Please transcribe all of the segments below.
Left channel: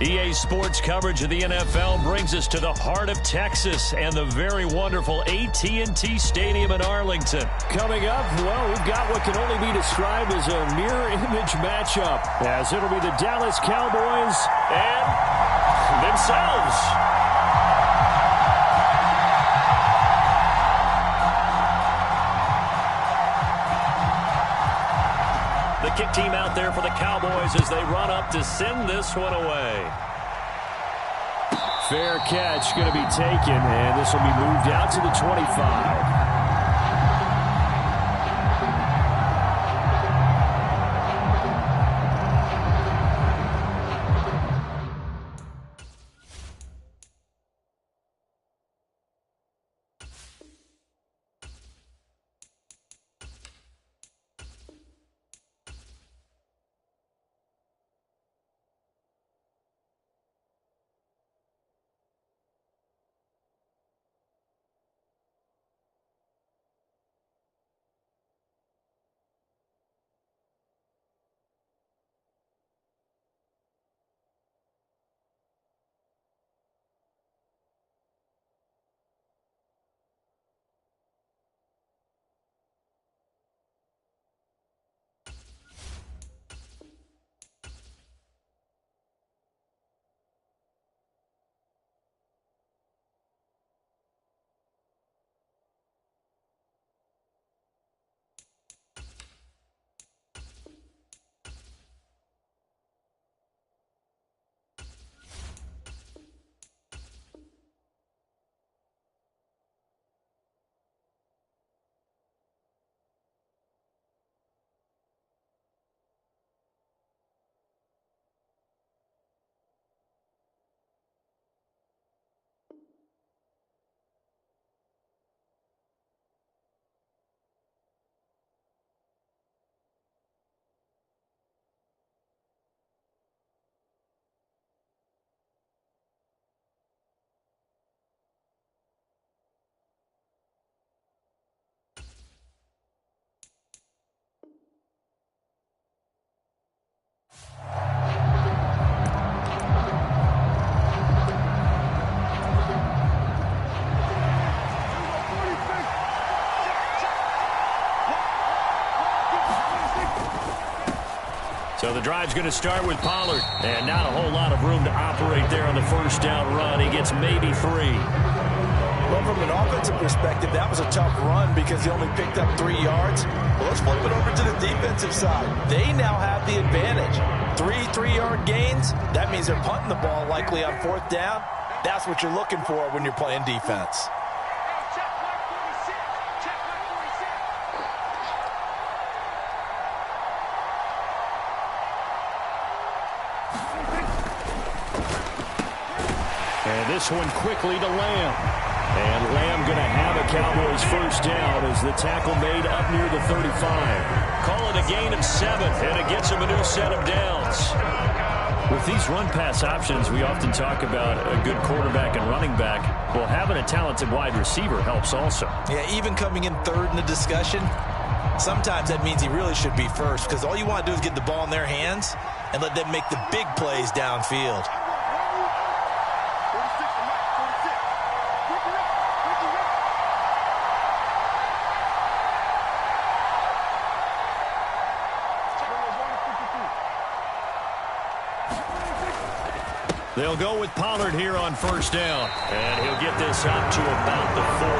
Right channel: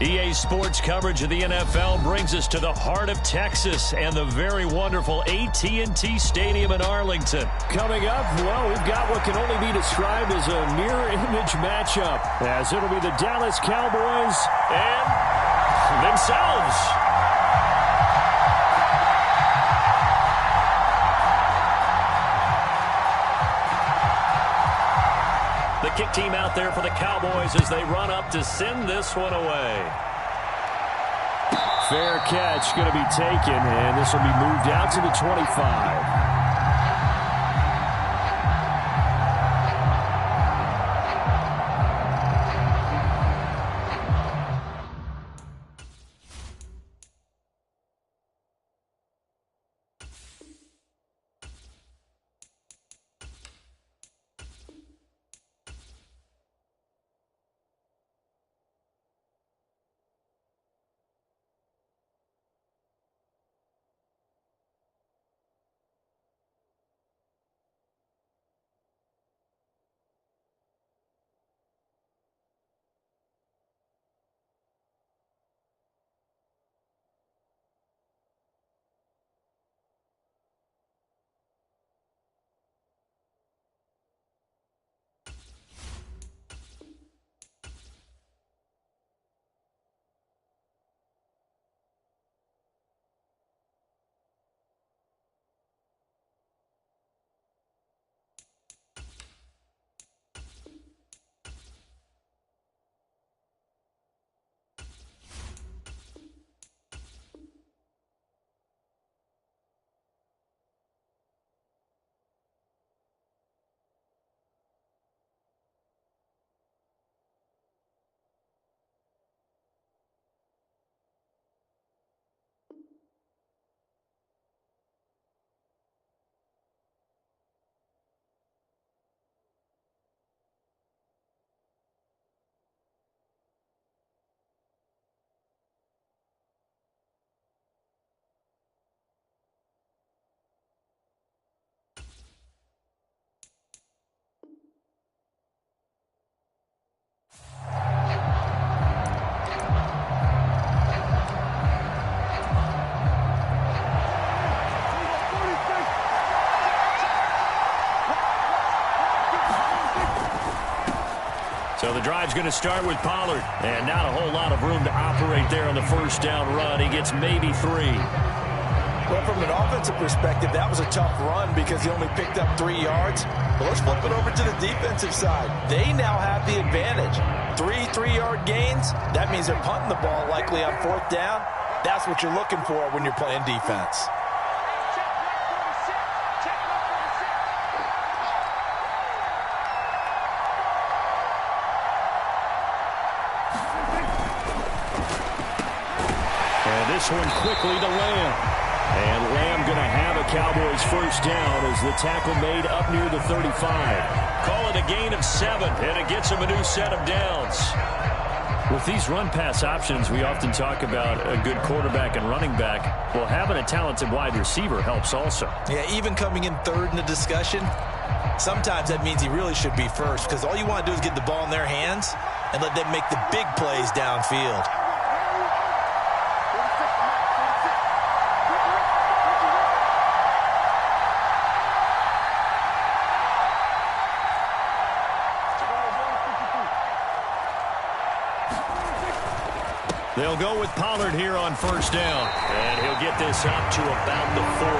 EA Sports coverage of the NFL brings us to the heart of Texas and the very wonderful AT&T Stadium in Arlington. Coming up, well, we've got what can only be described as a mirror image matchup, as it'll be the Dallas Cowboys and themselves. The kick team out there for the Cowboys as they run up to send this one away. Fair catch going to be taken, and this will be moved out to the 25. So the drive's going to start with Pollard. And not a whole lot of room to operate there on the first down run. He gets maybe 3. Well, from an offensive perspective, that was a tough run because he only picked up 3 yards. But let's flip it over to the defensive side. They now have the advantage. 3-3-yard gains. That means they're punting the ball likely on 4th down. That's what you're looking for when you're playing defense. And this one quickly to Lamb. And Lamb going to have a Cowboys first down as the tackle made up near the 35. Call it a gain of 7, and it gets him a new set of downs. With these run-pass options, we often talk about a good quarterback and running back. Well, having a talented wide receiver helps also. Yeah, even coming in third in the discussion, sometimes that means he really should be first because all you want to do is get the ball in their hands and let them make the big plays downfield. They'll go with Pollard here on first down. And he'll get this up to about the 40.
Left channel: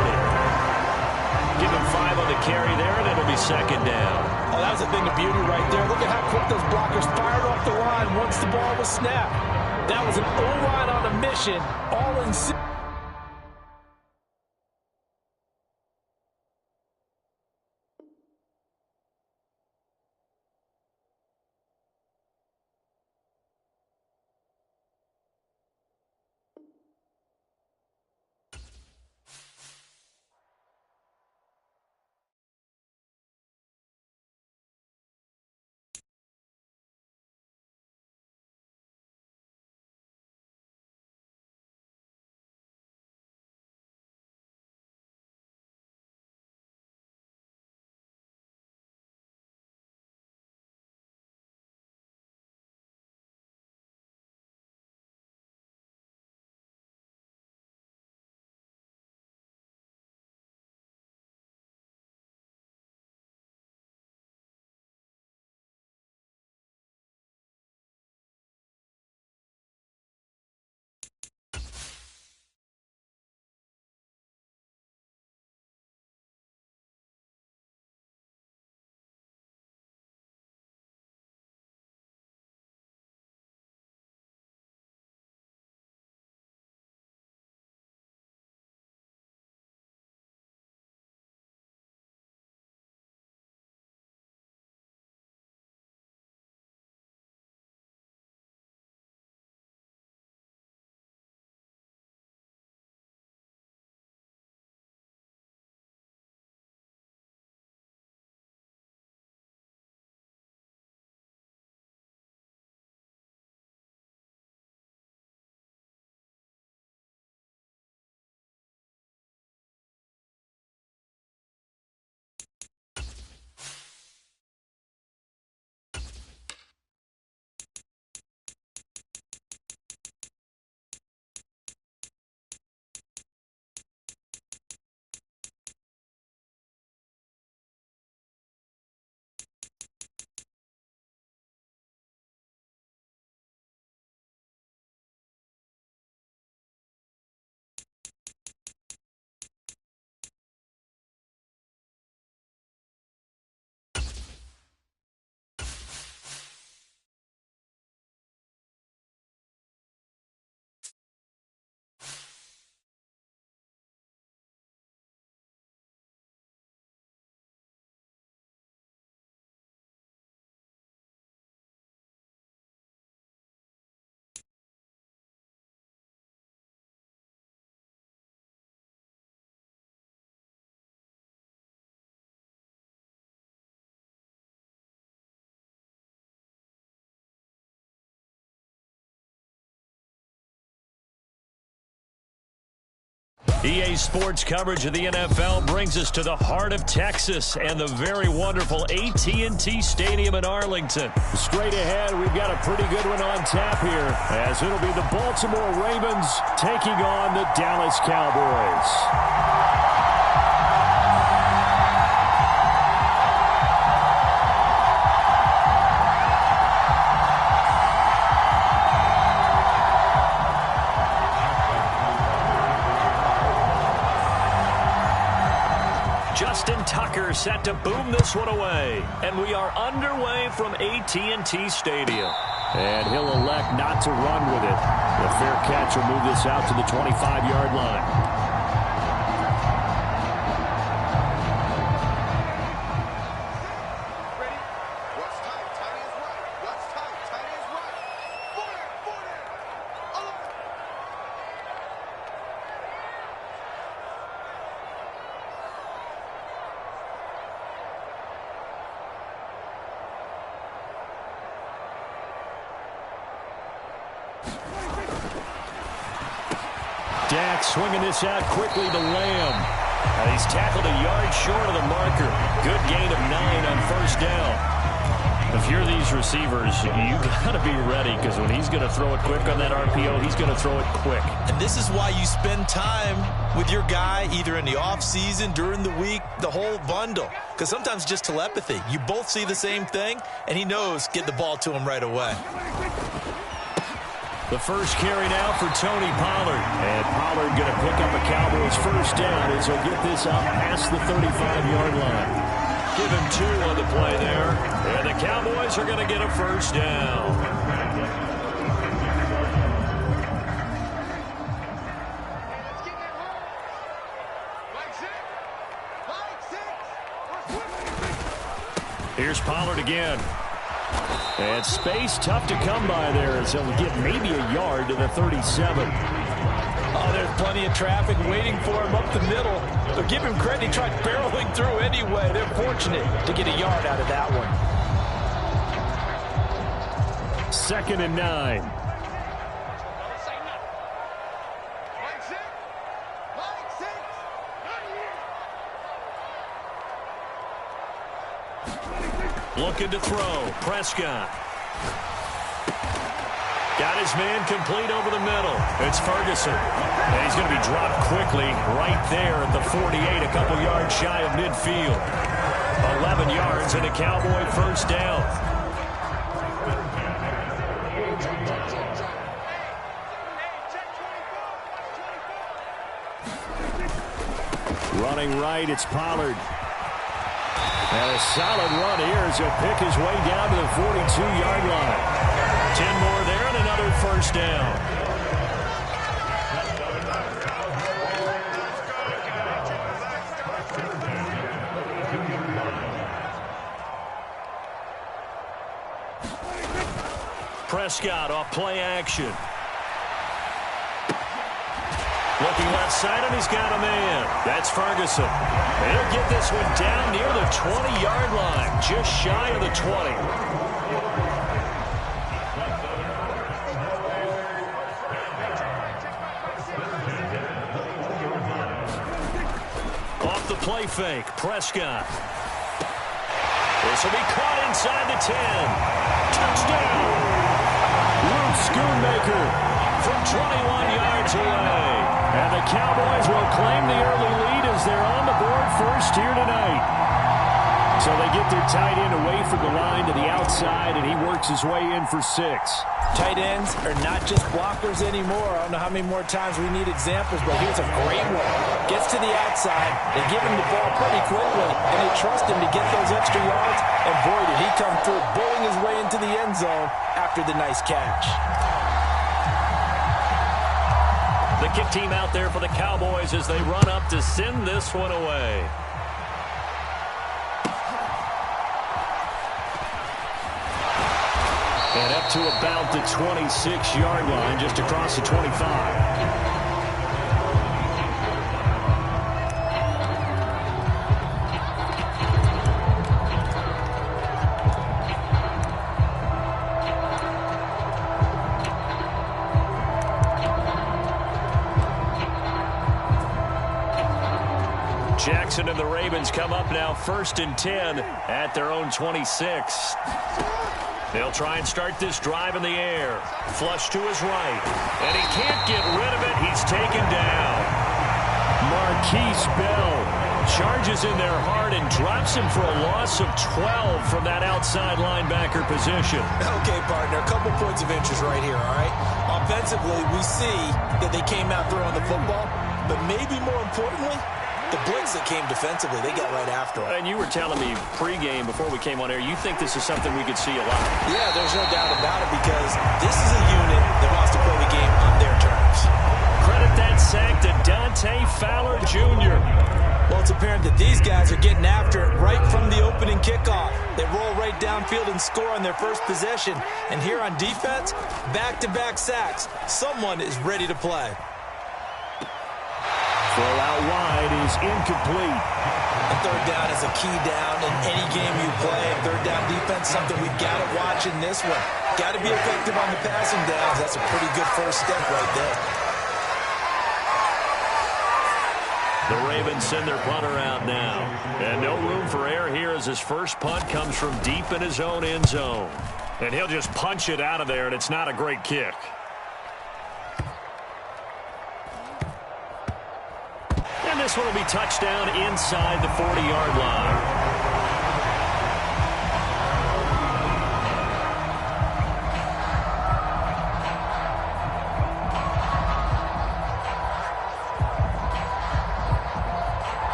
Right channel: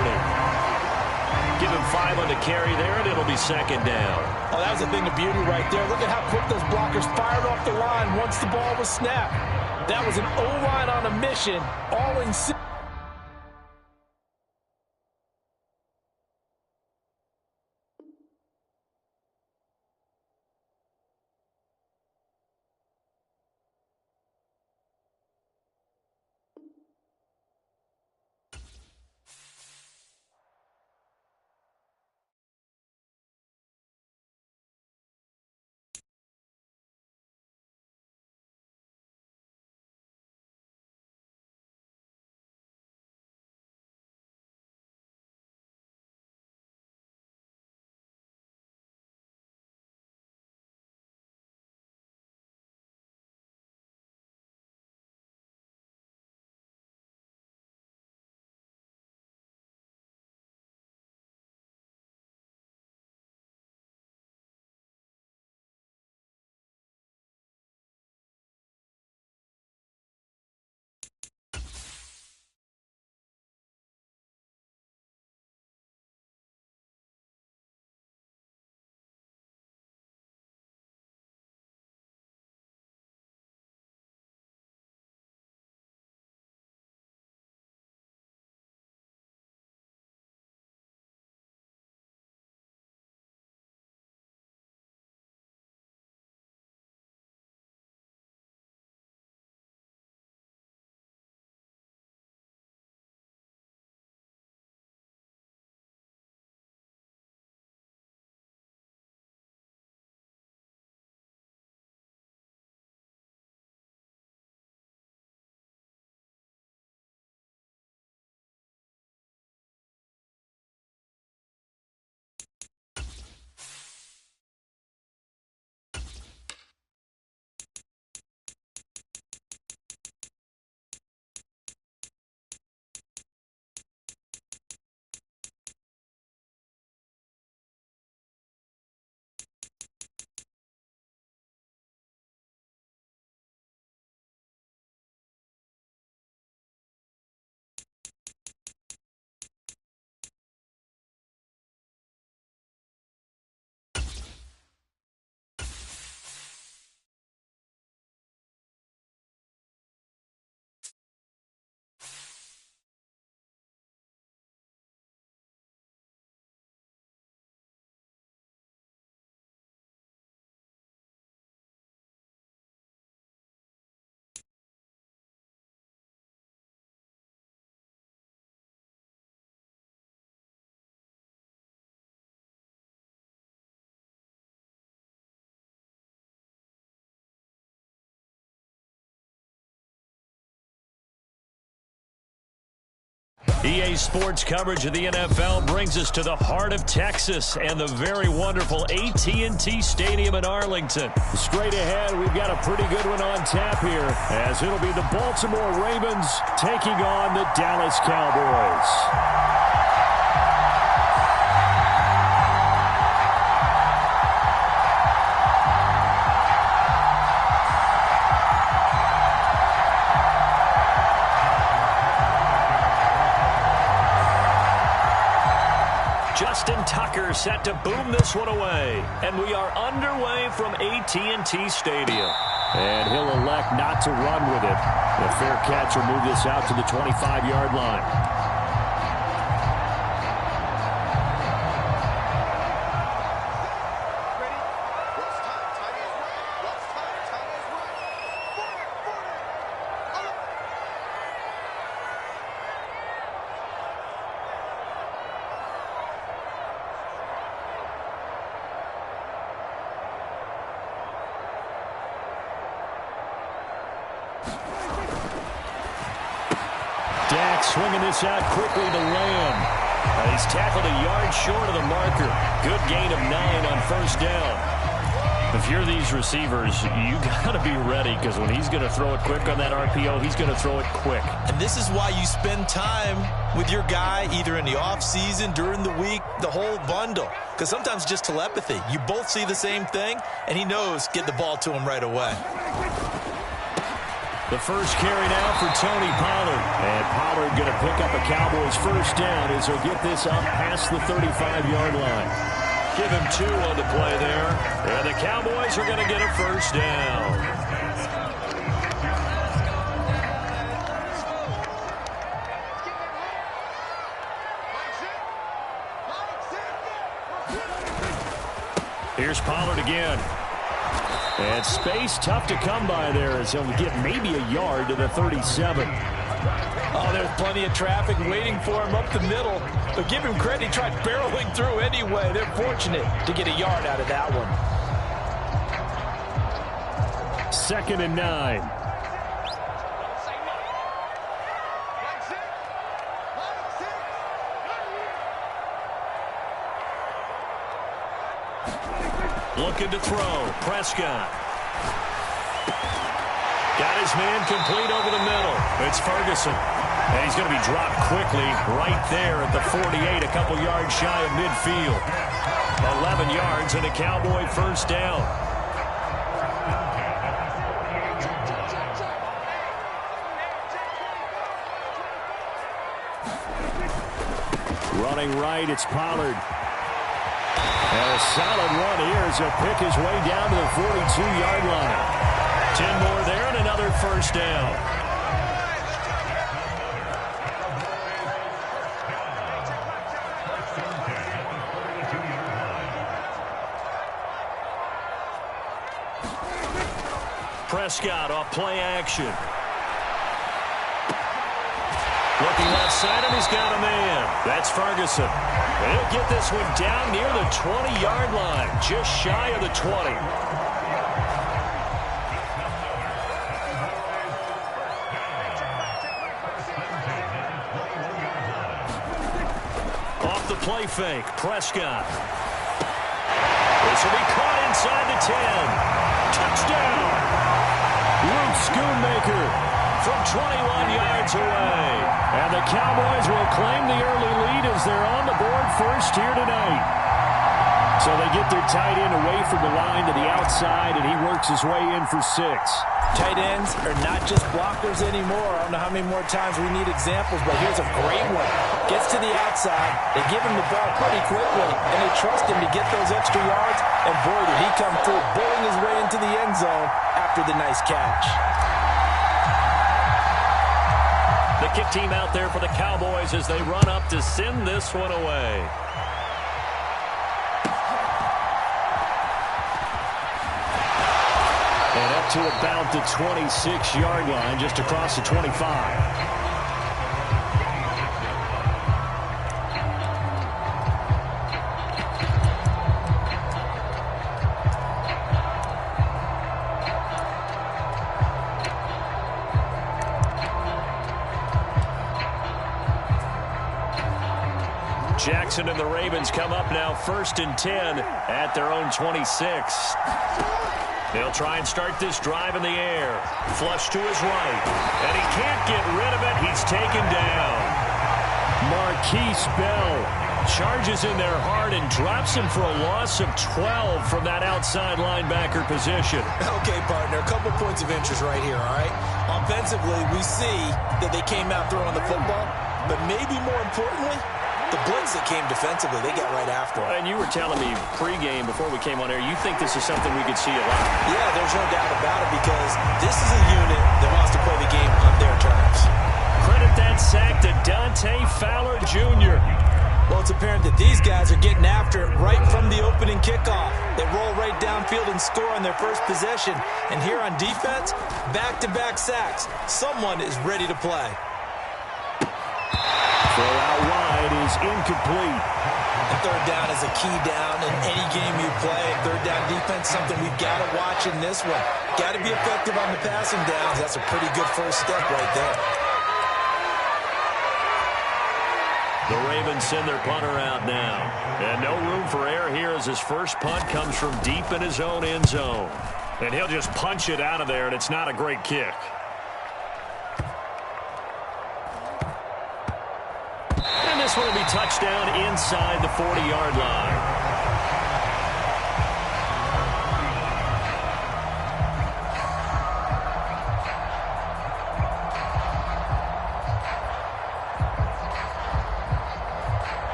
Give him 5 on the carry there, and it'll be second down. Oh, that was a thing of beauty right there. Look at how quick those blockers fired off the line once the ball was snapped. That was an O-line on a mission, all in EA Sports coverage of the NFL brings us to the heart of Texas and the very wonderful AT&T Stadium in Arlington. Straight ahead, we've got a pretty good one on tap here, as it'll be the Baltimore Ravens taking on the Dallas Cowboys. Justin Tucker set to boom this one away. And we are underway from AT&T Stadium. And he'll elect not to run with it. The fair catch will move this out to the 25-yard line. Dak swinging this out quickly to Lamb. He's tackled a yard short of the marker. Good gain of 9 on first down. If you're these receivers, you got to be ready, because when he's going to throw it quick on that RPO, he's going to throw it quick. And this is why you spend time with your guy, either in the offseason, during the week, the whole bundle. Because sometimes just telepathy. You both see the same thing, and he knows get the ball to him right away. The first carry now for Tony Pollard. And Pollard going to pick up a Cowboys first down as he'll get this up past the 35-yard line. Give him 2 on the play there. And the Cowboys are going to get a first down. Here's Pollard again. And space tough to come by there, as he'll get maybe a yard to the 37. Oh, there's plenty of traffic waiting for him up the middle. But give him credit, he tried barreling through anyway. They're fortunate to get a yard out of that one. 2nd and 9. Looking to throw. Prescott. Got his man complete over the middle. It's Ferguson. And he's going to be dropped quickly right there at the 48, a couple yards shy of midfield. 11 yards and a Cowboy first down. Running right, it's Pollard. And a solid run here as he'll pick his way down to the 42-yard line. 10 more there and another first down. Prescott off play action. Looking left side, and he's got a man. That's Ferguson. And he'll get this one down near the 20-yard line, just shy of the 20. Off the play fake, Prescott. This will be caught inside the 10. Touchdown! Luke Schoonmaker from 21 yards away. And the Cowboys will claim the early lead as they're on the board first here tonight. So they get their tight end away from the line to the outside, and he works his way in for 6. Tight ends are not just blockers anymore. I don't know how many more times we need examples, but here's a great one. Gets to the outside, they give him the ball pretty quickly, and they trust him to get those extra yards. And boy, did he come through, bowling his way into the end zone after the nice catch. The kick team out there for the Cowboys as they run up to send this one away. And up to about the 26-yard line, just across the 25. Jackson and the Ravens come up now 1st and 10 at their own 26. They'll try and start this drive in the air. Flush to his right. And he can't get rid of it. He's taken down. Marquise Bell charges in there hard and drops him for a loss of 12 from that outside linebacker position. Okay, partner, a couple points of interest right here, all right? Offensively, we see that they came out throwing the football, but maybe more importantly, the blitz that came defensively, they got right after him. And you were telling me pregame before we came on air, you think this is something we could see a lot? Yeah, there's no doubt about it because this is a unit that wants to play the game on their terms. Credit that sack to Dante Fowler Jr. Well, it's apparent that these guys are getting after it right from the opening kickoff. They roll right downfield and score on their first possession. And here on defense, back-to-back sacks. Someone is ready to play. Throw out wide is incomplete. And third down is a key down in any game you play. And third down defense, something we've got to watch in this one. Got to be effective on the passing downs. That's a pretty good first step right there. The Ravens send their punter out now. And no room for error here as his first punt comes from deep in his own end zone. And he'll just punch it out of there, and it's not a great kick. And this one will be touchdown inside the 40-yard line.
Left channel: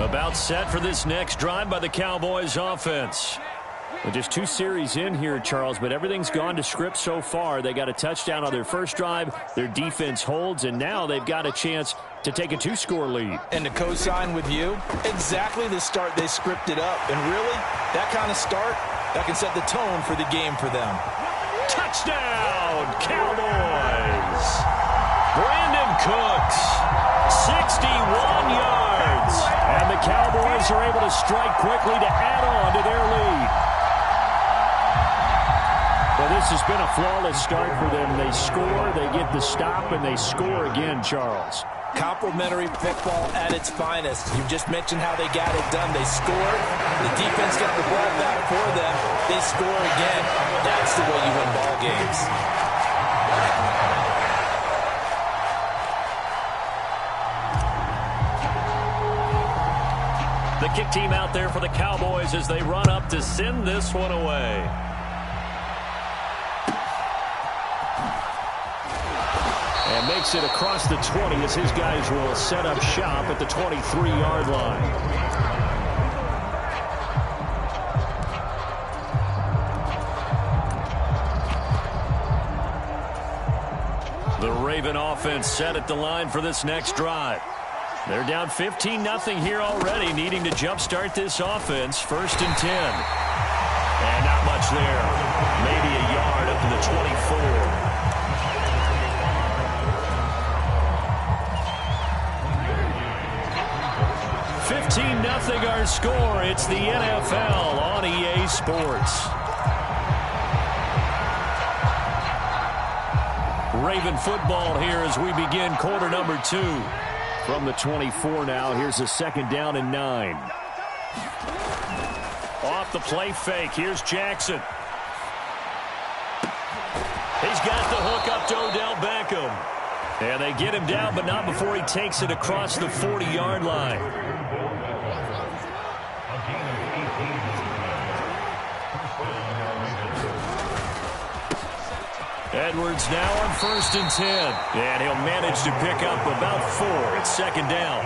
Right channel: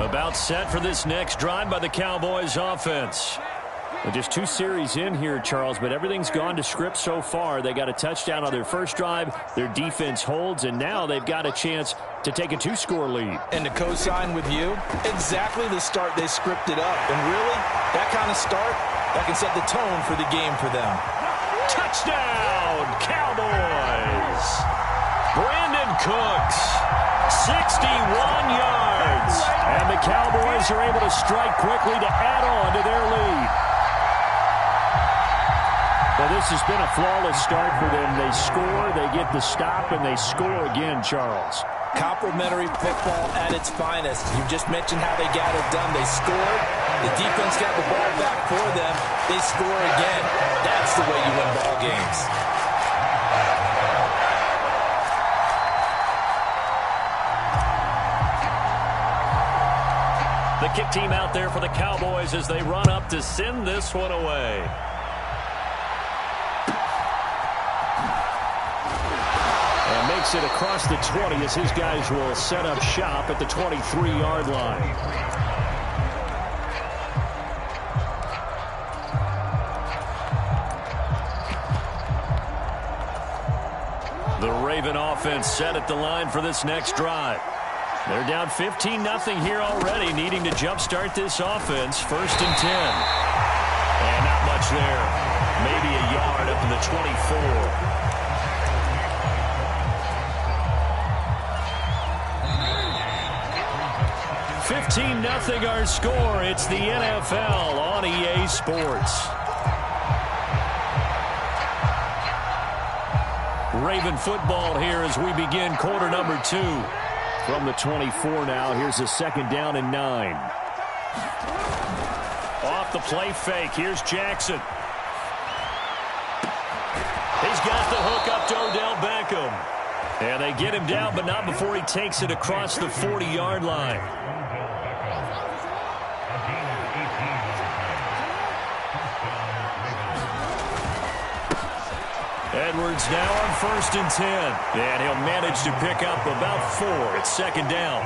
About set for this next drive by the Cowboys offense. Well, just 2 series in here, Charles, but everything's gone to script so far. They got a touchdown on their first drive. Their defense holds, and now they've got a chance to take a 2-score lead. And to co-sign with you, exactly the start they scripted up. And really, that kind of start, that can set the tone for the game for them. Touchdown, Cowboys! Brandon Cooks, 61 yards. And the Cowboys are able to strike quickly to add on to their lead. Well, this has been a flawless start for them. They score, they get the stop, and they score again, Charles. Complimentary football at its finest. You just mentioned how they got it done. They scored. The defense got the ball back for them. They score again. That's the way you win ball games. The kick team out there for the Cowboys as they run up to send this one away. And makes it across the 20 as his guys will set up shop at the 23-yard line. The Raven offense set at the line for this next drive. They're down 15-0 here already, needing to jumpstart this offense. 1st and 10. And not much there. Maybe a yard up to the 24. $15-0 our score. It's the NFL on EA Sports. Raven football here as we begin quarter number 2. From the 24 now, here's a 2nd down and 9. Off the play fake, here's Jackson. He's got the hook up to Odell Beckham. And they get him down, but not before he takes it across the 40-yard line. Edwards now on 1st and 10. And he'll manage to pick up about 4. It's 2nd down.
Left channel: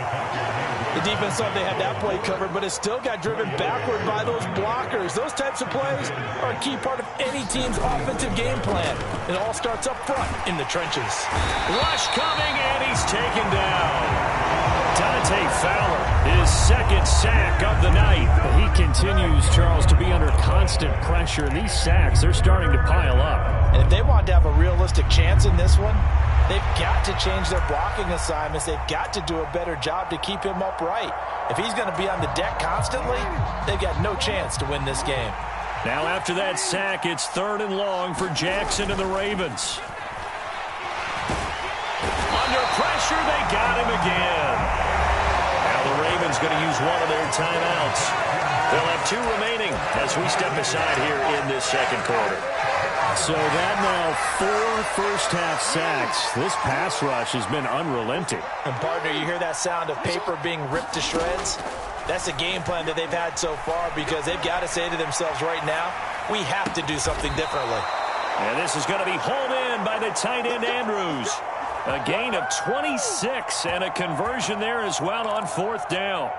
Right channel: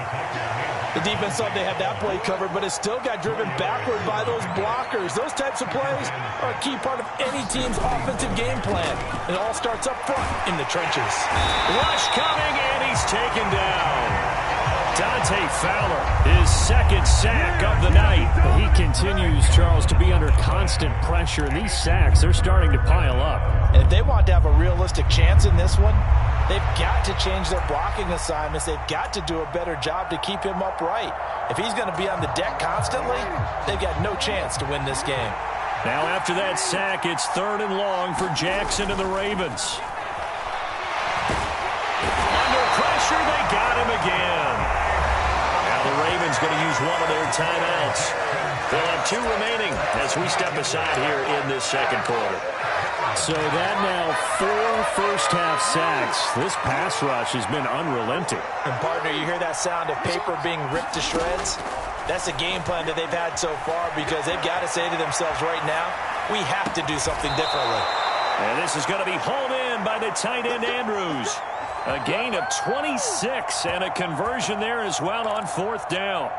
The defense thought they had that play covered, but it still got driven backward by those blockers. Those types of plays are a key part of any team's offensive game plan. It all starts up front in the trenches. Rush coming, and he's taken down. Dante Fowler, his 2nd sack of the night. He continues, Charles, to be under constant pressure, and these sacks, they're starting to pile up. And if they want to have a realistic chance in this one, they've got to change their blocking assignments. They've got to do a better job to keep him upright. If he's going to be on the deck constantly, they've got no chance to win this game. Now after that sack, it's 3rd and long for Jackson and the Ravens. Under pressure. pressure. They got him again. Now the Ravens going to use one of their timeouts. They'll have 2 remaining as we step aside here in this second quarter. So that now 4 first-half sacks. This pass rush has been unrelenting. And, partner, you hear that sound of paper being ripped to shreds? That's the game plan that they've had so far because they've got to say to themselves right now, we have to do something differently. And this is going to be hauled in by the tight end, Andrews. A gain of 26 and a conversion there as well on 4th down.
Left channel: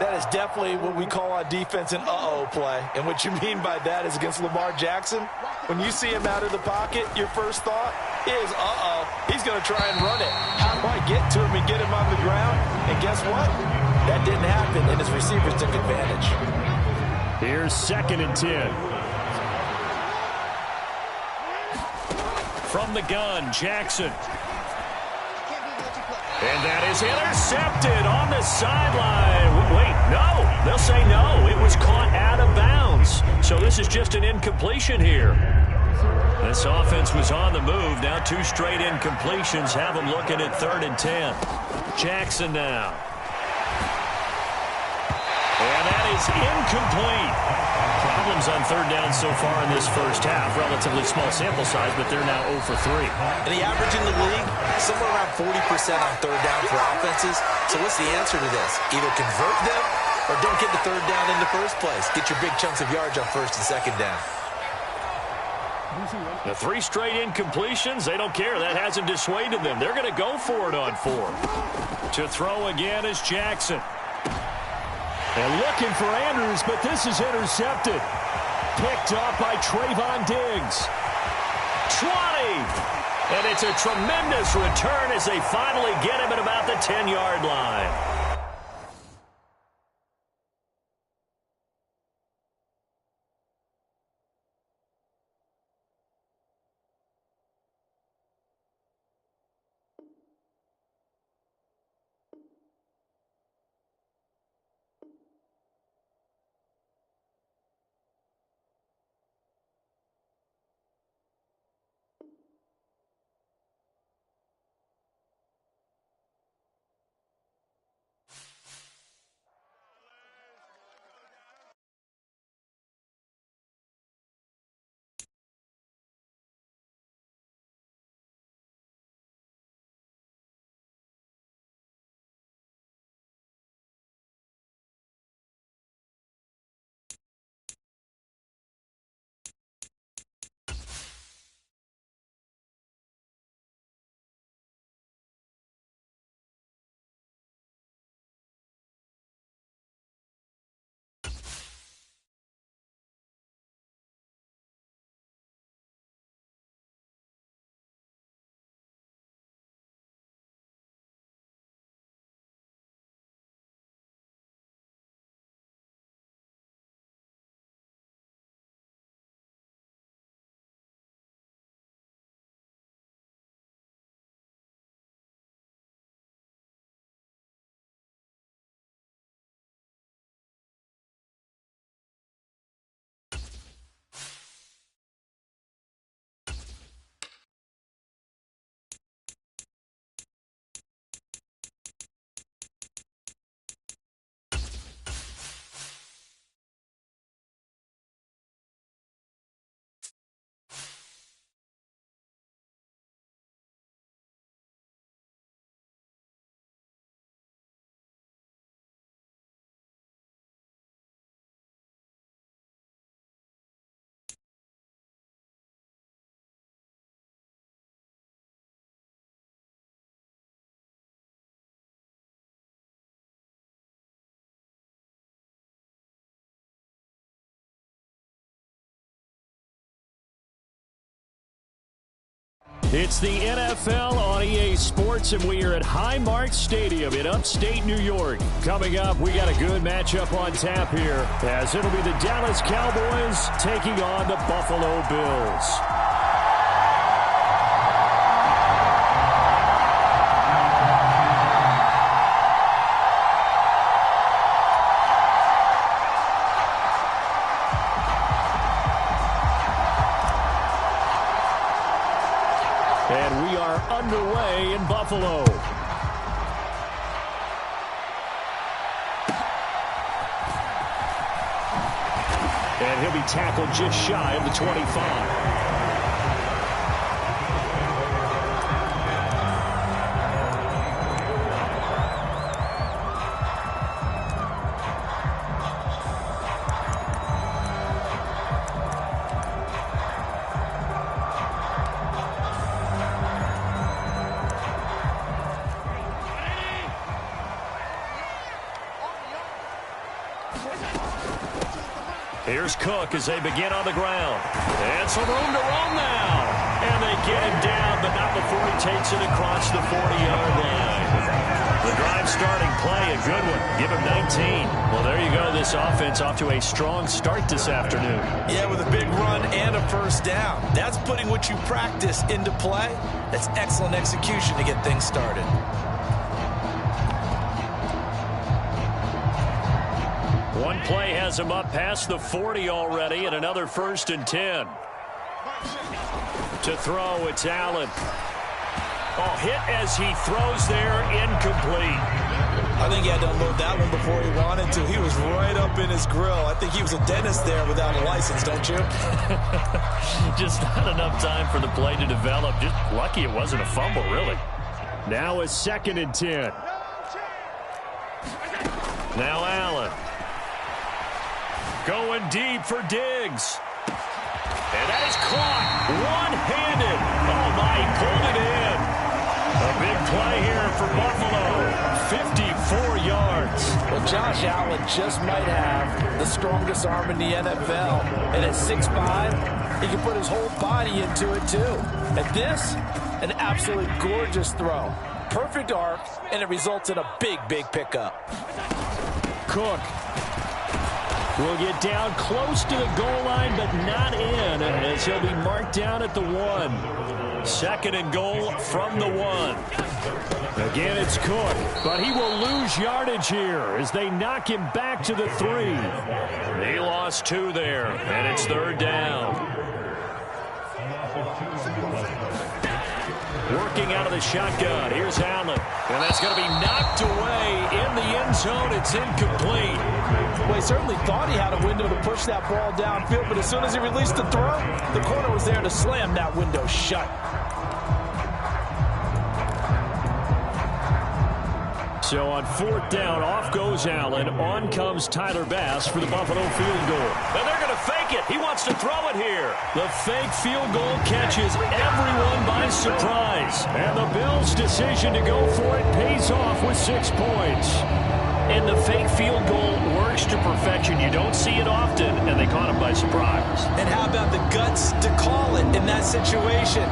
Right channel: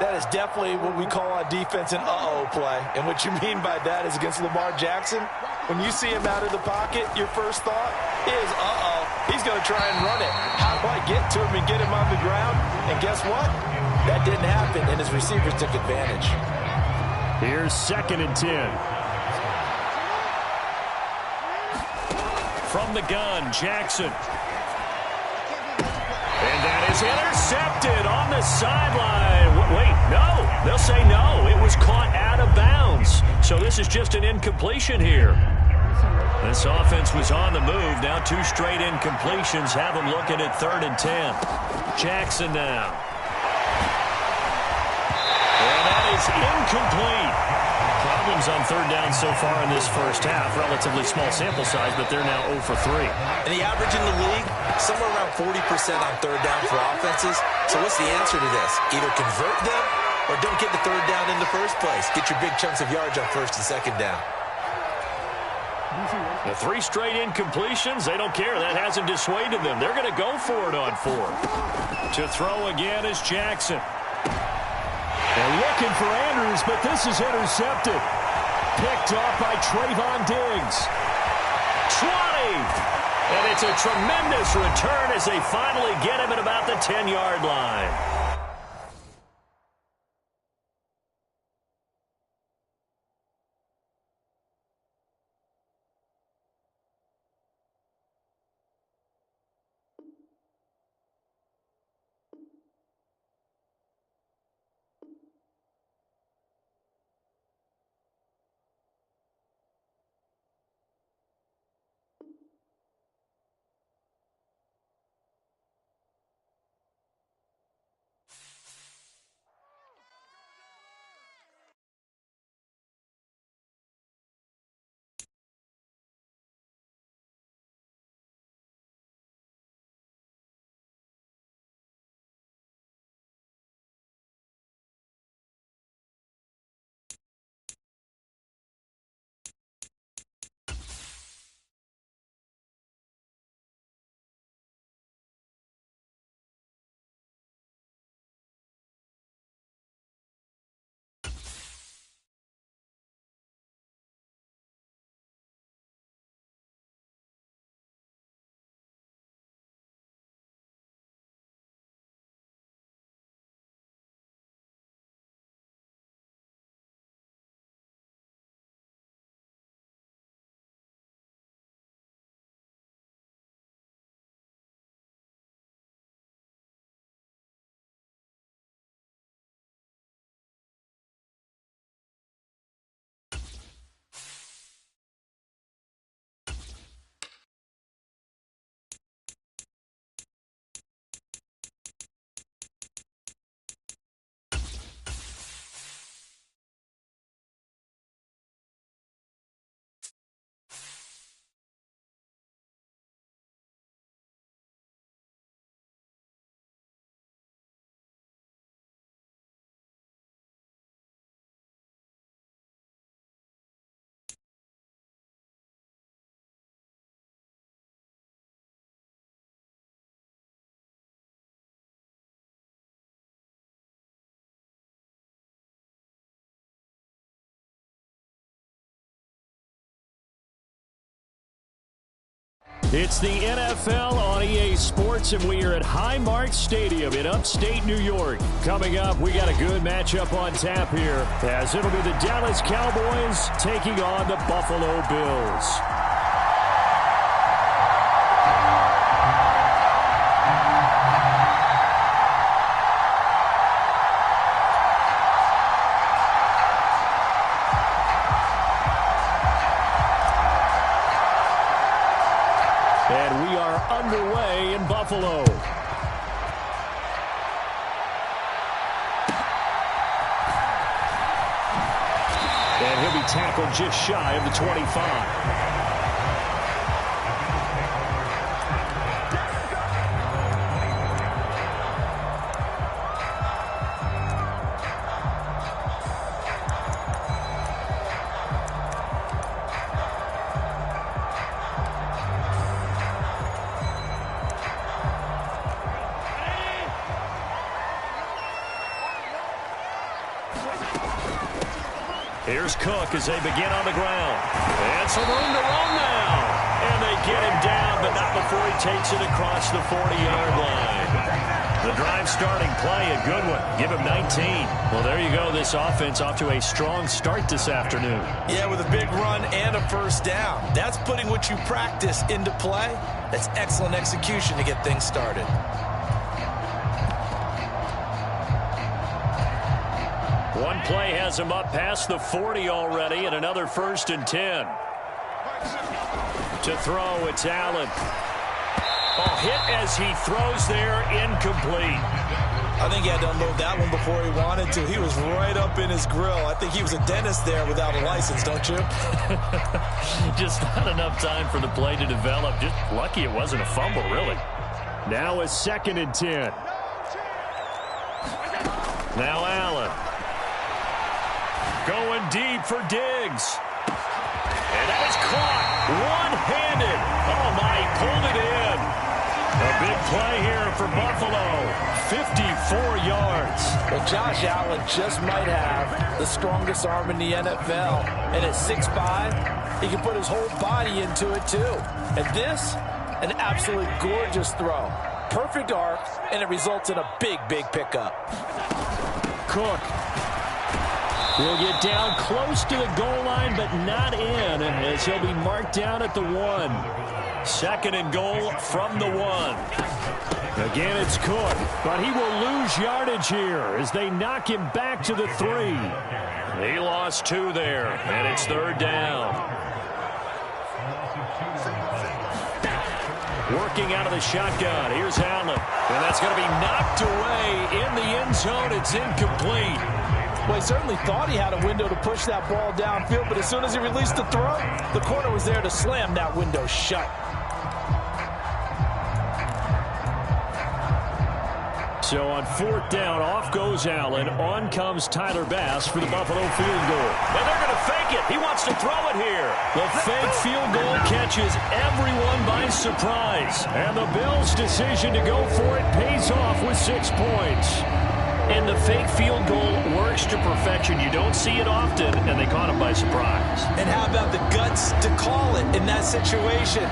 That is definitely what we call on defense an uh-oh play. And what you mean by that is against Lamar Jackson, when you see him out of the pocket, your first thought is, uh-oh, he's going to try and run it. How do I get to him and get him on the ground? And guess what? That didn't happen, and his receivers took advantage. Here's 2nd and 10. From the gun, Jackson. And that is intercepted on the sideline. Wait, no. They'll say no. It was caught out of bounds. So this is just an incompletion here. This offense was on the move. Now 2 straight incompletions have them looking at 3rd and 10. Jackson now. And that is incomplete. Problems on 3rd down so far in this first half. Relatively small sample size, but they're now 0 for 3. And the average in the league, somewhere around 40% on 3rd down for offenses. So what's the answer to this? Either convert them or don't get the 3rd down in the first place. Get your big chunks of yards on 1st and 2nd down. The 3 straight incompletions, they don't care. That hasn't dissuaded them. They're going to go for it on 4th. To throw again is Jackson. They're looking for Andrews, but this is intercepted. Picked up by Trayvon Diggs. 20! And it's a tremendous return as they finally get him at about the 10-yard line. It's the NFL on EA Sports, and we are at Highmark Stadium in upstate New York. Coming up, we got a good matchup on tap here, as it'll be the Dallas Cowboys taking on the Buffalo Bills. And we are underway in Buffalo. And he'll be tackled just shy of the 25. Here's Cook as they begin on the ground. And some room to run now. And they get him down, but not before he takes it across the 40-yard line. The drive starting play, a good one. Give him 19. Well, there you go. This offense off to a strong start this afternoon. Yeah, with a big run and a first down. That's putting what you practice into play. That's excellent execution to get things started. One play has him up past the 40 already, and another 1st and 10. To throw, it's Allen. Oh, hit as he throws there, incomplete. I think he had to unload that one before he wanted to. He was right up in his grill. I think he was a dentist there without a license, don't you? Just not enough time for the play to develop. Just lucky it wasn't a fumble, really. Now a 2nd and 10. Now Allen. Going deep for Diggs. And that is caught one-handed. Oh, my, he pulled it in. A big play here for Buffalo. 54 yards. Well, Josh Allen just might have the strongest arm in the NFL. And at 6'5", he can put his whole body into it, too. And this, an absolutely gorgeous throw. Perfect arc, and it results in a big, big pickup. Cook will get down close to the goal line, but not in, as he'll be marked down at the 1. 2nd and goal from the 1. Again, it's Cook, but he will lose yardage here as they knock him back to the 3. He lost 2 there, and it's 3rd down. Working out of the shotgun. Here's Allen. And that's going to be knocked away in the end zone. It's incomplete. Well, he certainly thought he had a window to push that ball downfield, but as soon as he released the throw, the corner was there to slam that window shut. So on 4th down, off goes Allen. On comes Tyler Bass for the Buffalo field goal. And they're going to fake it. He wants to throw it here. The fake field goal catches everyone by surprise. And the Bills' decision to go for it pays off with 6 points. And the fake field goal works to perfection. You don't see it often, and they caught him by surprise. And how about the guts to call it in that situation?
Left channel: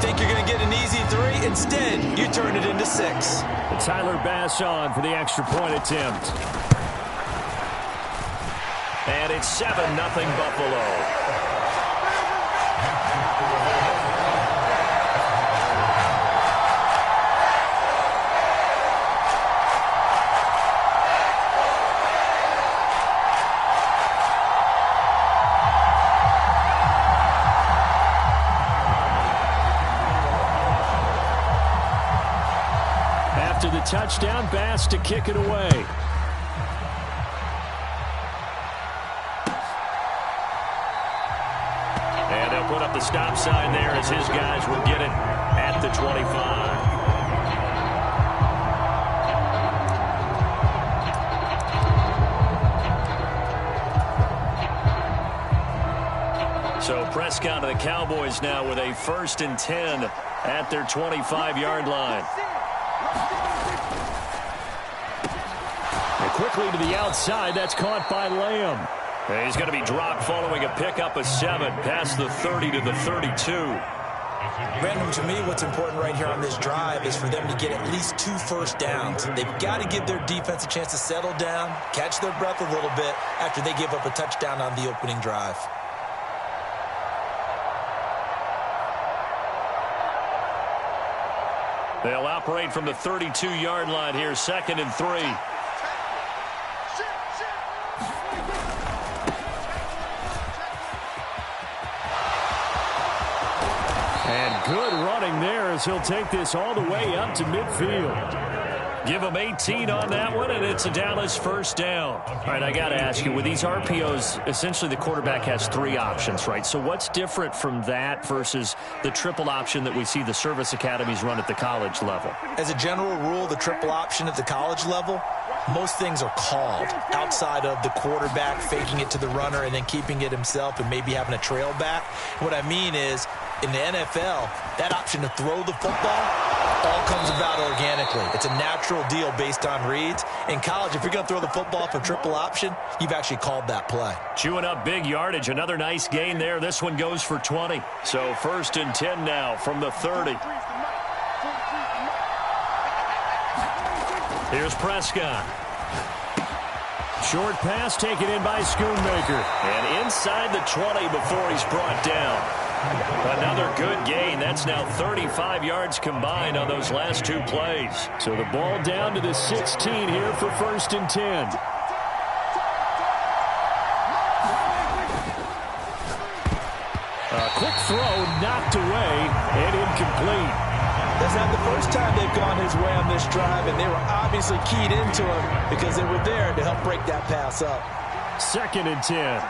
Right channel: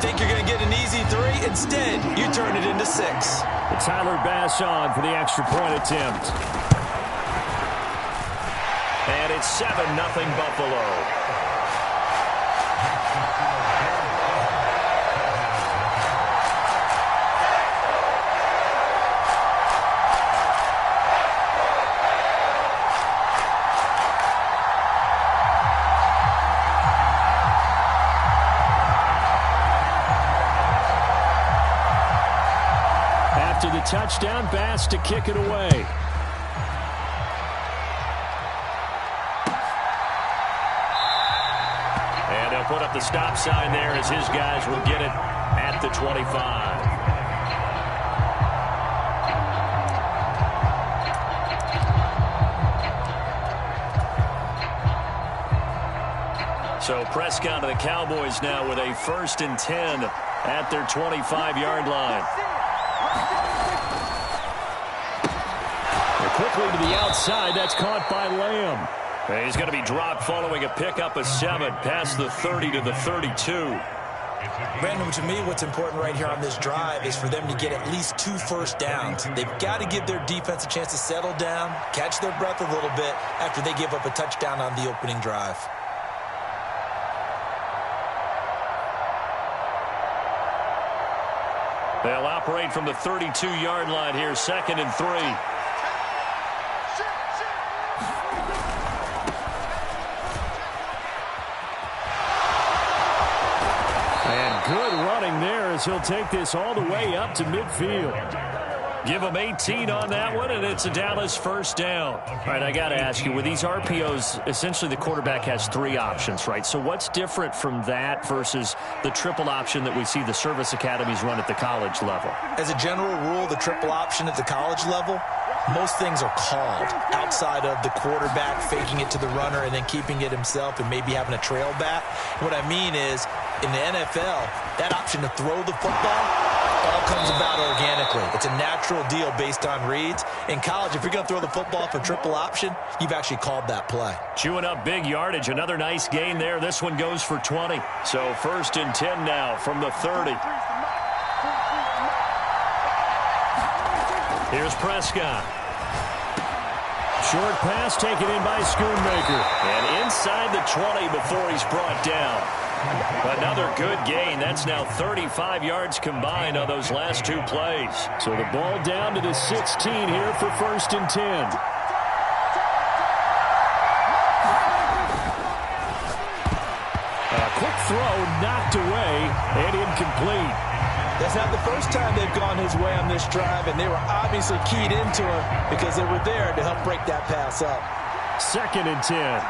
Think you're going to get an easy 3? Instead, you turn it into 6. Tyler Bass on for the extra point attempt. And it's 7-0 Buffalo. After the touchdown, Bass to kick it away. And they'll put up the stop sign there as his guys will get it at the 25. So Prescott and the Cowboys now with a 1st and 10 at their 25-yard line. And quickly to the outside. That's caught by Lamb. And he's going to be dropped following a pickup of 7 past the 30 to the 32. Brandon, to me, what's important right here on this drive is for them to get at least 2 first downs. They've got to give their defense a chance to settle down, catch their breath a little bit after they give up a touchdown on the opening drive. They'll operate from the 32-yard line here, 2nd and 3. And good running there as he'll take this all the way up to midfield. Give them 18 on that one, and it's a Dallas first down. All right, I got to ask you, with these RPOs, essentially the quarterback has 3 options, right? So what's different from that versus the triple option that we see the service academies run at the college level? As a general rule, the triple option at the college level, most things are called outside of the quarterback faking it to the runner and then keeping it himself and maybe having a trail back. What I mean is, in the NFL, that option to throw the football all comes about organically. It's a natural deal based on reads. In college, if you're going to throw the football for triple option, you've actually called that play. Chewing up big yardage. Another nice gain there. This one goes for 20. So 1st and 10 now from the 30. Here's Prescott. Short pass taken in by Schoonmaker. And inside the 20 before he's brought down. Another good gain. That's now 35 yards combined on those last 2 plays. So the ball down to the 16 here for 1st and 10. A quick throw knocked away and incomplete. That's not the first time they've gone his way on this drive, and they were obviously keyed into him because they were there to help break that pass up. 2nd and 10.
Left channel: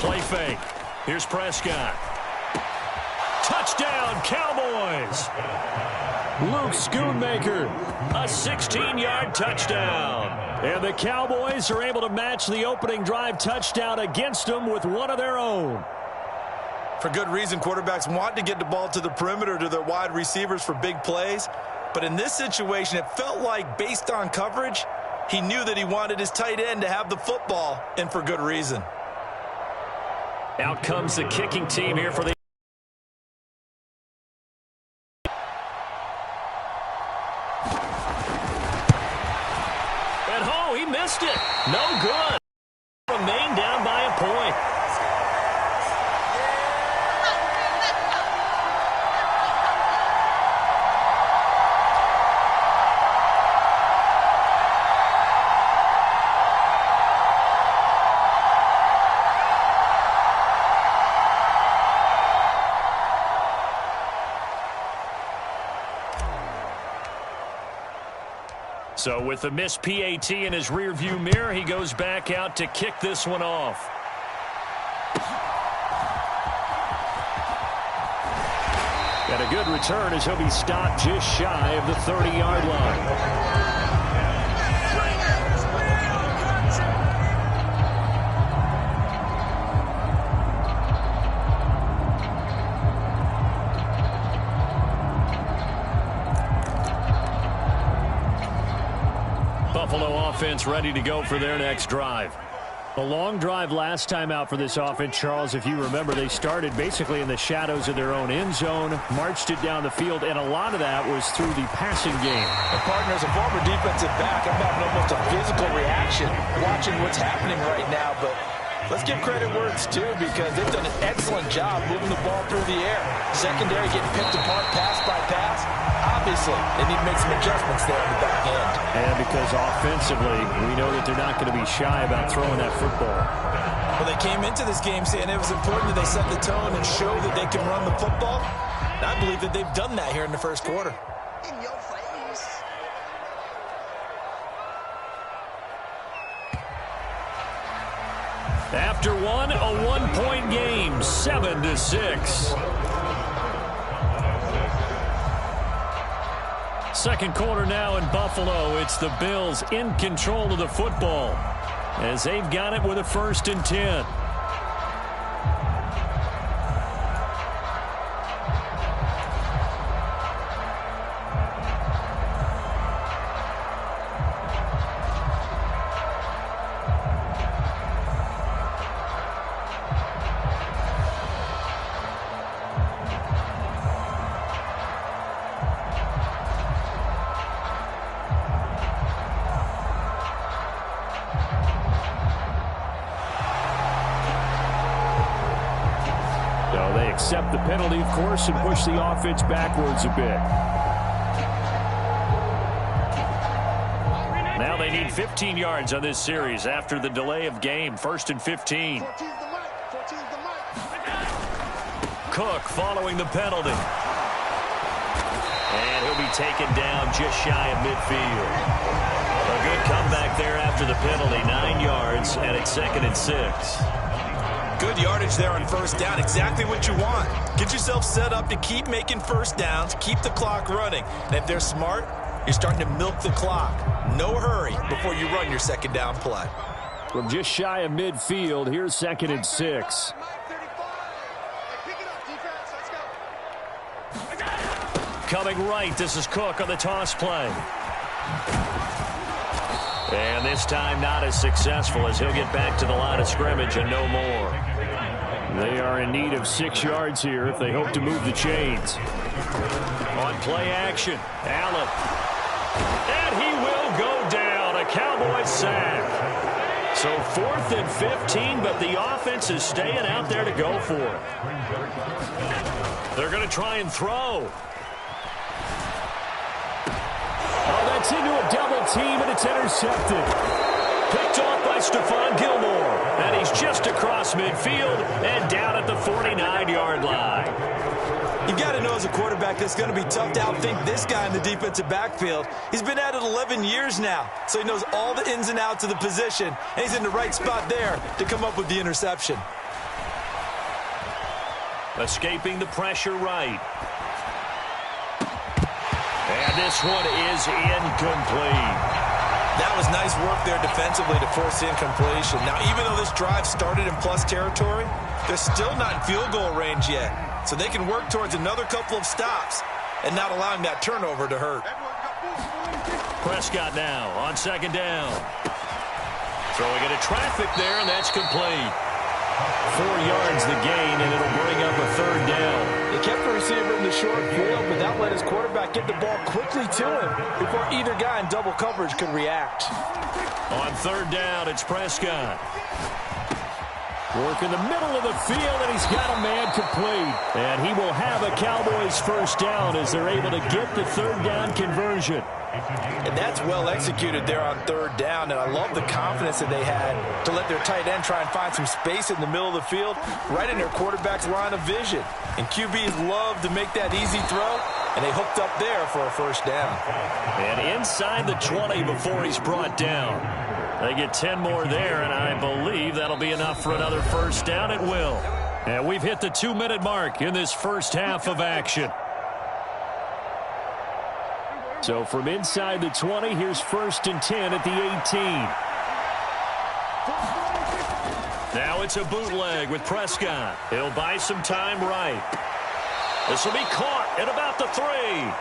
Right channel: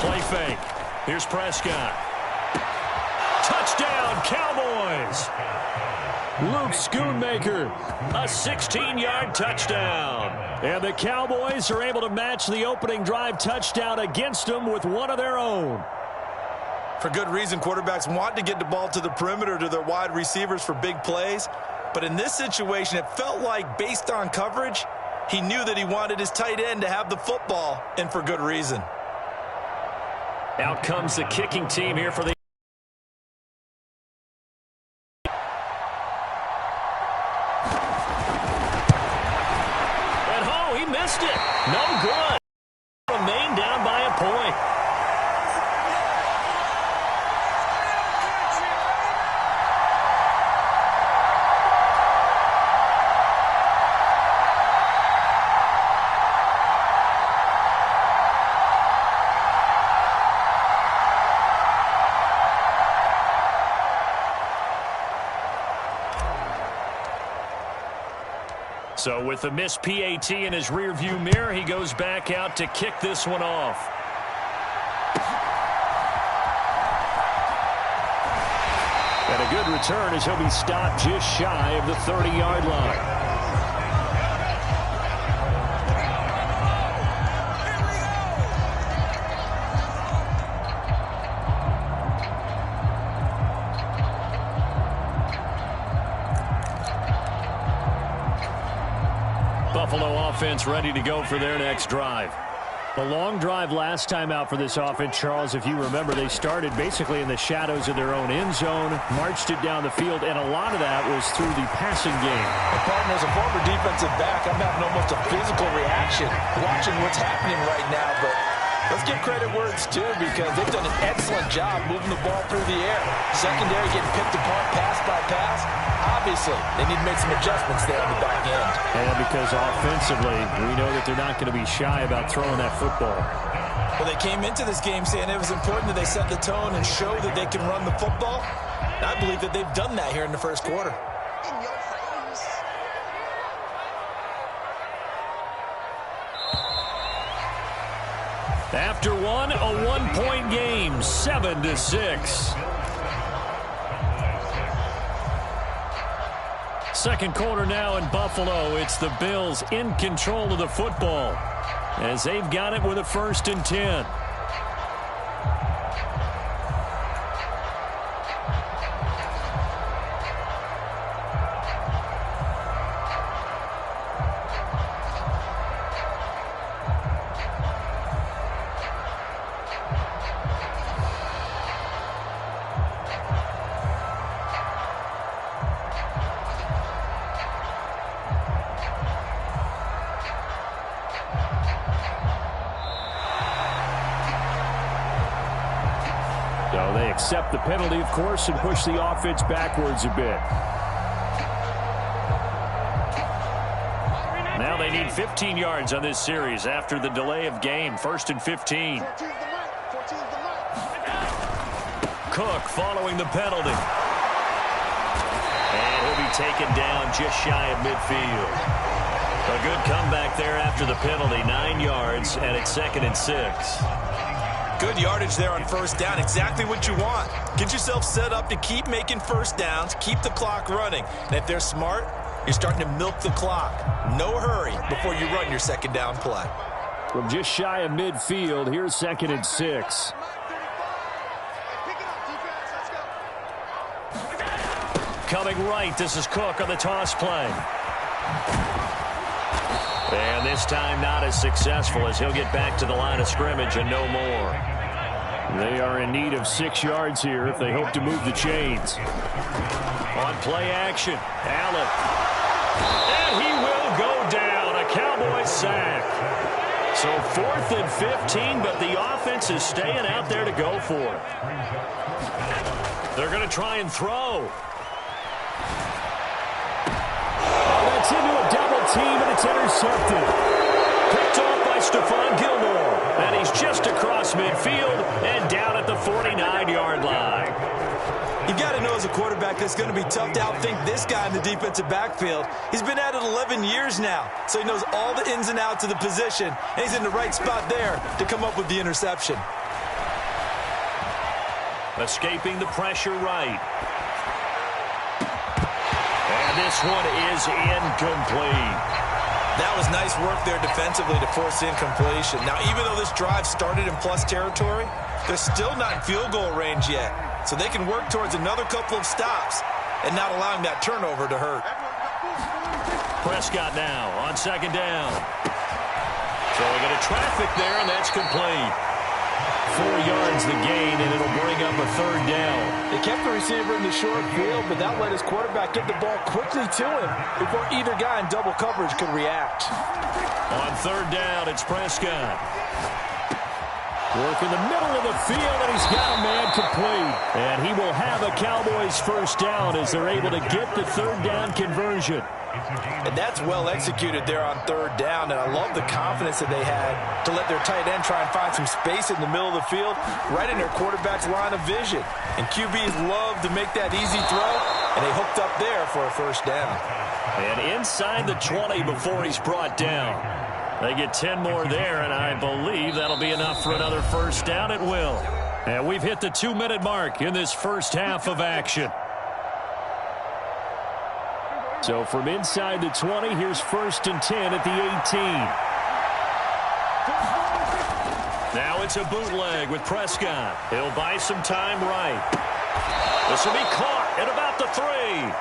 Play fake. Here's Prescott. Touchdown, Cowboys. Luke Schoonmaker, a 16-yard touchdown. And the Cowboys are able to match the opening drive touchdown against them with one of their own. For good reason, quarterbacks want to get the ball to the perimeter to their wide receivers for big plays. But in this situation, it felt like, based on coverage, he knew that he wanted his tight end to have the football, and for good reason. Out comes the kicking team here for the... And oh, he missed it. No good. Remain down by a point. So with the missed PAT in his rearview mirror, he goes back out to kick this one off. And a good return as he'll be stopped just shy of the 30-yard line. Buffalo offense ready to go for their next drive. A long drive last time out for this offense, Charles. If you remember, they started basically in the shadows of their own end zone, marched it down the field, and a lot of that was through the passing game. And partner, as a former defensive back, I'm having almost a physical reaction watching what's happening right now. But let's give credit where it's due, because they've done an excellent job moving the ball through the air. Secondary getting picked apart pass by pass. Obviously, they need to make some adjustments there on the back end. And because offensively, we know that they're not going to be shy about throwing that football. Well, they came into this game saying it was important that they set the tone and show that they can run the football. And I believe that they've done that here in the first quarter. In your face. After one, a one-point game, 7-6. Second quarter now in Buffalo. It's the Bills in control of the football as they've got it with a 1st and 10. So they accept the penalty, of course, and push the offense backwards a bit. Now they need 15 yards on this series after the delay of game. 1st and 15. Cook following the penalty. be taken down just shy of midfield. A good comeback there after the penalty, 9 yards, and it's 2nd and 6. Good yardage there on first down, exactly what you want. Get yourself set up to keep making first downs, keep the clock running. And if they're smart, you're starting to milk the clock. No hurry before you run your second down play. From just shy of midfield, here's 2nd and 6. Coming right, this is Cook on the toss play. And this time not as successful as he'll get back to the line of scrimmage and no more. They are in need of 6 yards here if they hope to move the chains. On play action, Allen. And he will go down, a Cowboys sack. So 4th and 15, but the offense is staying out there to go for it. They're going to try and throw. Oh, that's into a double team, and it's intercepted. Picked off by Stephon Gilmore. And he's just across midfield and down at the 49-yard line. You've got to know as a quarterback it's going to be tough to outthink this guy in the defensive backfield. He's been at it 11 years now, so he knows all the ins and outs of the position, and he's in the right spot there to come up with the interception. Escaping the pressure right. And this one is incomplete. That was nice work there defensively to force incompletion. Now, even though this drive started in plus territory, they're still not in field goal range yet. So they can work towards another couple of stops and not allowing that turnover to hurt. Prescott now on 2nd down. Throwing into traffic there, and that's complete. 4 yards the gain, and it'll bring up a 3rd down. They kept the receiver in the short field, but that let his quarterback get the ball quickly to him before either guy in double coverage could react. On 3rd down, it's Prescott. Work in the middle of the field, and he's got a man complete. And he will have a Cowboys 1st down as they're able to get the 3rd down conversion. And that's well executed there on 3rd down, and I love the confidence that they had to let their tight end try and find some space in the middle of the field, right in their quarterback's line of vision. And QBs love to make that easy throw, and they hooked up there for a 1st down. And inside the 20 before he's brought down. They get 10 more there, and I believe that'll be enough for another 1st down. It will. And we've hit the 2-minute mark in this first half of action. So from inside the 20, here's 1st and 10 at the 18. Now it's a bootleg with Prescott. He'll buy some time right. This will be caught at about the 3.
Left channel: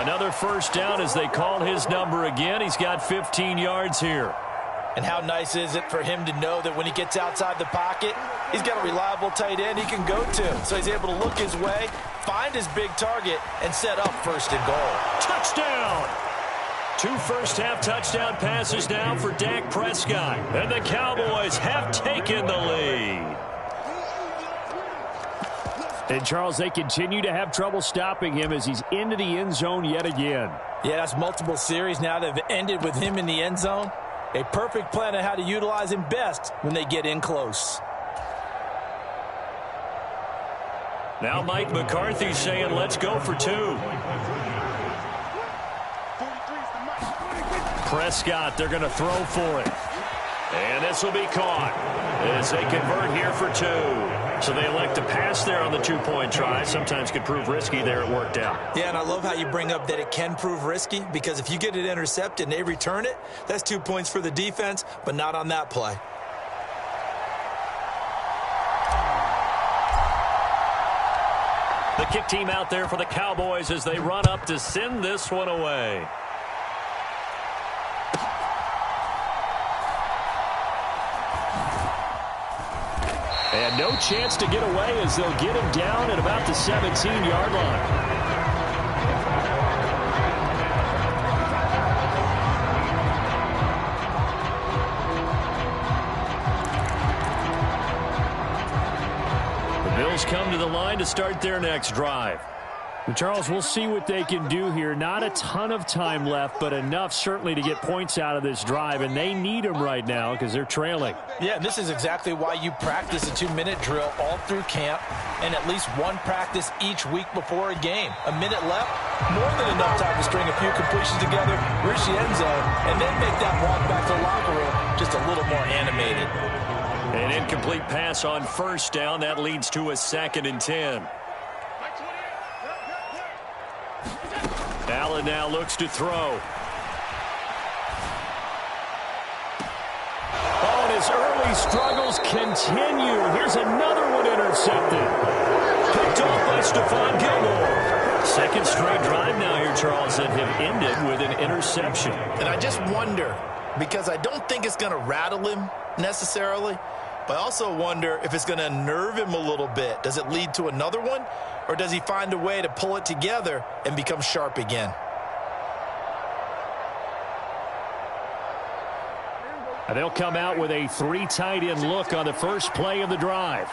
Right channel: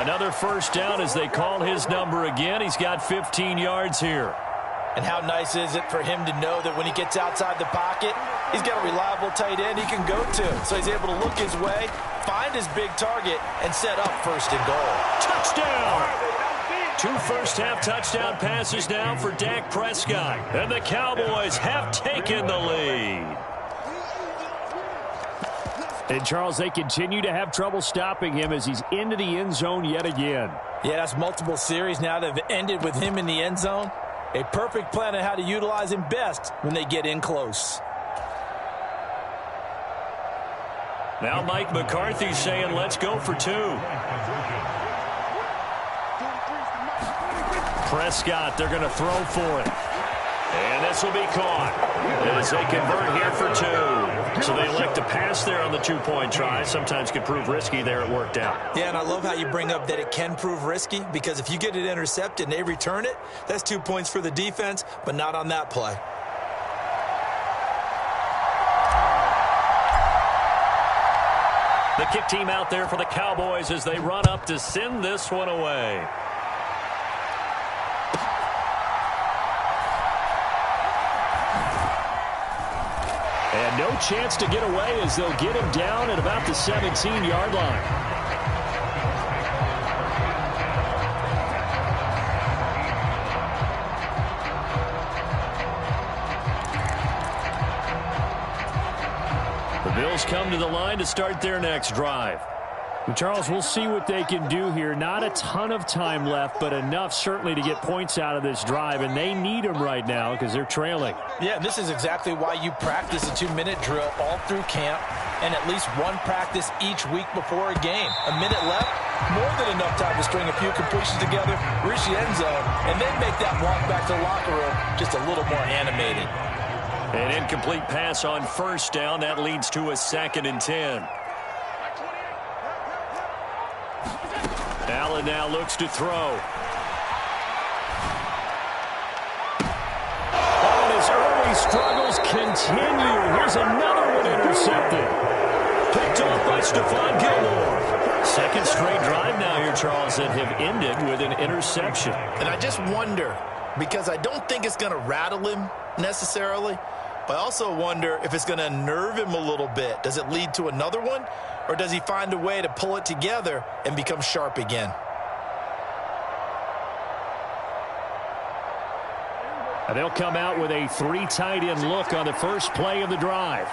Another 1st down as they call his number again. He's got 15 yards here. And how nice is it for him to know that when he gets outside the pocket, he's got a reliable tight end he can go to. So he's able to look his way, find his big target, and set up 1st and goal. Touchdown! 2 first-half touchdown passes now for Dak Prescott. And the Cowboys have taken the lead. And, Charles, they continue to have trouble stopping him as he's into the end zone yet again. Yeah, that's multiple series now that have ended with him in the end zone. A perfect plan on how to utilize him best when they get in close. Now Mike McCarthy saying, let's go for 2. Prescott, they're going to throw for it. And this will be caught as they convert here for 2. So they elect to pass there on the 2-point try. Sometimes could prove risky there. It worked out. Yeah, and I love how you bring up that it can prove risky, because if you get it intercepted and they return it, that's 2 points for the defense, but not on that play. The kick team out there for the Cowboys as they run up to send this one away. And no chance to get away as they'll get him down at about the 17-yard line. The Bills come to the line to start their next drive. Charles, we'll see what they can do here. Not a ton of time left, but enough certainly to get points out of this drive, and they need them right now because they're trailing. Yeah, and this is exactly why you practice a 2-minute drill all through camp and at least one practice each week before a game. A minute left, more than enough time to string a few completions together, reach the end zone, and then make that walk back to the locker room just a little more animated. An incomplete pass on first down. That leads to a 2nd and 10. Allen now looks to throw. Oh, and his early struggles continue. Here's another one intercepted. Picked off by Stephon Gilmore. Second straight drive now here, Charles, that have ended with an interception. And I just wonder, because I don't think it's going to rattle him necessarily, but I also wonder if it's going to unnerve him a little bit. Does it lead to another one, or does he find a way to pull it together and become sharp again? And they'll come out with a 3 tight end look on the first play of the drive.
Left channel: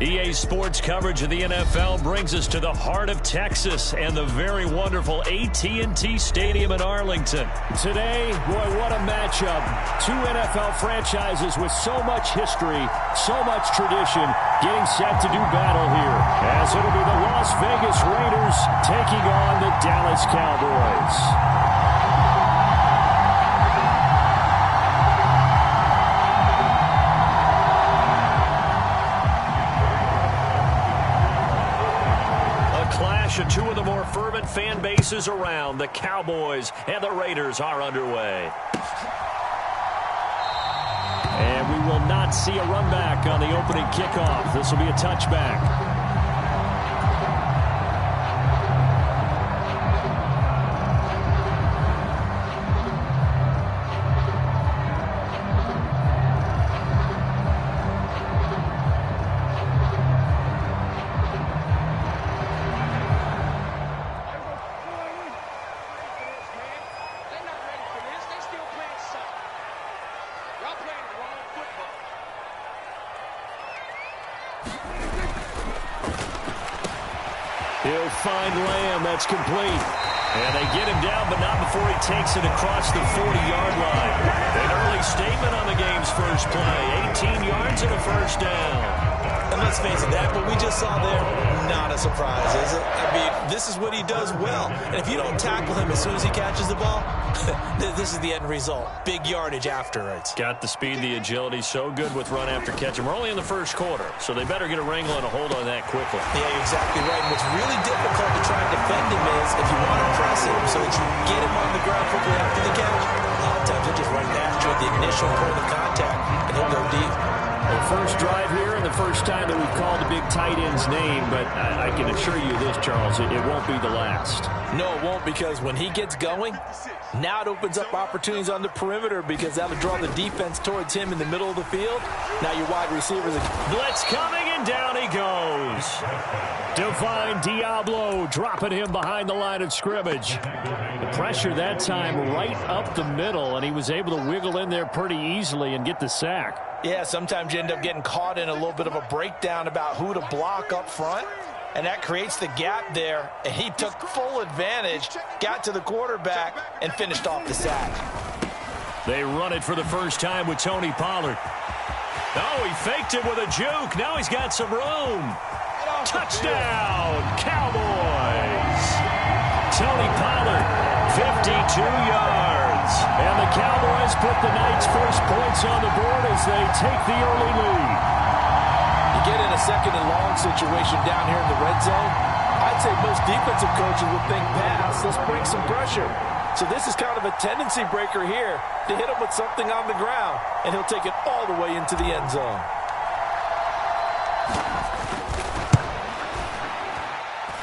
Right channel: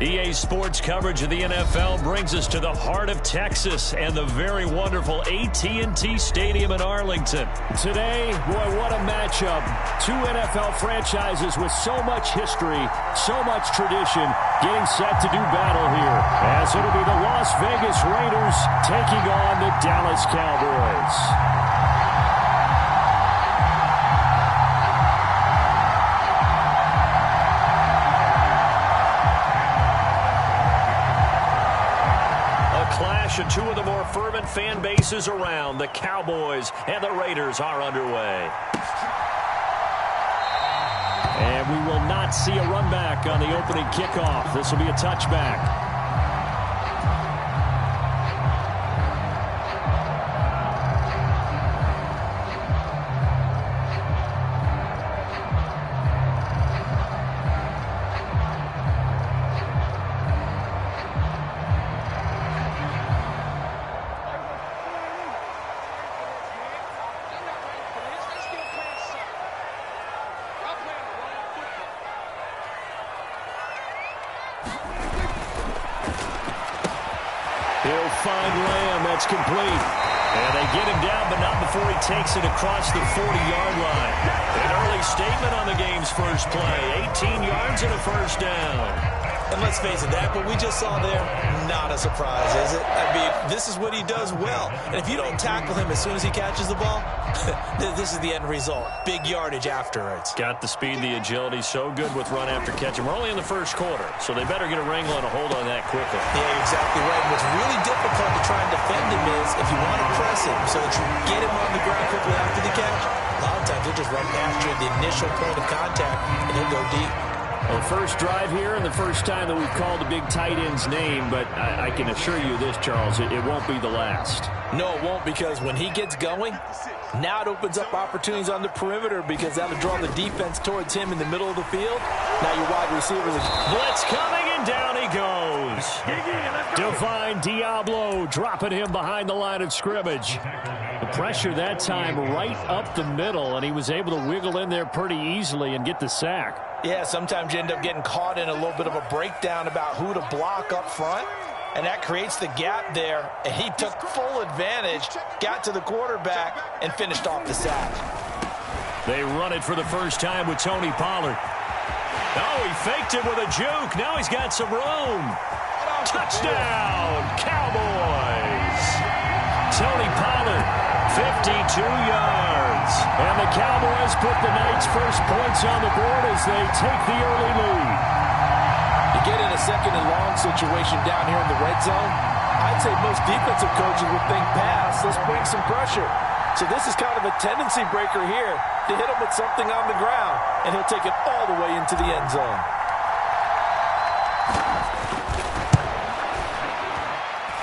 EA Sports coverage of the NFL brings us to the heart of Texas and the very wonderful AT&T Stadium in Arlington. Today, boy, what a matchup. 2 NFL franchises with so much history, so much tradition, getting set to do battle here, as it'll be the Las Vegas Raiders taking on the Dallas Cowboys. Clash of 2 of the more fervent fan bases around. The Cowboys and the Raiders are underway. And we will not see a run back on the opening kickoff. This will be a touchback. He'll find Lamb. That's complete. And they get him down, but not before he takes it across the 40-yard line. An early statement on the game's first play. 18 yards and a first down. And let's face it, that what we just saw there, not a surprise, is it? I mean, this is what he does well. And if you don't tackle him as soon as he catches the ball, this is the end result. Big yardage afterwards. Got the speed, the agility, so good with run after catch. And we're only in the first quarter, so they better get a wrangle and a hold on that quickly. Yeah, you're exactly right. And what's really difficult to try and defend him is if you want to press him so that you get him on the ground quickly after the catch, a lot of times he'll just run past you at the initial point of contact, and he'll go deep. Well, the first drive here and the first time that we've called the big tight end's name, but I can assure you this, Charles, it won't be the last. No, it won't, because when he gets going, now it opens up opportunities on the perimeter because that'll draw the defense towards him in the middle of the field. Now your wide receivers are... Blitz coming, and down he goes. Divine Diablo dropping him behind the line of scrimmage. The pressure that time right up the middle, and he was able to wiggle in there pretty easily and get the sack. Yeah, sometimes you end up getting caught in a little bit of a breakdown about who to block up front, and that creates the gap there, and he took full advantage, got to the quarterback, and finished off the sack. They run it for the first time with Tony Pollard. Oh, he faked it with a juke. Now he's got some room. Touchdown, Cowboys. Tony Pollard, 52 yards. And the Cowboys put the night's first points on the board as they take the early lead. You get in a second and long situation down here in the red zone, I'd say most defensive coaches would think pass, let's bring some pressure. So this is kind of a tendency breaker here to hit him with something on the ground, and he'll take it all the way into the end zone.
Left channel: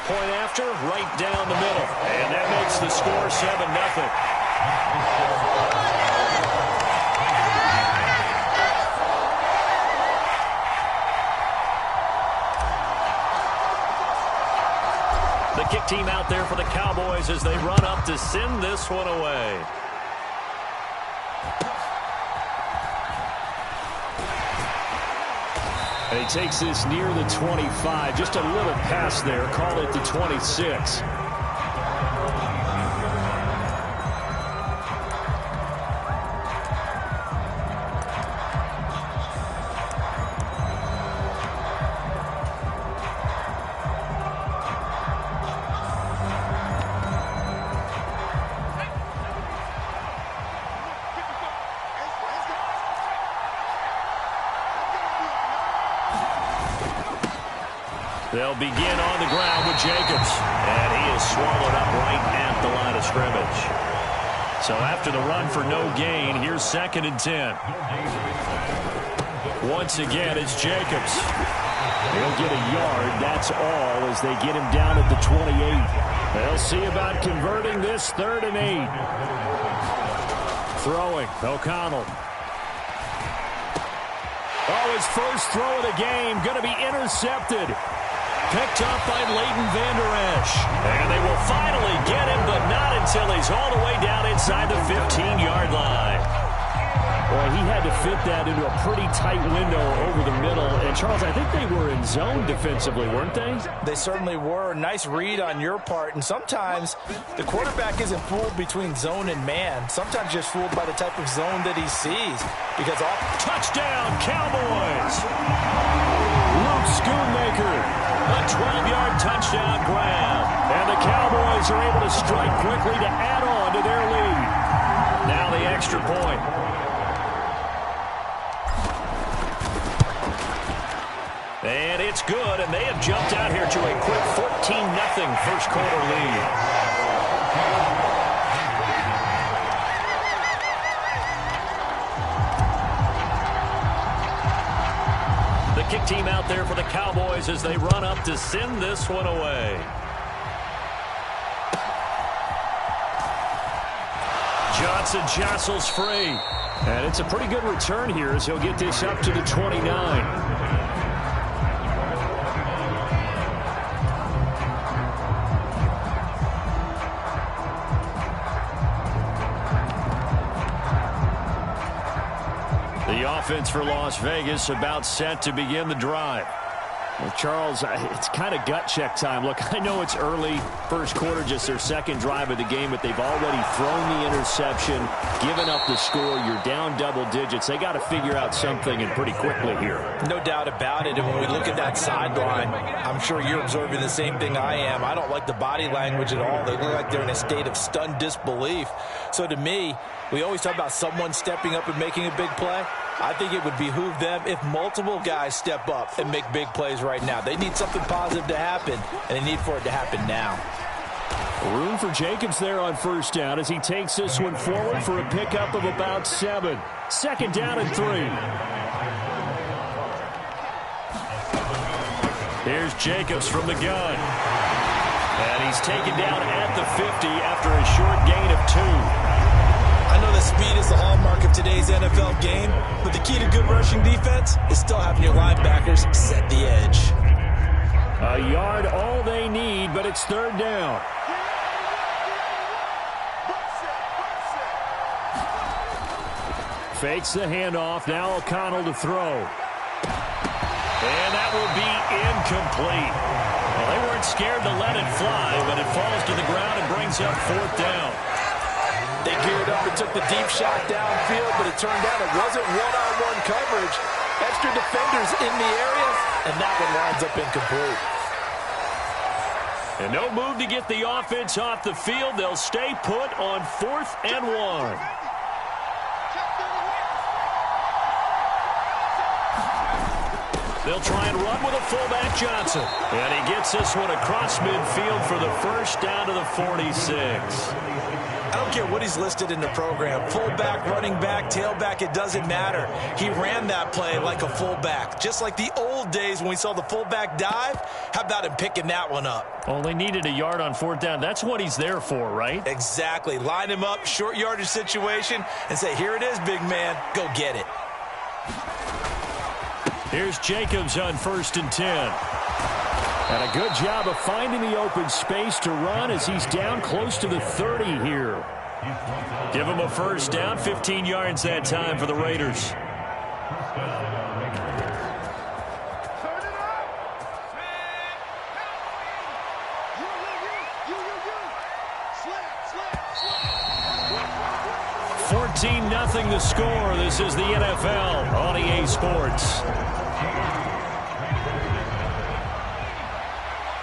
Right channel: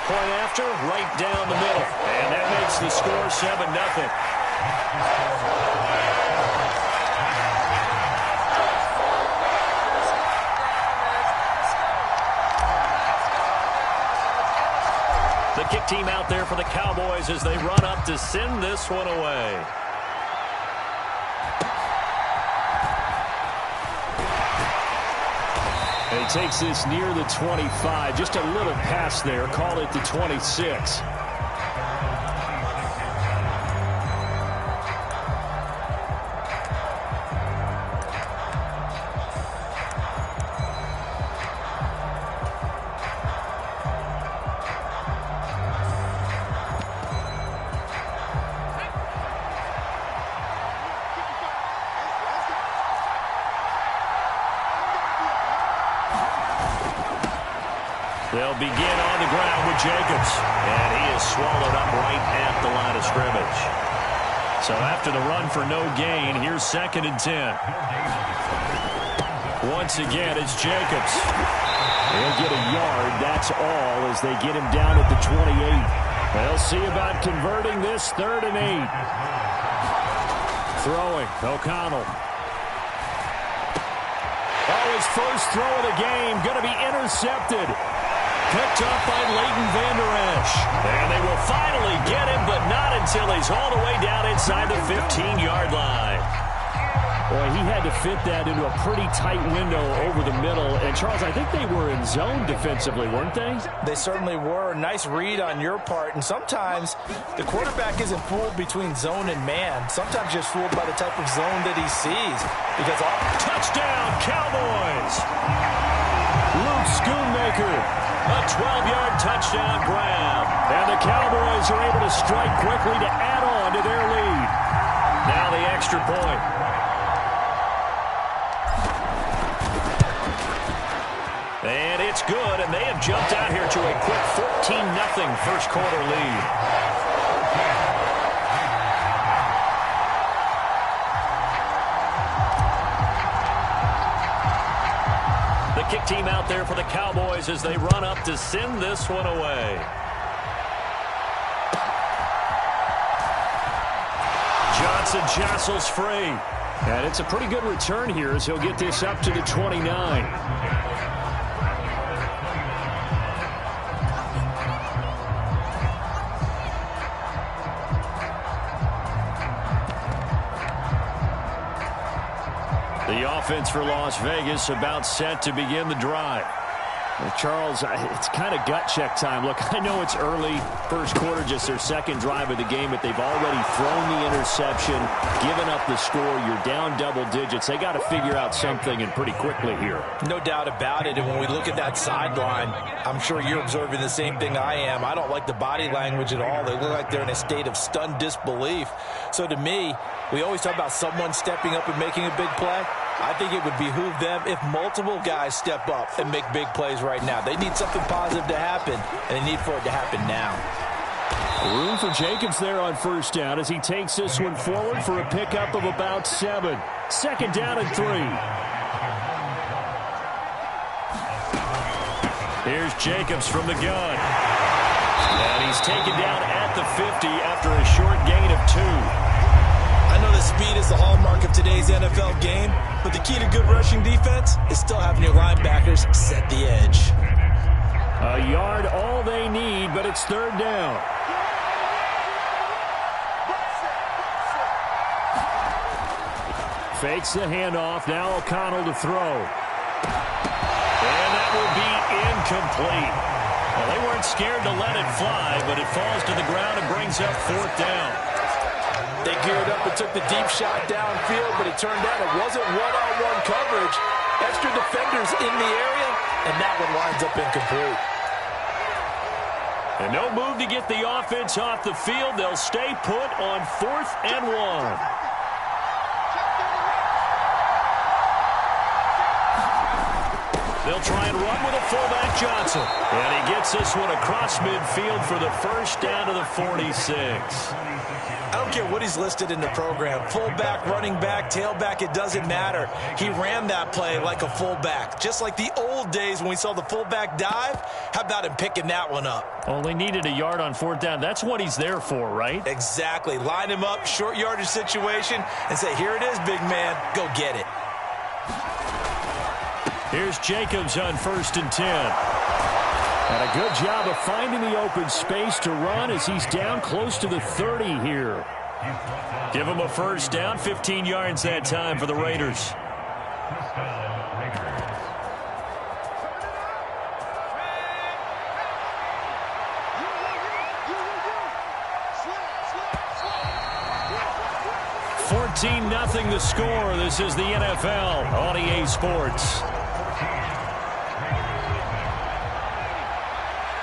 Point after, right down the middle. And that makes the score 7-0. The kick team out there for the Cowboys as they run up to send this one away. And he takes this near the 25. Just a little pass there. Call it the 26. They'll begin on the ground with Jacobs. And he is swallowed up right at the line of scrimmage. So after the run for no gain, here's 2nd and 10. Once again, it's Jacobs. He'll get a yard, that's all, as they get him down at the 28. They'll see about converting this 3rd and 8. Throwing, O'Connell. Oh, his first throw of the game, going to be intercepted. Picked up by Leighton Vander Esch. And they will finally get him, but not until he's all the way down inside the 15-yard line. Boy, he had to fit that into a pretty tight window over the middle. And, Charles, I think they were in zone defensively, weren't they? They certainly were. Nice read on your part. And sometimes the quarterback isn't fooled between zone and man. Sometimes just fooled by the type of zone that he sees. Because touchdown, Cowboys! Luke Schoonmaker. A 12-yard touchdown grab. And the Cowboys are able to strike quickly to add on to their lead. Now the extra point. And it's good, and they have jumped out here to a quick 14-0 first quarter lead. The kick team out there for the Cowboys as they run up to send this one away. Johnson jostles free. And it's a pretty good return here as he'll get this up to the 29. The offense for Las Vegas about set to begin the drive. Well, Charles, it's kind of gut check time. Look, I know it's early, first quarter, just their second drive of the game, but they've already thrown the interception, given up the score. You're down double digits. They got to figure out something, and pretty quickly here. No doubt about it. And when we look at that sideline, I'm sure you're observing the same thing I am. I don't like the body language at all. They look like they're in a state of stunned disbelief. So to me, we always talk about someone stepping up and making a big play. I think it would behoove them if multiple guys step up and make big plays right now. They need something positive to happen, and they need for it to happen now. Room for Jacobs there on first down as he takes this one forward for a pickup of about 7. Second down and 3. Here's Jacobs from the gun. And he's taken down at the 50 after a short gain of 2. I know that speed is the hallmark of today's NFL game, but the key to good rushing defense is still having your linebackers set the edge. A yard all they need, but it's third down. Fakes the handoff. Now O'Connell to throw. And that will be incomplete. Well, they weren't scared to let it fly, but it falls to the ground and brings up fourth down. They geared up and took the deep shot downfield, but it turned out it wasn't one-on-one coverage. Extra defenders in the area, and that one winds up incomplete. And no move to get the offense off the field. They'll stay put on 4th and 1. They'll try and run with a fullback, Johnson. And he gets this one across midfield for the first down to the 46. I don't care what he's listed in the program. Fullback, running back, tailback, it doesn't matter. He ran that play like a fullback. Just like the old days when we saw the fullback dive. How about him picking that one up? Only needed a yard on 4th down. That's what he's there for, right? Exactly. Line him up, short yardage situation, and say, here it is, big man. Go get it. Here's Jacobs on 1st and 10. And a good job of finding the open space to run as he's down close to the 30 here. Give him a first down, 15 yards that time for the Raiders. $14-0 the score. This is the NFL on EA Sports.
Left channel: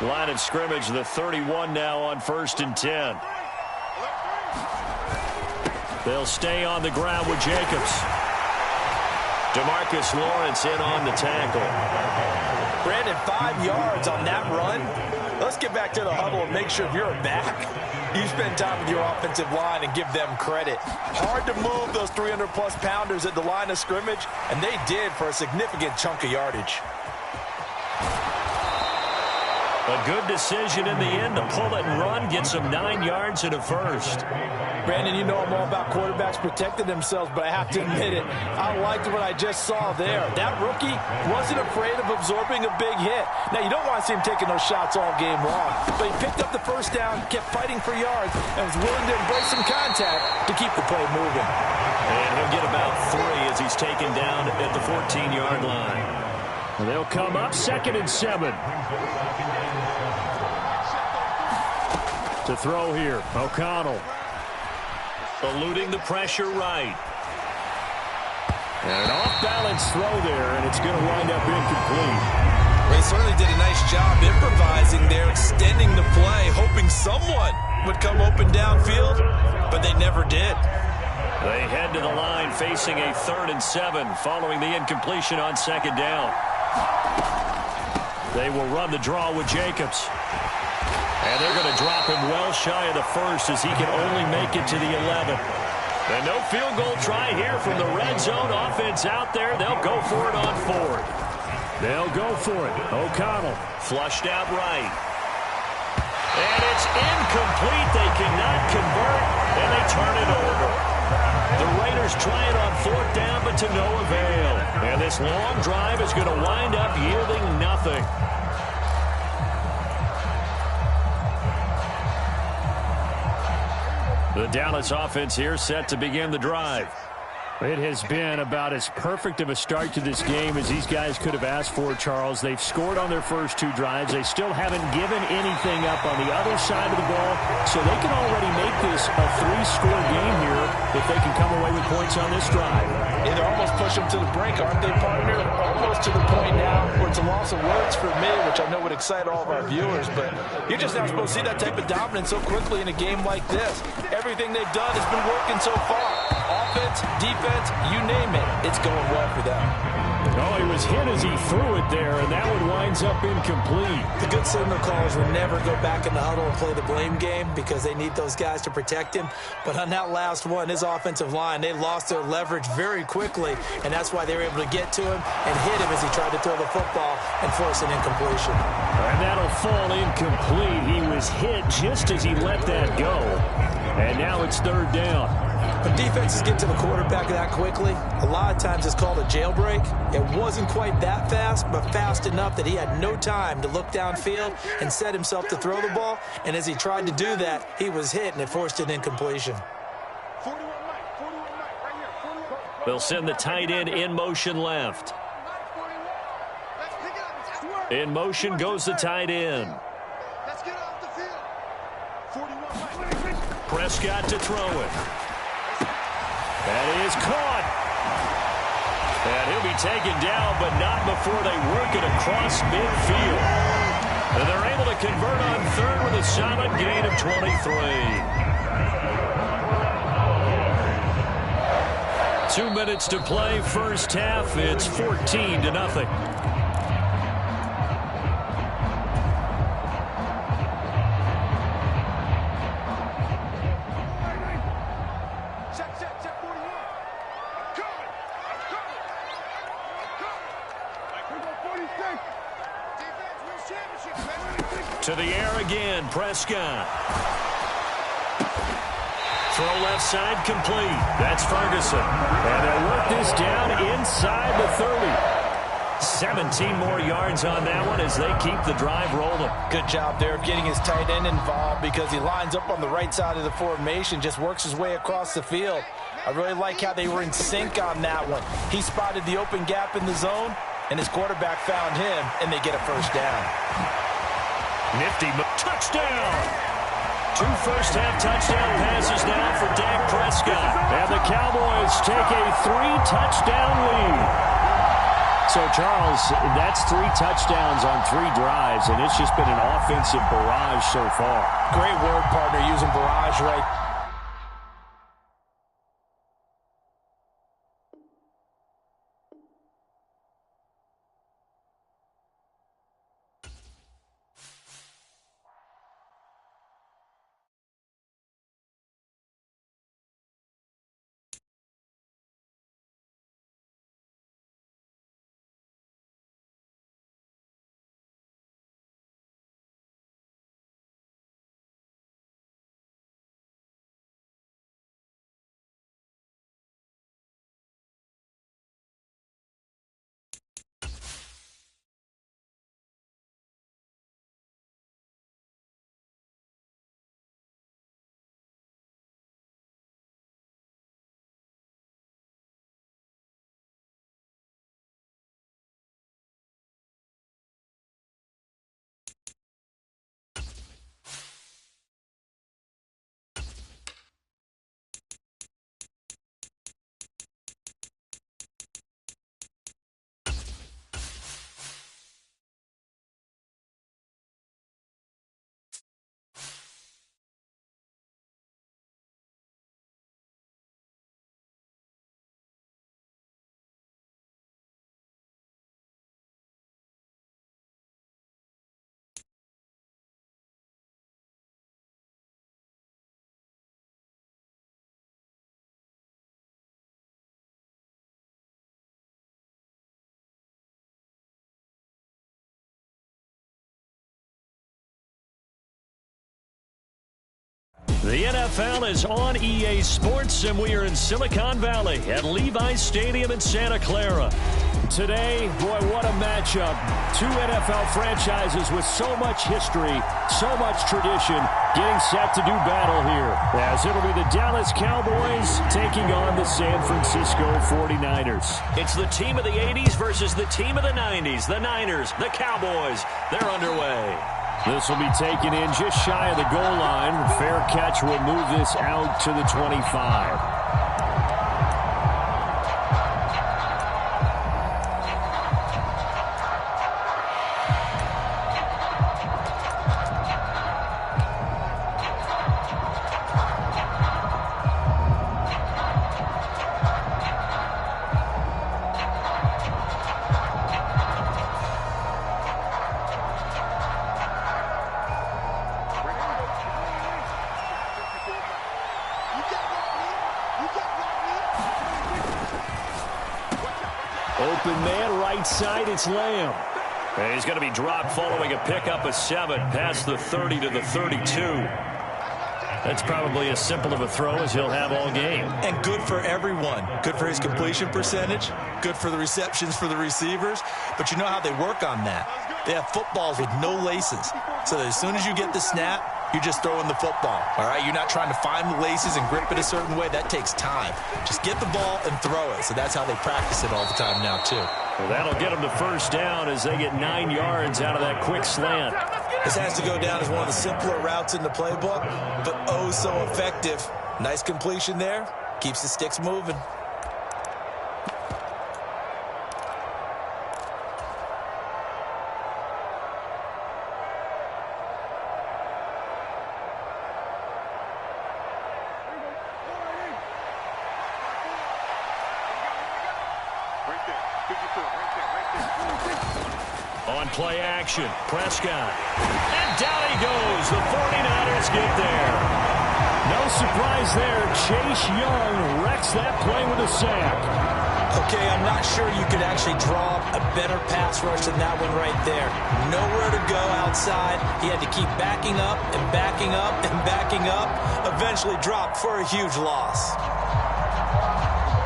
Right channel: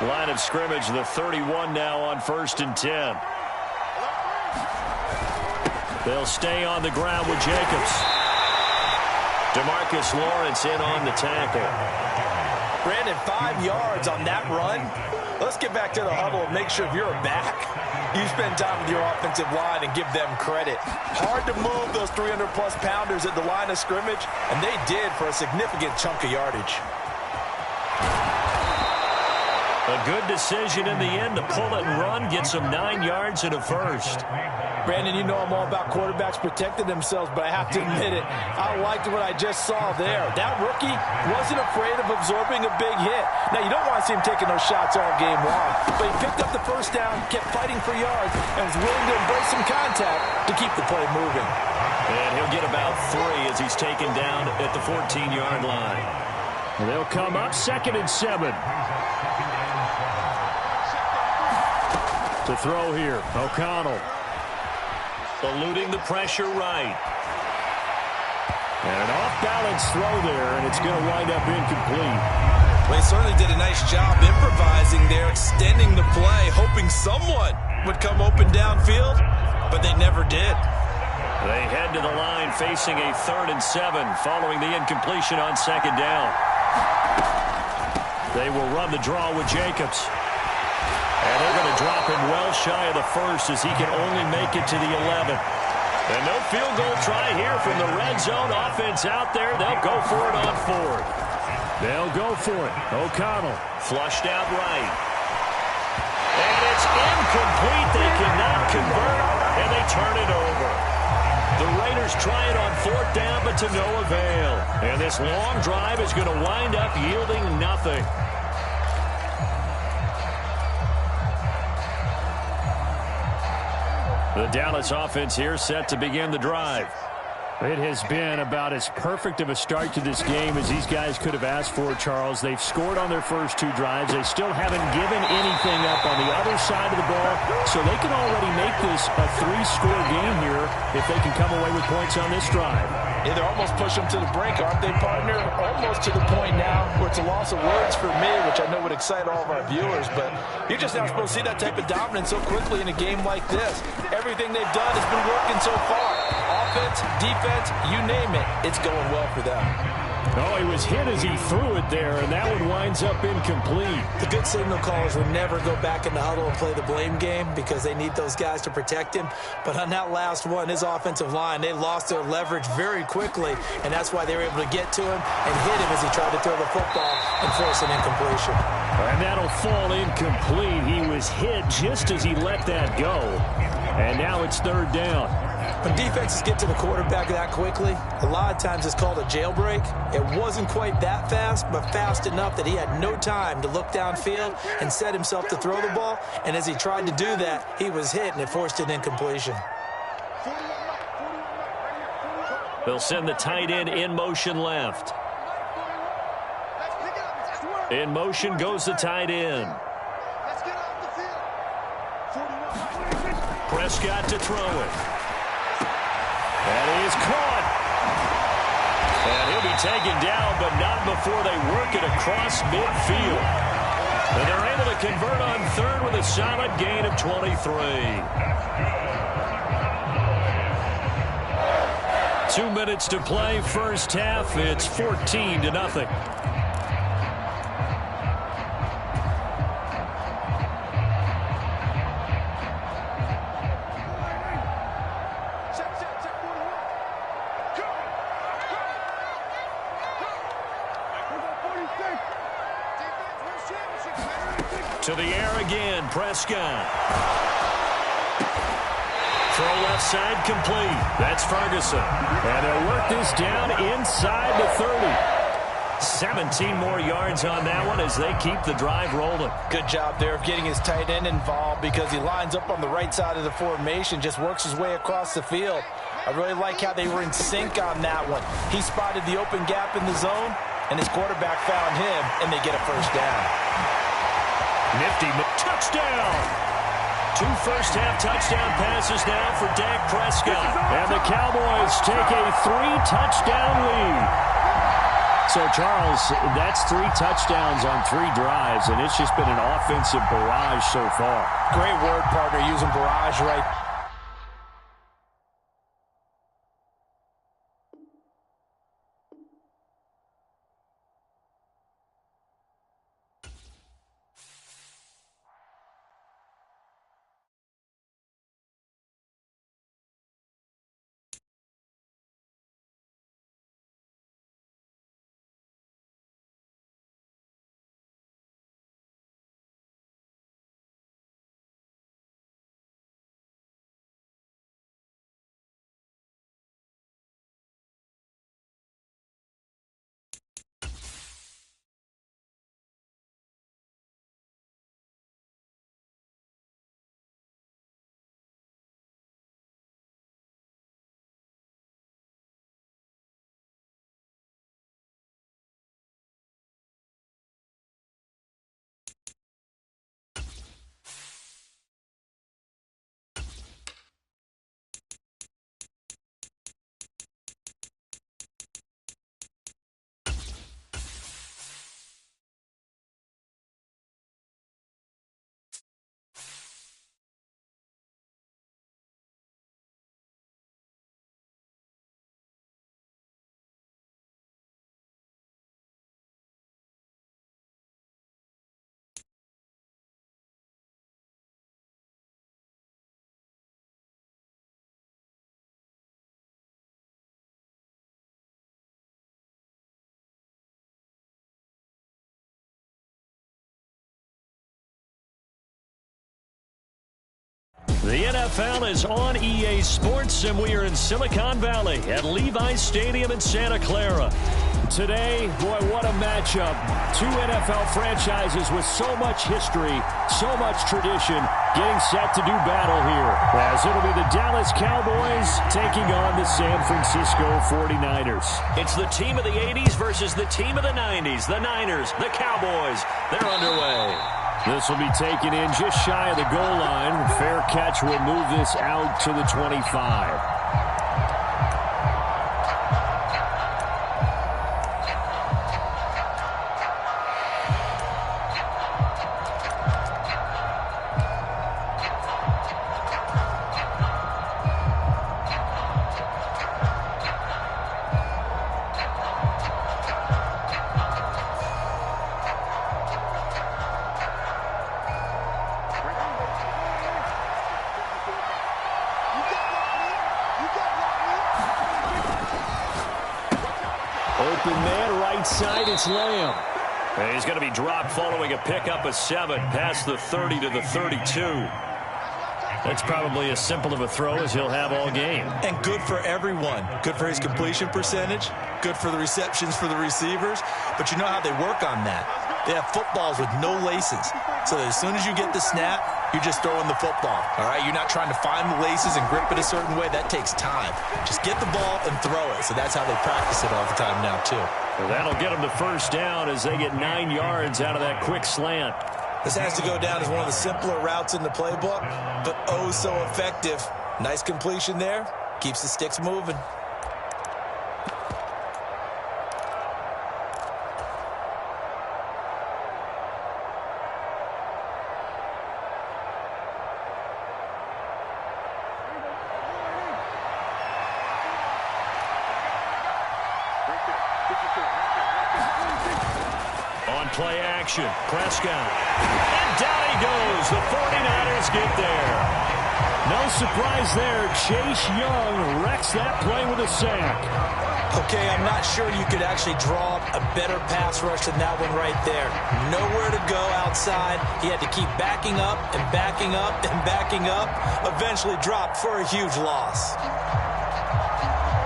Line of scrimmage, the 31 now on 1st and 10. They'll stay on the ground with Jacobs. DeMarcus Lawrence in on the tackle. Brandon, 5 yards on that run. Let's get back to the huddle and make sure if you're a back, you spend time with your offensive line and give them credit. Hard to move those 300-plus pounders at the line of scrimmage, and they did for a significant chunk of yardage. A good decision in the end to pull it and run, get some 9 yards and a first. Brandon, you know I'm all about quarterbacks protecting themselves, but I have to admit it, I liked what I just saw there. That rookie wasn't afraid of absorbing a big hit. Now, you don't want to see him taking those shots all game long, but he picked up the first down, kept fighting for yards, and was willing to embrace some contact to keep the play moving. And he'll get about 3 as he's taken down at the 14-yard line. And they'll come up 2nd and 7. To throw here, O'Connell. Eluding the pressure right. And an off-balance throw there, and it's going to wind up incomplete. Well, he certainly did a nice job improvising there, extending the play, hoping someone would come open downfield, but they never did. They head to the line facing a 3rd and 7 following the incompletion on 2nd down. They will run the draw with Jacobs. And they're going to drop him well shy of the 1st as he can only make it to the 11th. And no field goal try here from the red zone offense out there. They'll go for it on 4th. They'll go for it. O'Connell flushed out right. And it's incomplete. They cannot convert, and they turn it over. The Raiders try it on 4th down, but to no avail. And this long drive is going to wind up yielding nothing. The Dallas offense here set to begin the drive. It has been about as perfect of a start to this game as these guys could have asked for, Charles. They've scored on their first 2 drives. They still haven't given anything up on the other side of the ball, so they can already make this a 3-score game here if they can come away with points on this drive. Yeah, they're almost pushing them to the brink, aren't they, partner? Almost to the point now where it's a loss of words for me, which I know would excite all of our viewers, but you're just not supposed to see that type of dominance so quickly in a game like this. Everything they've done has been working so far. Offense, defense, you name it, it's going well for them. Oh, he was hit as he threw it there, and that one winds up incomplete. The good signal callers would never go back in the huddle and play the blame game because they need those guys to protect him. But on that last one, his offensive line, they lost their leverage very quickly, and that's why they were able to get to him and hit him as he tried to throw the football and force an incompletion. And that'll fall incomplete. He was hit just as he let that go. And now it's 3rd down. When defenses get to the quarterback that quickly, a lot of times it's called a jailbreak. It wasn't quite that fast, but fast enough that he had no time to look downfield and set himself to throw the ball. And as he tried to do that, he was hit, and it forced an incompletion. They'll send the tight end in motion left. In motion goes the tight end. Prescott to throw it. That is caught. And he'll be taken down, but not before they work it across midfield. And they're able to convert on 3rd with a solid gain of 23. 2 minutes to play, first half. It's 14-0. To the air again, Prescott. Throw left side complete. That's Ferguson. And they'll work this down inside the 30. 17 more yards on that one as they keep the drive rolling. Good job there of getting his tight end involved because he lines up on the right side of the formation, just works his way across the field. I really like how they were in sync on that one. He spotted the open gap in the zone, and his quarterback found him, and they get a first down. Nifty touchdown. 2 first-half touchdown passes now for Dak Prescott. And the Cowboys take a 3-touchdown lead. So, Charles, that's 3 touchdowns on 3 drives, and it's just been an offensive barrage so far. Great word, partner, using barrage right. The NFL is on EA Sports, and we are in Silicon Valley at Levi's Stadium in Santa Clara. Today, boy, what a matchup. Two NFL franchises with so much history, so much tradition, getting set to do battle here. As it'll be the Dallas Cowboys taking on the San Francisco 49ers. It's the team of the 80s versus the team of the 90s. The Niners, the Cowboys, they're underway. This will be taken in just shy of the goal line. Fair catch will move this out to the 25. Open man, right side, it's Lamb. He's going to be dropped following a pickup of 7 past the 30 to the 32. That's probably as simple of a throw as he'll have all game. And good for everyone. Good for his completion percentage. Good for the receptions for the receivers. But you know how they work on that. They have footballs with no laces. So that as soon as you get the snap, you're just throwing the football. All right? You're not trying to find the laces and grip it a certain way. That takes time. Just get the ball and throw it. So that's how they practice it all the time now, too. Well, that'll get them the first down as they get 9 yards out of that quick slant. This has to go down as one of the simpler routes in the playbook, but oh so effective. Nice completion there. Keeps the sticks moving. On play action, Prescott. And down he goes. The 49ers get there. No surprise there. Chase Young wrecks that play with a sack. Okay, I'm not sure you could actually draw a better pass rush than that one right there. Nowhere to go outside. He had to keep backing up and backing up and backing up. Eventually dropped for a huge loss.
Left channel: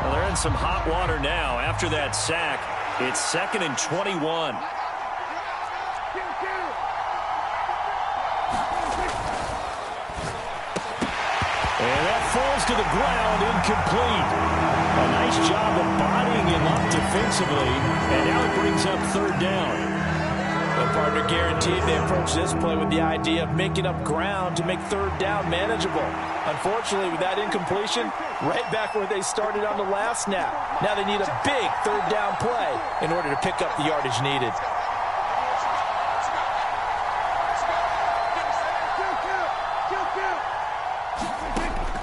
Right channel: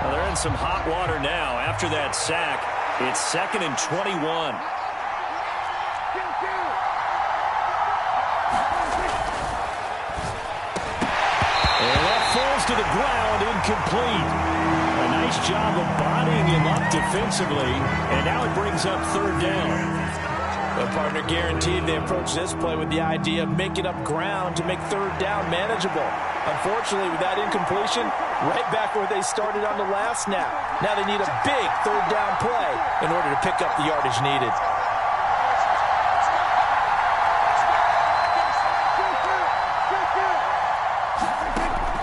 Well, they're in some hot water now. After that sack, it's 2nd and 21. And that falls to the ground, incomplete. A nice job of bodying him up defensively, and now it brings up 3rd down. The partner guaranteed they approach this play with the idea of making up ground to make 3rd down manageable. Unfortunately, with that incompletion, right back where they started on the last snap. Now they need a big 3rd down play in order to pick up the yardage needed.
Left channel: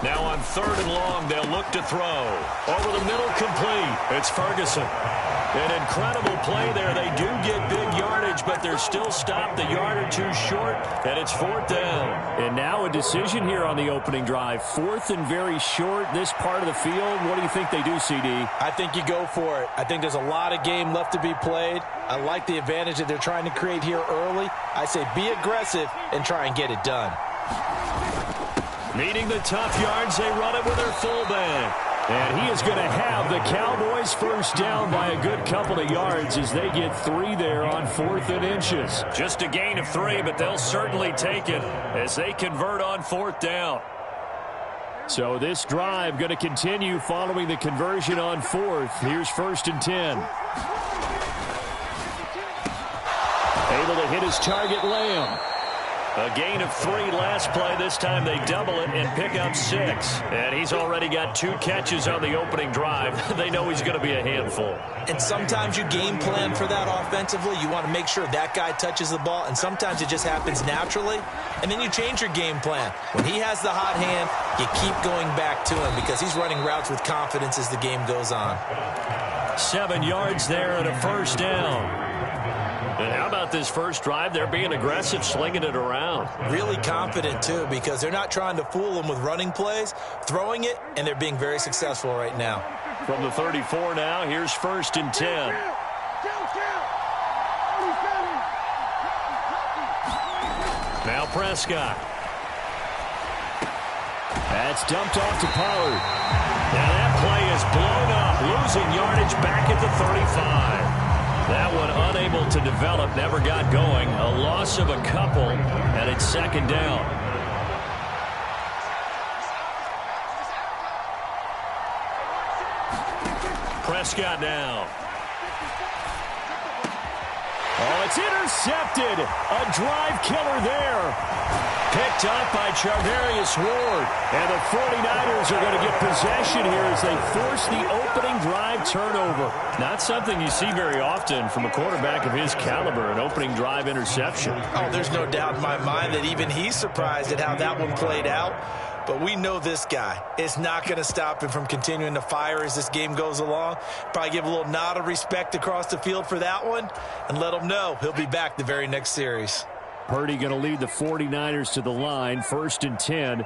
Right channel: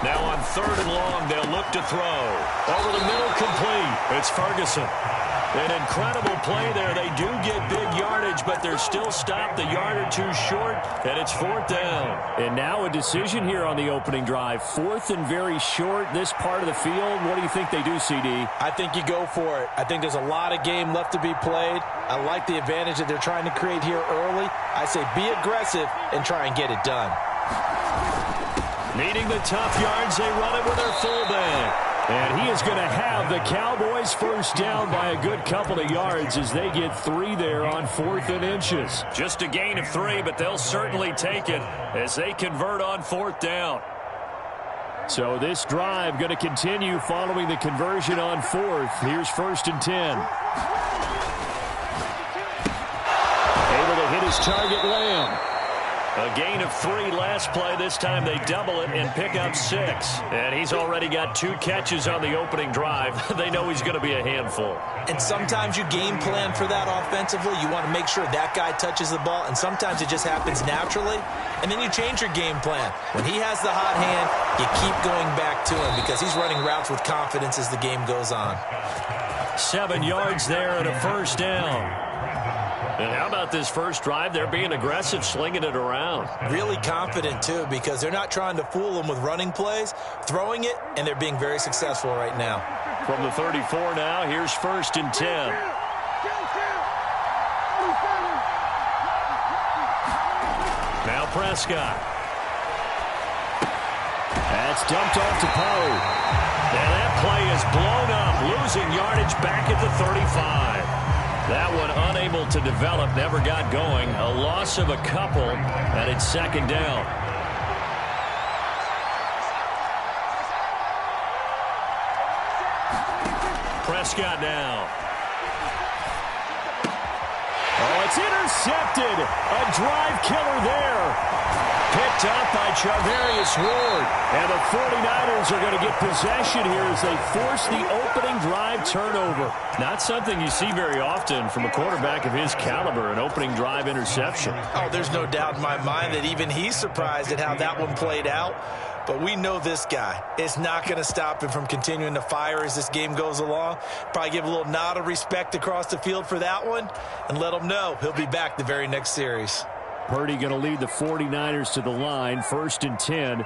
Now on 3rd and long, they'll look to throw. Over the middle, complete. It's Ferguson. An incredible play there. They do get big yardage, but they're still stopped a yard or two short, and it's 4th down. And now a decision here on the opening drive. 4th and very short, this part of the field. What do you think they do, CD? I think you go for it. I think there's a lot of game left to be played. I like the advantage that they're trying to create here early. I say be aggressive and try and get it done. Needing the tough yards, they run it with their fullback. And he is going to have the Cowboys first down by a good couple of yards as they get 3 there on 4th and inches. Just a gain of 3, but they'll certainly take it as they convert on 4th down. So this drive going to continue following the conversion on 4th. Here's 1st and 10. Able to hit his target, Lamb. A gain of 3 last play. This time they double it and pick up 6. And he's already got 2 catches on the opening drive. They know he's going to be a handful. And sometimes you game plan for that offensively. You want to make sure that guy touches the ball. And sometimes it just happens naturally. And then you change your game plan. When he has the hot hand, you keep going back to him because he's running routes with confidence as the game goes on. 7 yards there and a first down. And how about this first drive? They're being aggressive, slinging it around. Really confident, too, because they're not trying to fool them with running plays, throwing it, and they're being very successful right now. From the 34 now, here's 1st and 10. Now Prescott. That's dumped off to Pollard. And that play is blown up, losing yardage back at the 35. That one unable to develop, never got going. A loss of a couple, and it's second down. Prescott now. Oh, it's intercepted. A drive killer there. Picked up by Charvarius Ward. And the 49ers are going to get possession here as they force the opening drive turnover. Not something you see very often from a quarterback of his caliber, an opening drive interception. Oh, there's no doubt in my mind that even he's surprised at how that one played out. But we know this guy. It's not going to stop him from continuing to fire as this game goes along. Probably give a little nod of respect across the field for that one and let him know he'll be back the very next series. Purdy going to lead the 49ers to the line. 1st and 10,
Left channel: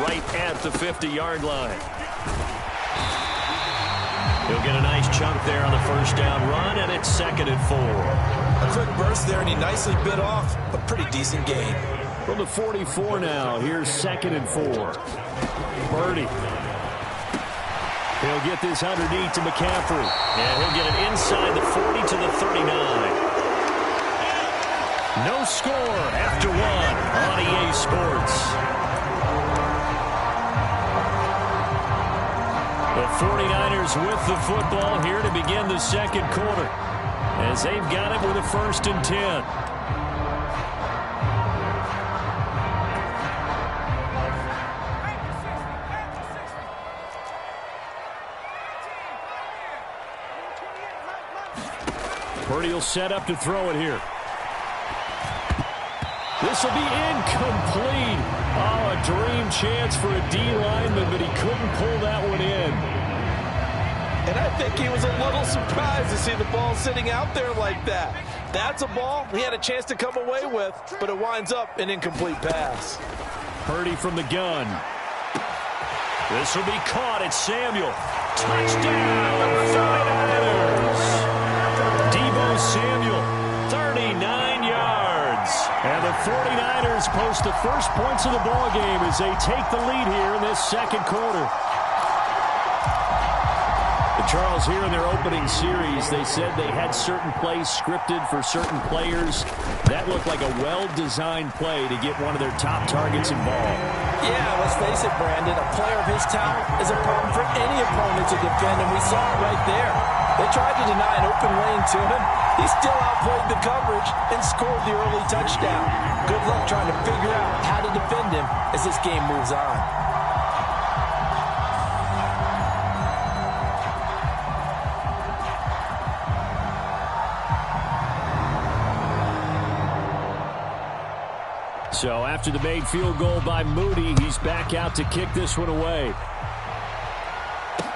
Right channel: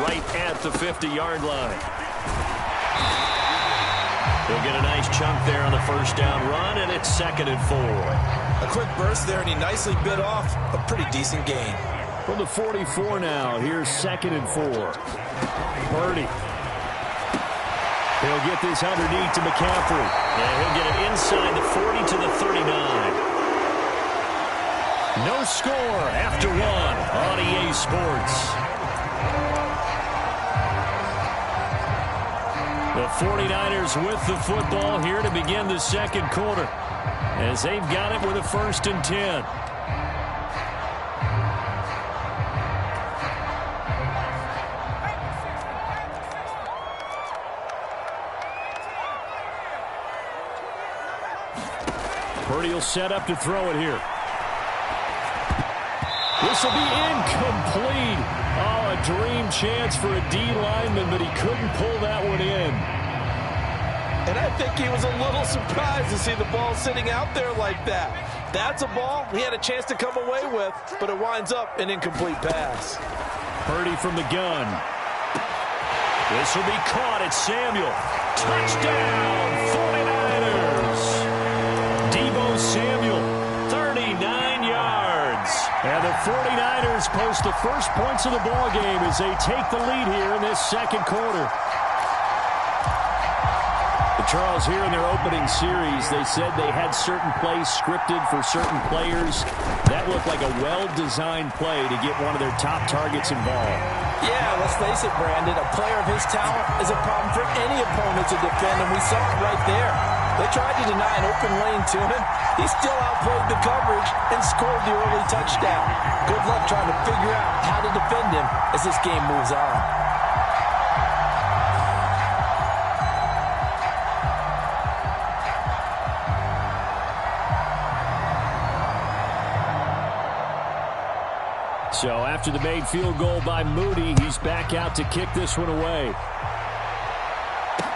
right at the 50-yard line. He'll get a nice chunk there on the first down run, and it's 2nd and 4. A quick burst there, and he nicely bit off a pretty decent gain. From the 44 now, here's 2nd and 4. Purdy. He'll get this underneath to McCaffrey. And he'll get it inside the 40 to the 39. No score after one on EA Sports. The 49ers with the football here to begin the second quarter, as they've got it with a 1st and 10. Purdy will set up to throw it here. This will be incomplete. Oh, a dream chance for a D lineman, but he couldn't pull that one in. And I think he was a little surprised to see the ball sitting out there like that. That's a ball he had a chance to come away with, but it winds up an incomplete pass. Purdy from the gun. This will be caught. It's Samuel. Touchdown, 49ers. Deebo Samuel, 39 yards. And the 49ers post the first points of the ball game as they take the lead here in this second quarter. The Charles, here in their opening series, they said they had certain plays scripted for certain players. That looked like a well-designed play to get one of their top targets involved. Yeah, let's face it, Brandon. A player of his talent is a problem for any opponent to defend, and we saw it right there. They tried to deny an open lane to him. He still outplayed the coverage and scored the early touchdown. Good luck trying to figure out how to defend him as this game moves on. So after the made field goal by Moody, he's back out to kick this one away.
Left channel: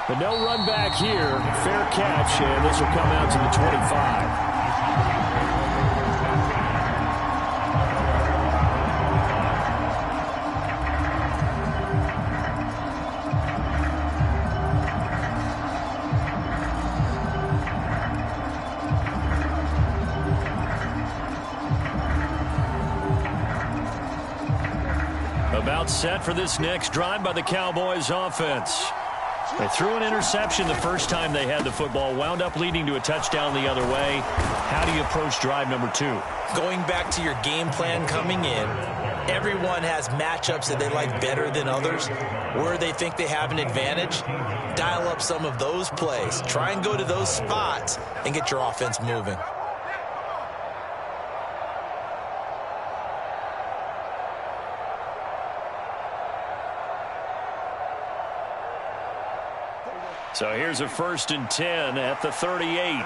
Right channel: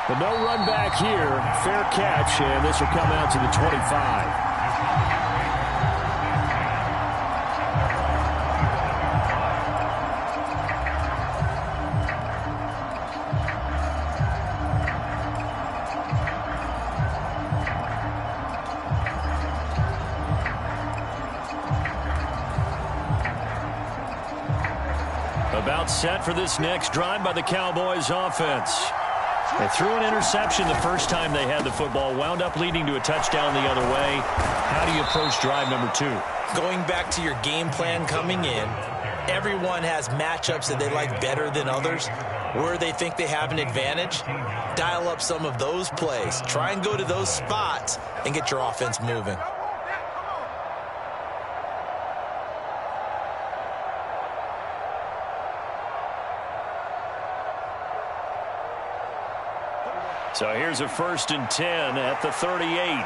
But no run back here. Fair catch, and this will come out to the 25. About set for this next drive by the Cowboys offense. They threw an interception the first time they had the football, wound up leading to a touchdown the other way. How do you approach drive number 2? Going back to your game plan coming in, everyone has matchups that they like better than others. Where they think they have an advantage, dial up some of those plays. Try and go to those spots and get your offense moving. So here's a 1st and 10 at the 38.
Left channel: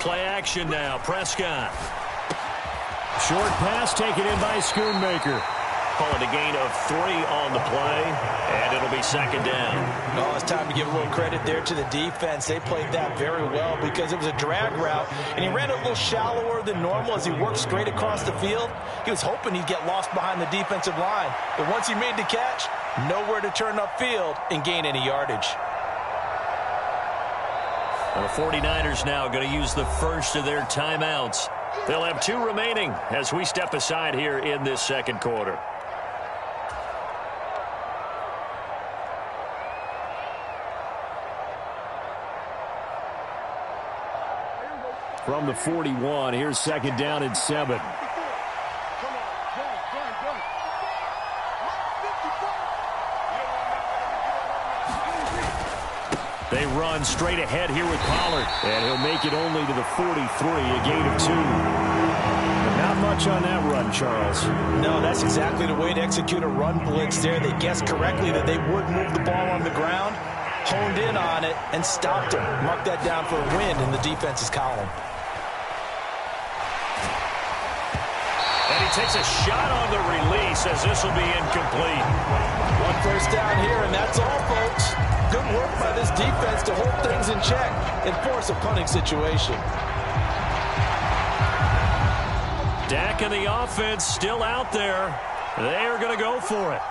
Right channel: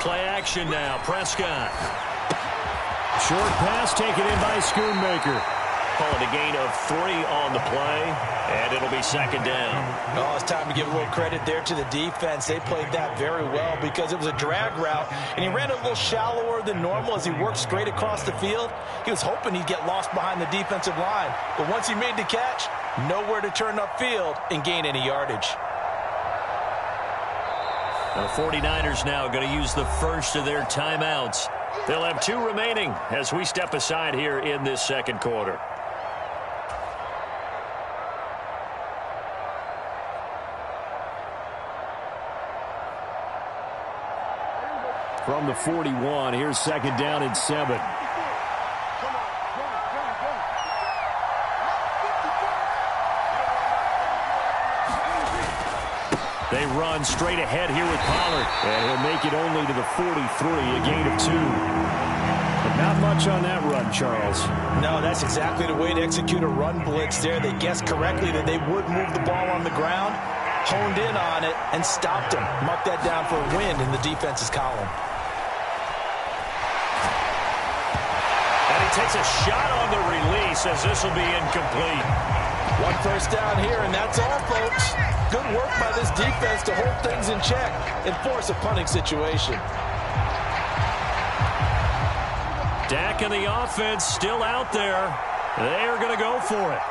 Play action now. Prescott. Short pass taken in by Schoonmaker. Call it a gain of 3 on the play, and it'll be 2nd down. Oh, it's time to give a little credit there to the defense. They played that very well because it was a drag route, and he ran a little shallower than normal as he worked straight across the field. He was hoping he'd get lost behind the defensive line, but once he made the catch, nowhere to turn upfield and gain any yardage. The 49ers now going to use the first of their timeouts. They'll have 2 remaining as we step aside here in this second quarter. from the 41. Here's second down and 7. They run straight ahead here with Pollard. And he'll make it only to the 43, a gain of 2. But not much on that run, Charles. No, that's exactly the way to execute a run blitz there. They guessed correctly that they would move the ball on the ground, honed in on it, and stopped him. Mark that down for a win in the defense's column. And he takes a shot on the release as this will be incomplete. 1 first down here, and that's all, folks. Good work by this defense to hold things in check and force a punting situation. Dak and the offense still out there. They are going to go for it.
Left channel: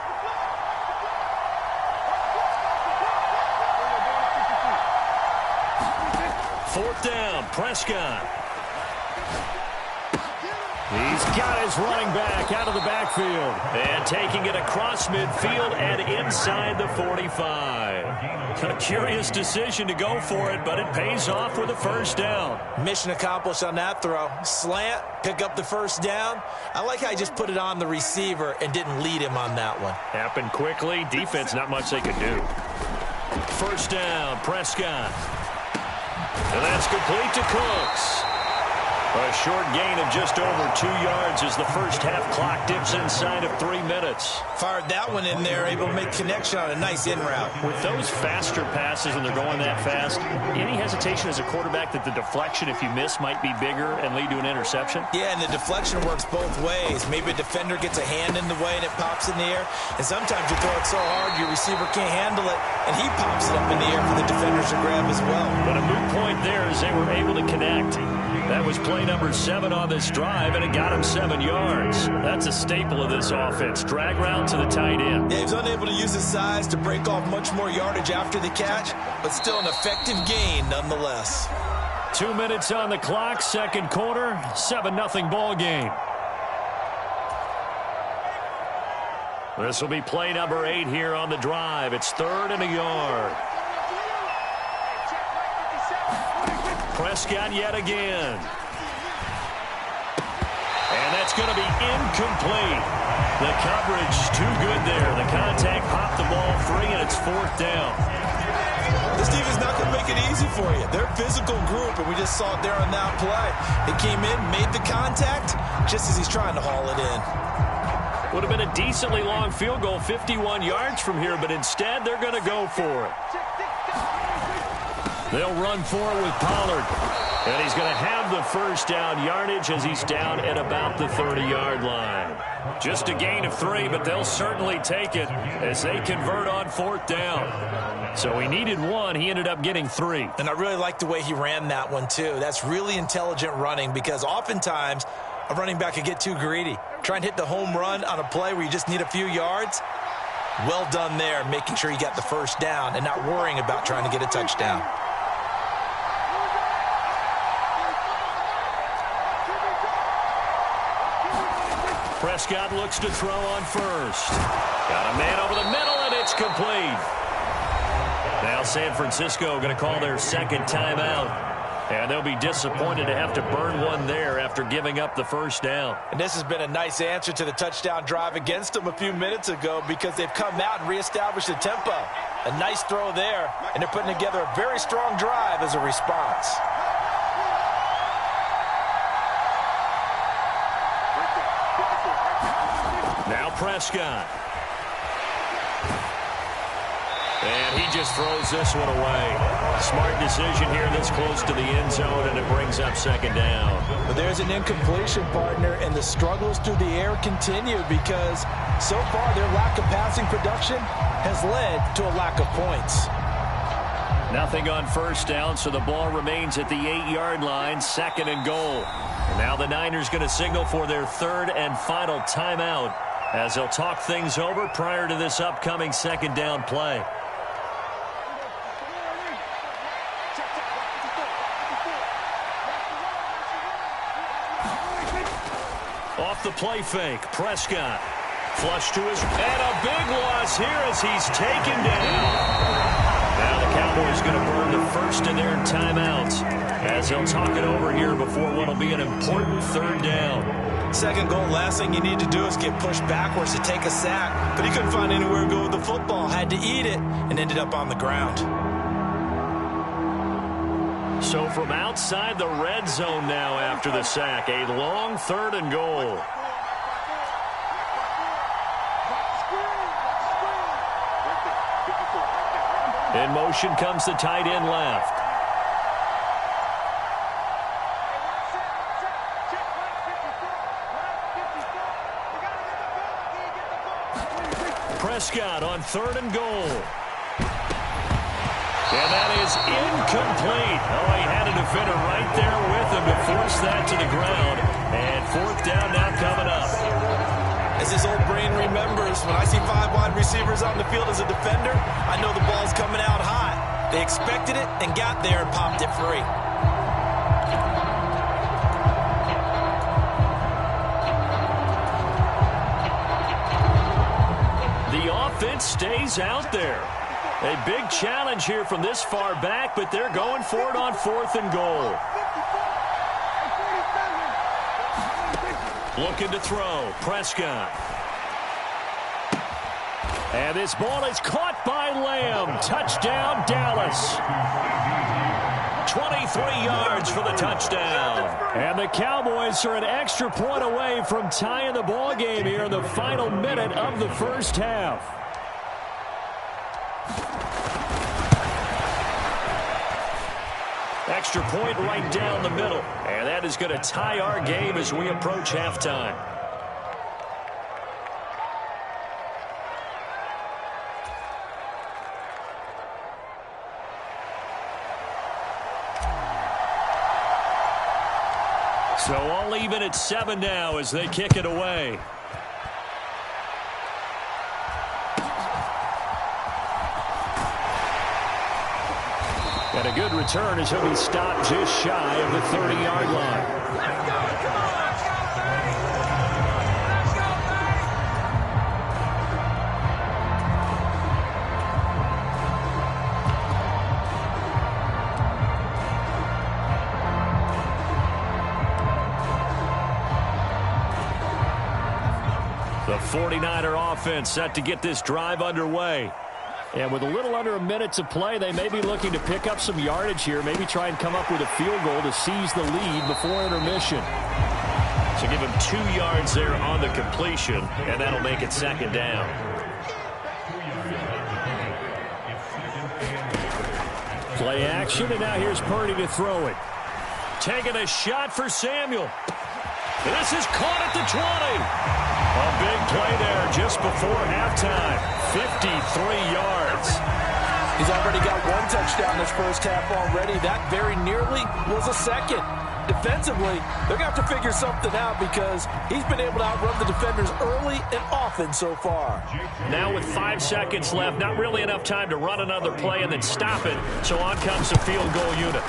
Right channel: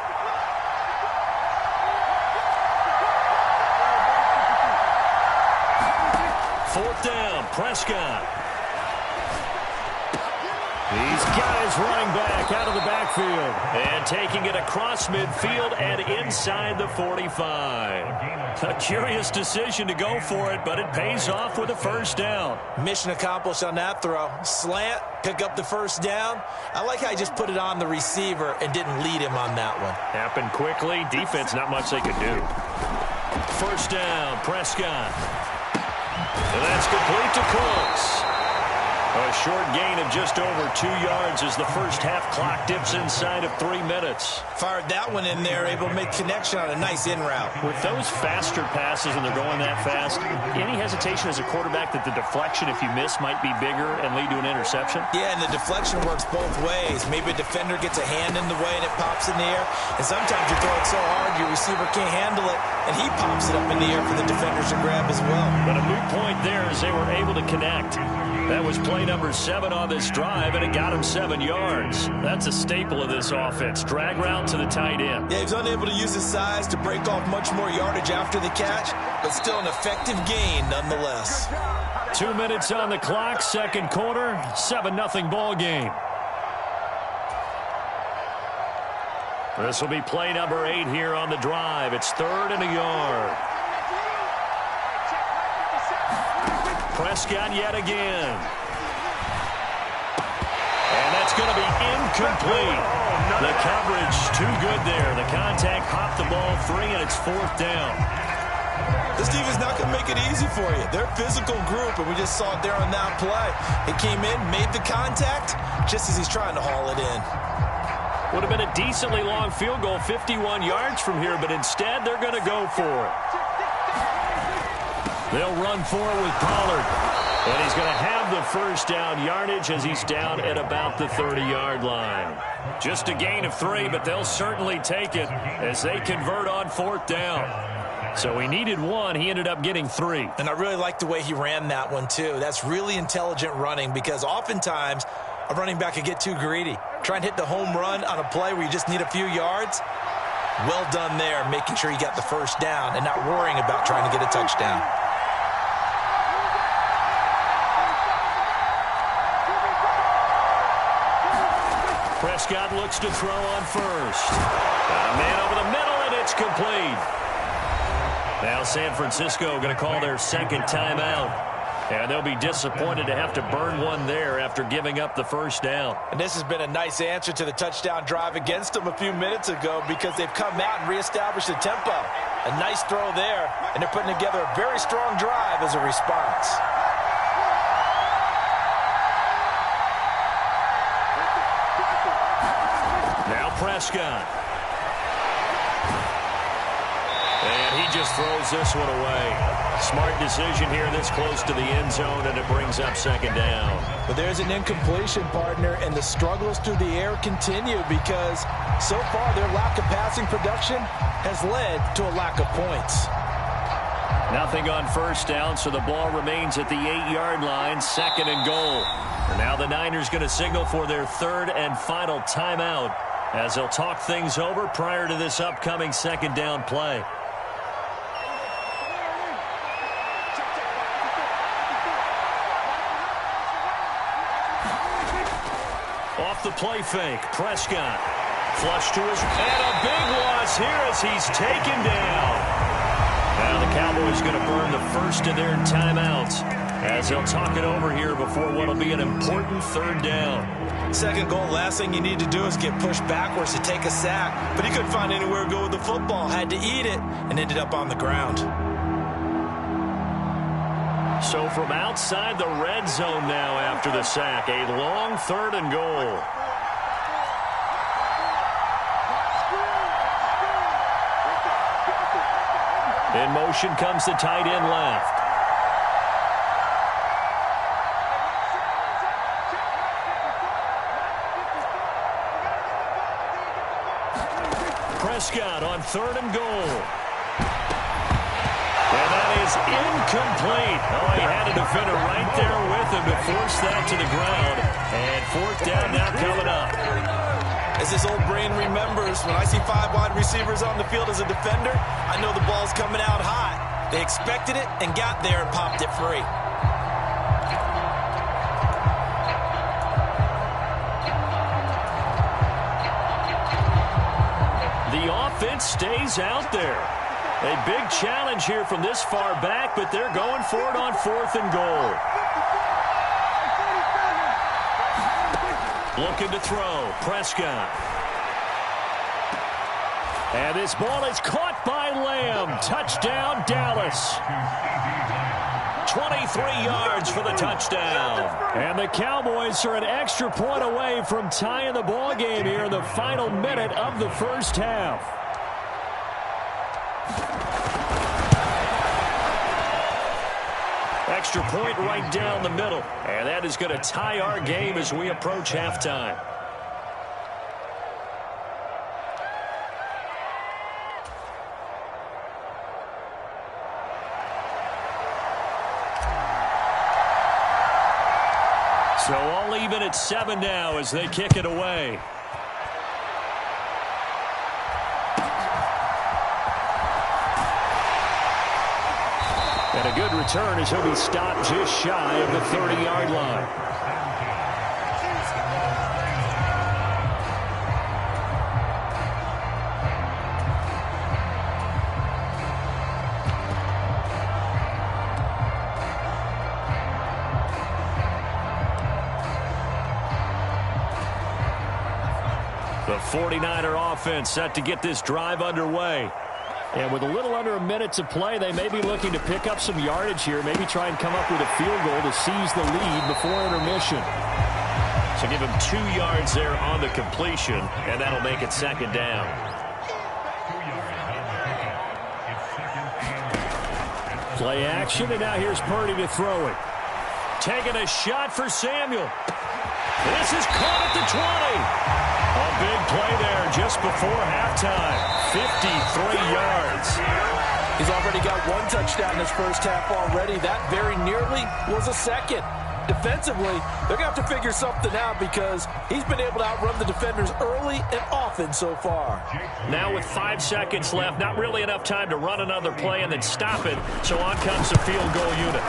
Fourth down, Prescott. He's got his running back out of the backfield. And taking it across midfield and inside the 45. A curious decision to go for it, but it pays off with a first down. Mission accomplished on that throw. Slant, pick up the first down. I like how he just put it on the receiver and didn't lead him on that one. Happened quickly. Defense, not much they could do. First down, Prescott. And that's complete to Cooks. A short gain of just over 2 yards as the first half clock dips inside of 3 minutes. Fired that one in there, able to make connection on a nice in route. With those faster passes and they're going that fast, any hesitation as a quarterback that the deflection, if you miss, might be bigger and lead to an interception? Yeah, and the deflection works both ways. Maybe a defender gets a hand in the way and it pops in the air. And sometimes you throw it so hard your receiver can't handle it, and he pops it up in the air for the defenders to grab as well. But a moot point there as they were able to connect. That was play number 7 on this drive, and it got him 7 yards. That's a staple of this offense. Drag route to the tight end. Yeah, he was unable to use his size to break off much more yardage after the catch, but still an effective gain nonetheless. 2 minutes on the clock, second quarter, 7-0 ball game. This will be play number 8 here on the drive. It's 3rd and a yard. Prescott yet again. And that's going to be incomplete. The coverage too good there. The contact popped the ball free, and it's 4th down. This defense is not going to make it easy for you. They're a physical group, and we just saw it there on that play. It came in, made the contact, just as he's trying to haul it in. Would have been a decently long field goal, 51 yards from here, but instead they're going to go for it. They'll run for it with Pollard. And he's going to have the first down yardage as he's down at about the 30-yard line. Just a gain of 3, but they'll certainly take it as they convert on 4th down. So he needed 1. He ended up getting 3. And I really like the way he ran that one, too. That's really intelligent running because oftentimes a running back can get too greedy. Try and hit the home run on a play where you just need a few yards. Well done there, making sure he got the first down and not worrying about trying to get a touchdown. Prescott looks to throw on first. Got a man over the middle, and it's complete. Now San Francisco going to call their second timeout. And they'll be disappointed to have to burn one there after giving up the first down. And this has been a nice answer to the touchdown drive against them a few minutes ago because they've come out and reestablished the tempo. A nice throw there, and they're putting together a very strong drive as a response. Now Prescott. And he just throws this one away. Smart decision here this close to the end zone, and it brings up second down. But there's an incompletion, partner, and the struggles through the air continue because so far their lack of passing production has led to a lack of points. Nothing on first down, so the ball remains at the 8-yard line, 2nd and goal. And now the Niners going to signal for their 3rd and final timeout as they'll talk things over prior to this upcoming second down play. Off the play fake, Prescott. Flush to his, and a big loss here as he's taken down. Now the Cowboys going to burn the first of their timeouts as they'll talk it over here before what will be an important third down. Second goal, last thing you need to do is get pushed backwards to take a sack. But he couldn't find anywhere to go with the football. Had to eat it and ended up on the ground. So from outside the red zone now after the sack, a long 3rd and goal. In motion comes the tight end left. Prescott on 3rd and goal. And that is incomplete. Oh, he had a defender right there with him to force that to the ground. And 4th down now coming up. As his old brain remembers, when I see 5 wide receivers on the field as a defender, I know the ball's coming out hot. They expected it and got there and popped it free. The offense stays out there. A big challenge here from this far back, but they're going for it on 4th and goal. Looking to throw. Prescott. And this ball is caught by Lamb. Touchdown, Dallas. 23 yards for the touchdown. And the Cowboys are an extra point away from tying the ball game here in the final minute of the first half. Extra point right down the middle. And that is going to tie our game as we approach halftime. So all even at 7 now as they kick it away. And a good return as he'll be stopped just shy of the 30-yard line. The 49er offense set to get this drive underway. And with a little under a minute to play, they may be looking to pick up some yardage here, maybe try and come up with a field goal to seize the lead before intermission. So give him 2 yards there on the completion, and that'll make it 2nd down. Play action, and now here's Purdy to throw it. Taking a shot for Samuel. This is caught at the 20. A big play there just before halftime. 53 yards. He's already got 1 touchdown this first half already. That very nearly was a second. Defensively, they're going to have to figure something out because he's been able to outrun the defenders early and often so far. Now with 5 seconds left, not really enough time to run another play and then stop it. So on comes the field goal unit.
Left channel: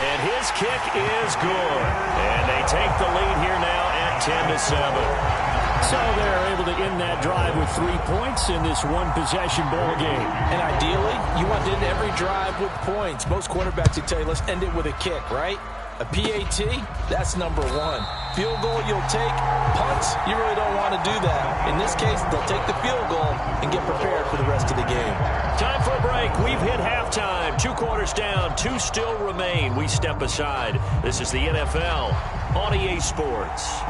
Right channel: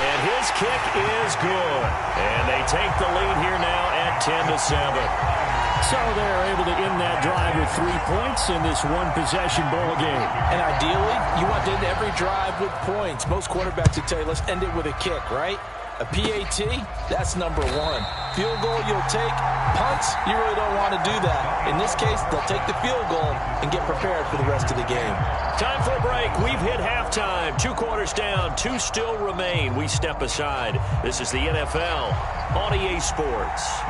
And his kick is good. And they take the lead here now at 10-7. So they're able to end that drive with 3 points in this one-possession ball game. And ideally, you want to end every drive with points. Most quarterbacks would tell you, let's end it with a kick, right? A PAT, that's number 1. Field goal you'll take. Punts, you really don't want to do that. In this case, they'll take the field goal and get prepared for the rest of the game. Time for a break. We've hit halftime. 2 quarters down. 2 still remain. We step aside. This is the NFL on EA Sports.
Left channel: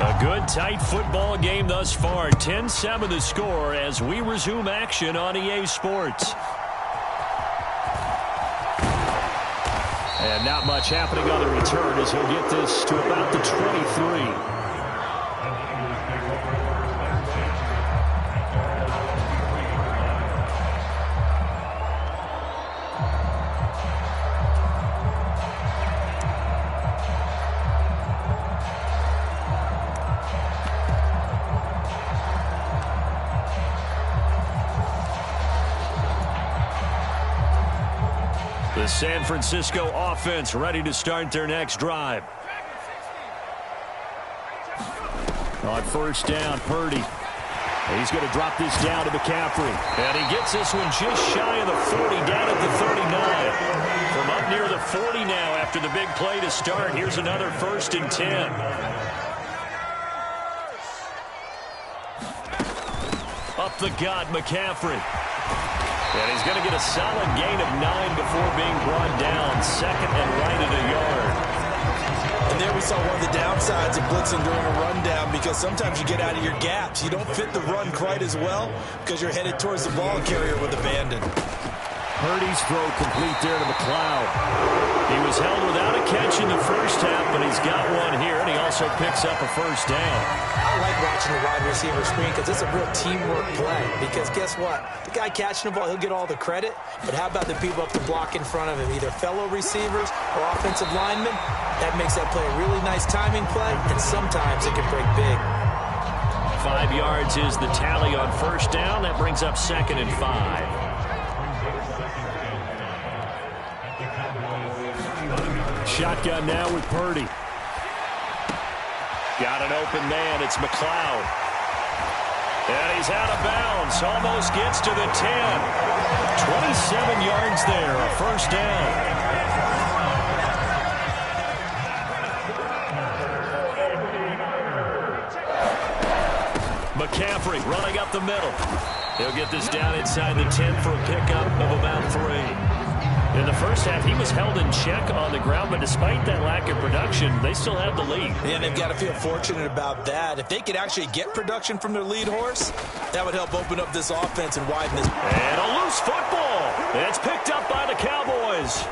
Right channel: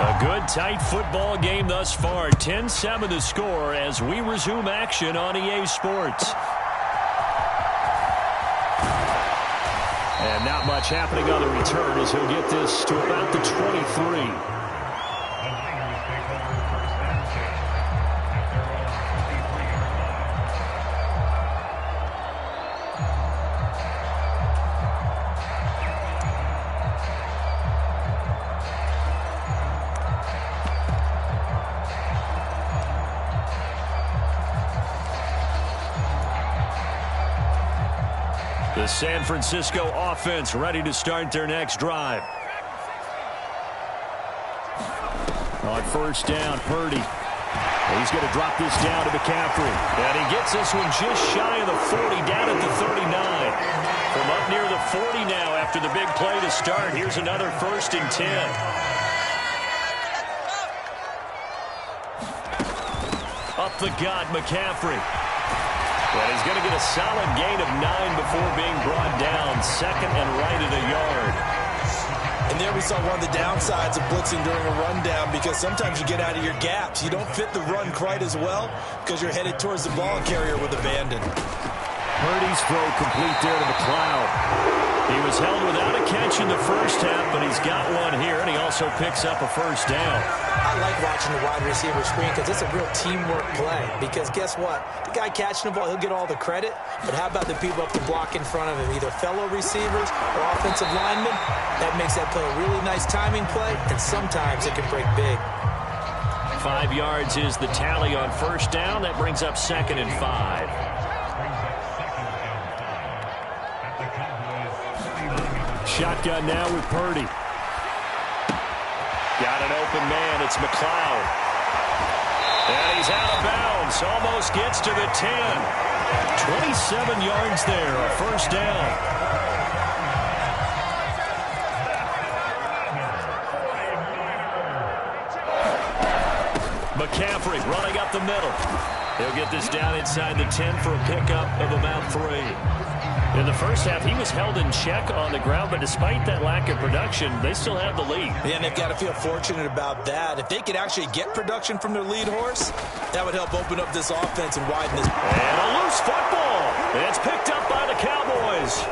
A good, tight football game thus far. 10-7 the score as we resume action on EA Sports. And not much happening on the return as he'll get this to about the 23. The San Francisco offense ready to start their next drive. On 1st down, Purdy. He's going to drop this down to McCaffrey. And he gets this one just shy of the 40, down at the 39. From up near the 40 now after the big play to start. Here's another 1st and 10. Up the gut, McCaffrey. And he's going to get a solid gain of 9 before being brought down. 2nd and right at a yard. And there we saw one of the downsides of blitzing during a rundown, because sometimes you get out of your gaps. You don't fit the run quite as well because you're headed towards the ball carrier with abandon. Purdy's throw complete there to McLeod. He was held without a catch in the first half, but he's got one here, and he also picks up a 1st down. I like watching the wide receiver screen because it's a real teamwork play. Because guess what? The guy catching the ball, he'll get all the credit. But how about the people up the block in front of him, either fellow receivers or offensive linemen? That makes that play a really nice timing play, and sometimes it can break big. 5 yards is the tally on 1st down. That brings up 2nd and 5. Shotgun now with Purdy. Got an open man. It's McLeod. And he's out of bounds. Almost gets to the 10. 27 yards there. A 1st down. McCaffrey running up the middle. He'll get this down inside the 10 for a pickup of about 3. In the first half, he was held in check on the ground, but despite that lack of production, they still have the lead. Yeah, and they've got to feel fortunate about that. If they could actually get production from their lead horse, that would help open up this offense and widen this. And a loose football. It's picked up by the Cowboys.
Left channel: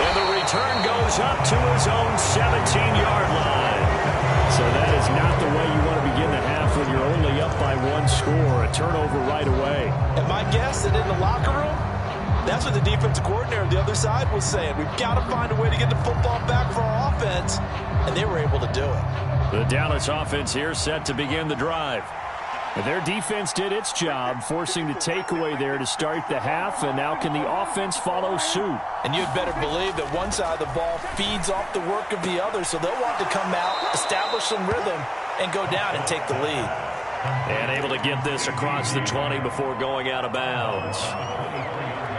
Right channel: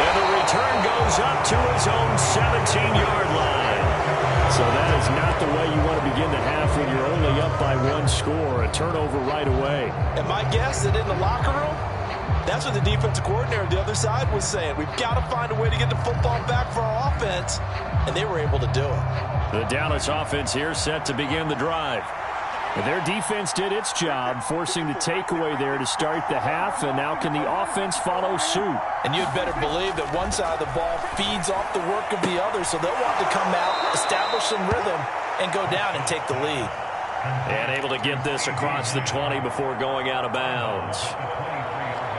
And the return goes up to his own 17-yard line. So that is not the way you want to begin the half when you're only up by 1 score. A turnover right away. And my guess that in the locker room, that's what the defensive coordinator on the other side was saying. We've got to find a way to get the football back for our offense, and they were able to do it. The Dallas offense here set to begin the drive. Their defense did its job, forcing the takeaway there to start the half, and now can the offense follow suit? And you'd better believe that one side of the ball feeds off the work of the other, so they'll want to come out, establish some rhythm, and go down and take the lead. And able to get this across the 20 before going out of bounds.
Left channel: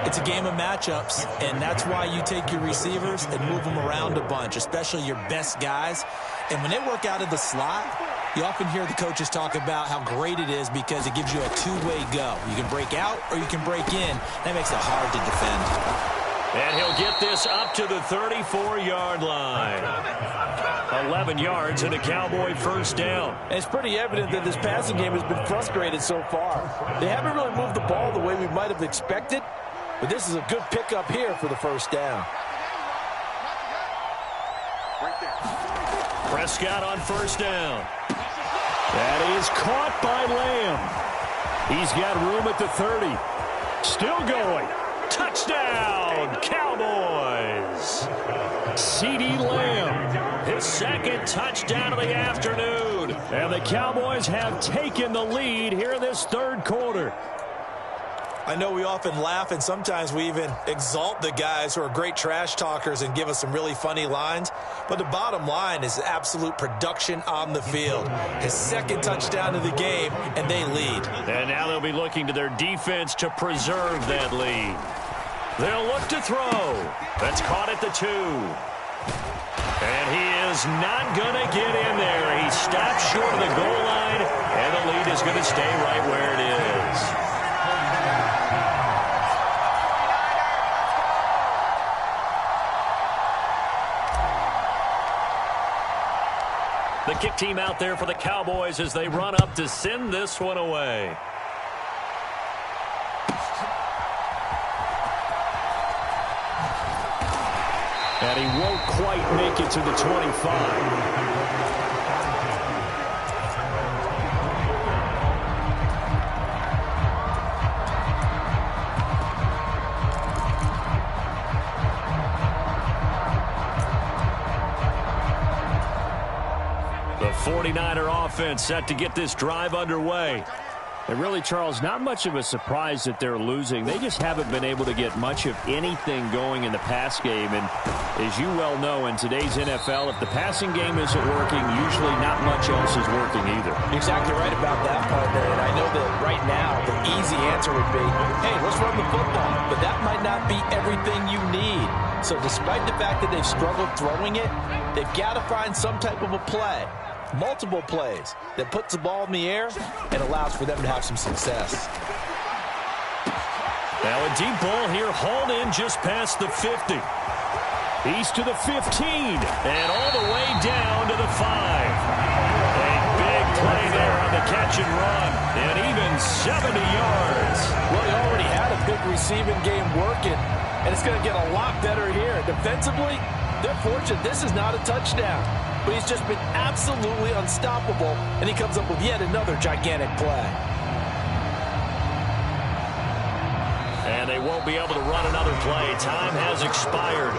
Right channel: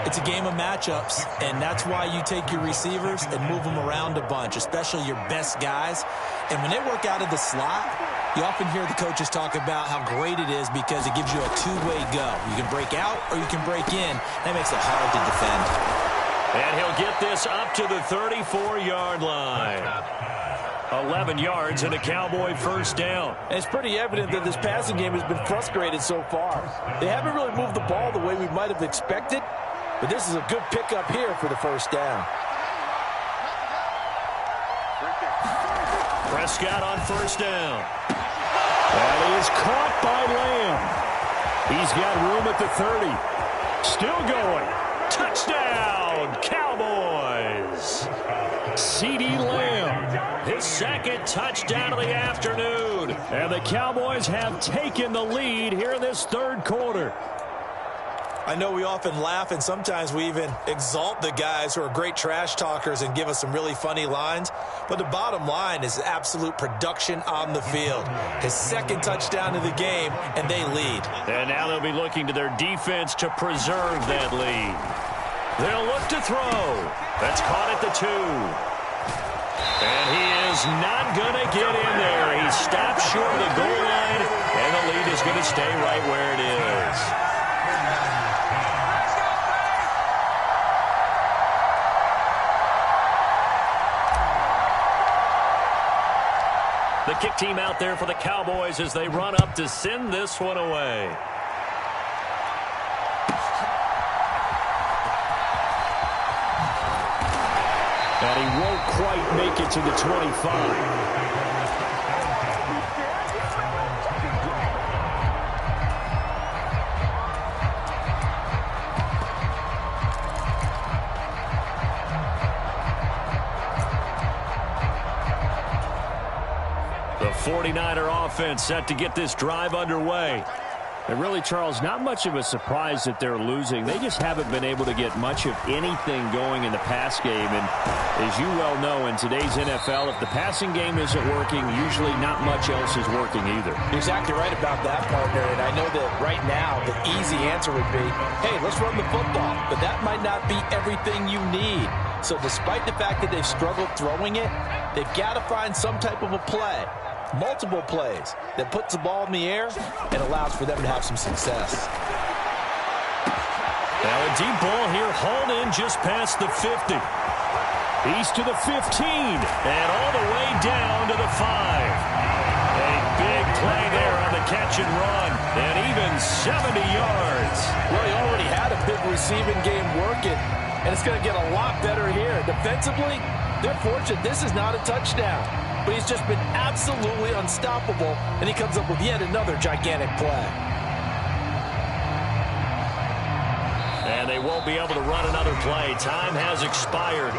It's a game of matchups, and that's why you take your receivers and move them around a bunch, especially your best guys. And when they work out of the slot, you often hear the coaches talk about how great it is because it gives you a two-way go. You can break out or you can break in. That makes it hard to defend. And he'll get this up to the 34-yard line. 11 yards and a Cowboy 1st down. And it's pretty evident that this passing game has been frustrated so far. They haven't really moved the ball the way we might have expected, but this is a good pickup here for the 1st down. Prescott on 1st down. That is caught by Lamb. He's got room at the 30. Still going. Touchdown, Cowboys. CeeDee Lamb. His 2nd touchdown of the afternoon. And the Cowboys have taken the lead here in this 3rd quarter. I know we often laugh, and sometimes we even exalt the guys who are great trash talkers and give us some really funny lines. But the bottom line is absolute production on the field. His 2nd touchdown of the game, and they lead. And now they'll be looking to their defense to preserve that lead. They'll look to throw. That's caught at the 2. And he is not going to get in there. He stops short of the goal line, and the lead is going to stay right where it is. The kick team out there for the Cowboys as they run up to send this one away. And he won't quite make it to the 25. The 49er offense set to get this drive underway. And really, Charles, not much of a surprise that they're losing. They just haven't been able to get much of anything going in the pass game. And as you well know, in today's NFL, if the passing game isn't working, usually not much else is working either. You're exactly right about that, partner. And I know that right now the easy answer would be, hey, let's run the football. But that might not be everything you need. So despite the fact that they've struggled throwing it, they've got to find some type of a play. Multiple plays that puts the ball in the air and allows for them to have some success. Now a deep ball here, hauled in just past the 50. He's to the 15 and all the way down to the 5. A big play there on the catch and run, and even 70 yards. Well, he already had a big receiving game working, and it's going to get a lot better here. Defensively, they're fortunate this is not a touchdown. But he's just been absolutely unstoppable, and he comes up with yet another gigantic play. And they won't be able to run another play. Time has expired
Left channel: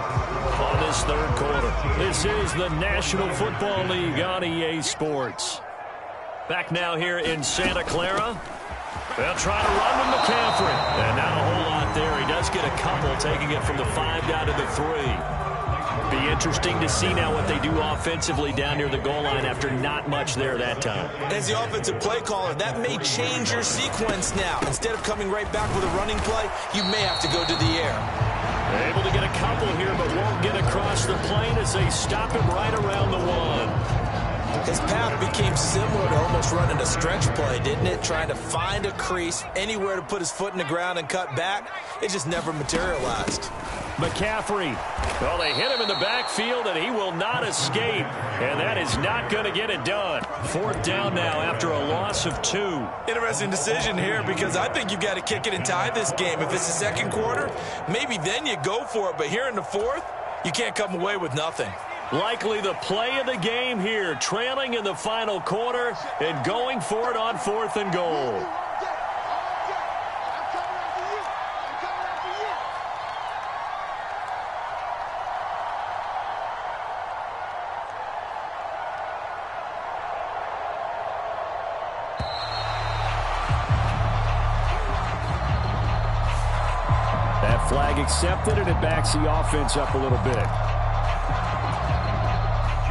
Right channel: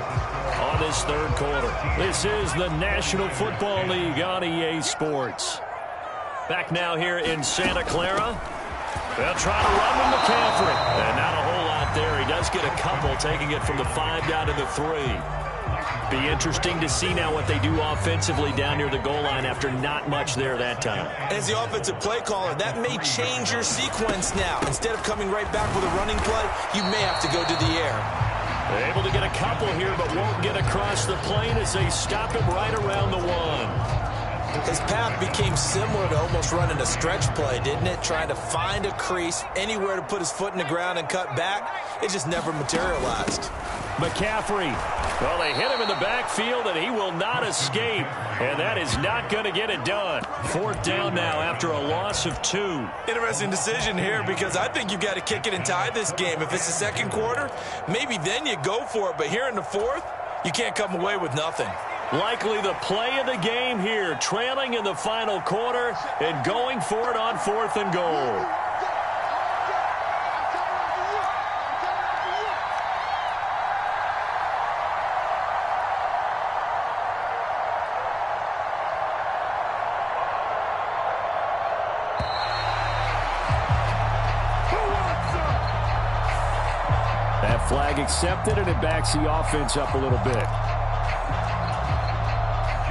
on this third quarter. This is the National Football League on EA Sports. Back now here in Santa Clara. They'll try to run with McCaffrey. And not a whole lot there. He does get a couple, taking it from the 5 down to the 3. Be interesting to see now what they do offensively down near the goal line after not much there that time. As the offensive play caller, that may change your sequence now. Instead of coming right back with a running play, you may have to go to the air. Able to get a couple here, but won't get across the plane as they stop him right around the 1. His path became similar to almost running a stretch play, didn't it? Trying to find a crease, anywhere to put his foot in the ground and cut back. It just never materialized. McCaffrey. Well, they hit him in the backfield, and he will not escape. And that is not going to get it done. 4th down now after a loss of 2. Interesting decision here, because I think you've got to kick it and tie this game. If it's the second quarter, maybe then you go for it. But here in the 4th, you can't come away with nothing. Likely the play of the game here, trailing in the final quarter and going for it on 4th and goal. That flag accepted, and it backs the offense up a little bit.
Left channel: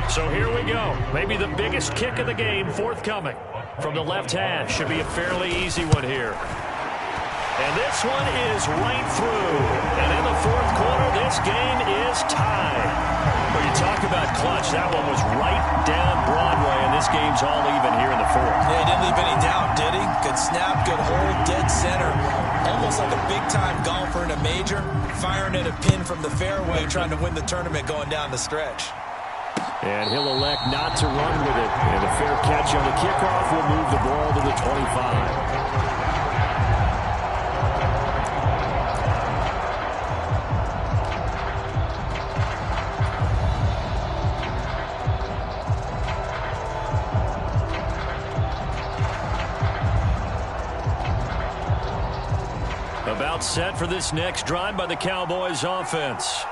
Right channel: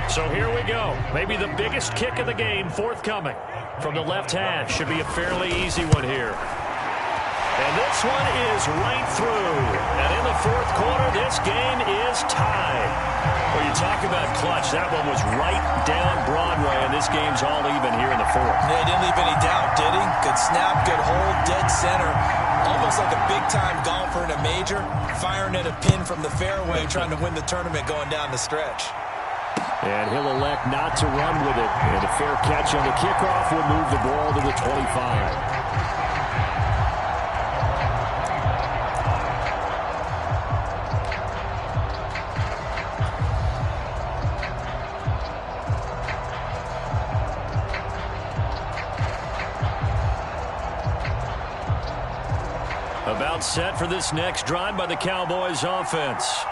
So here we go. Maybe the biggest kick of the game forthcoming. From the left hash. Should be a fairly easy one here. And this one is right through. And in the 4th quarter, this game is tied. Well, you talk about clutch. That one was right down Broadway, and this game's all even here in the 4th. Yeah, he didn't leave any doubt, did he? Good snap, good hold, dead center. Almost like a big-time golfer in a major, firing at a pin from the fairway, trying to win the tournament going down the stretch. And he'll elect not to run with it. And a fair catch on the kickoff will move the ball to the 25. About set for this next drive by the Cowboys offense.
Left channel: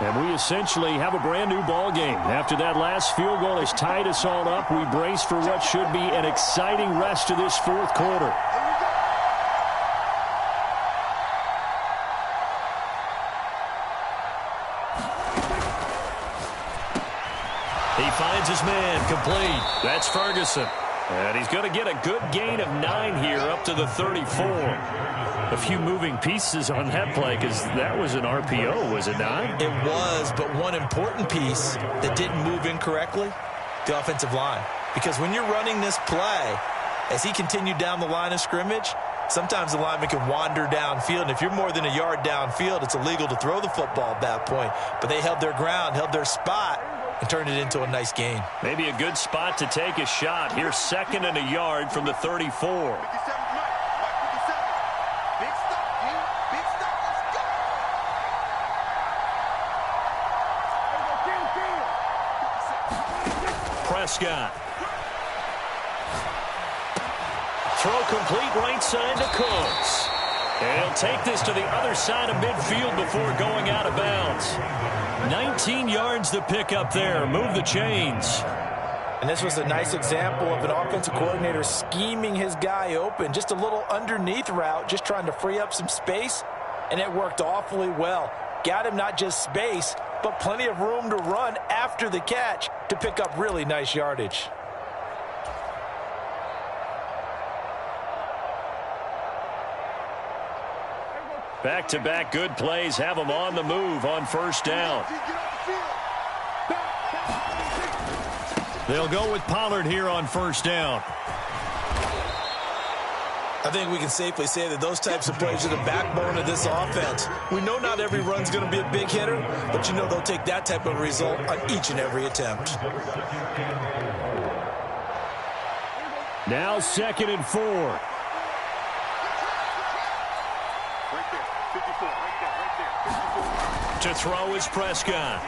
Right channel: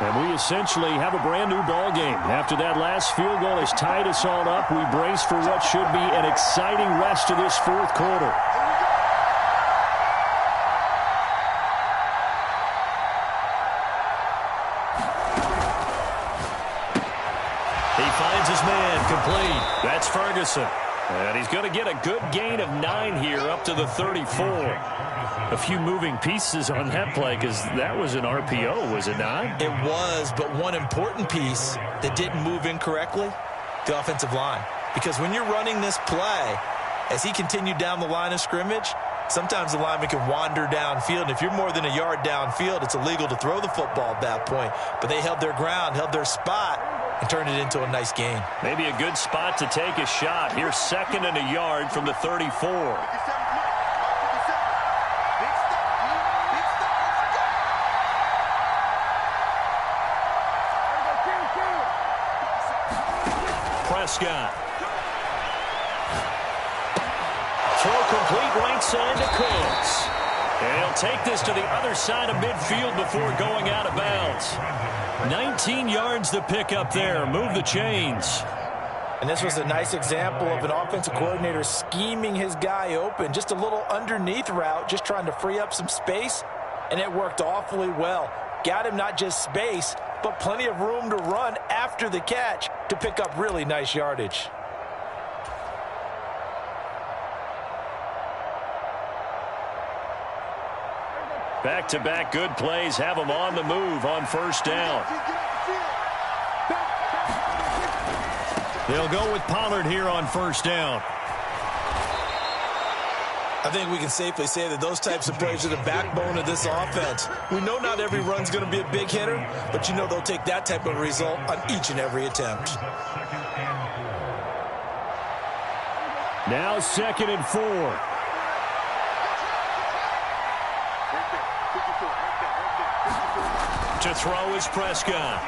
And we essentially have a brand new ball game. After that last field goal has tied us all up, we brace for what should be an exciting rest of this 4th quarter. He finds his man, complete. That's Ferguson. And he's going to get a good gain of 9 here up to the 34. A few moving pieces on that play, because that was an RPO, was it not? It was, but one important piece that didn't move incorrectly, the offensive line. Because when you're running this play, as he continued down the line of scrimmage, sometimes the lineman can wander downfield. And if you're more than a yard downfield, it's illegal to throw the football at that point. But they held their ground, held their spot, and turned it into a nice gain. Maybe a good spot to take a shot. Here's 2nd and a yard from the 34. Prescott. Throw complete right side to Cooks. And he'll take this to the other side of midfield before going out of bounds. 19 yards to pick up there. Move the chains. And this was a nice example of an offensive coordinator scheming his guy open. Just a little underneath route, just trying to free up some space, and it worked awfully well. Got him not just space, but plenty of room to run after the catch to pick up really nice yardage. Back-to-back good plays have them on the move on first down. They'll go with Pollard here on first down. I think we can safely say that those types of plays are the backbone of this offense. We know not every run's going to be a big hitter, but you know they'll take that type of result on each and every attempt. Now 2nd and 4. To throw is Prescott.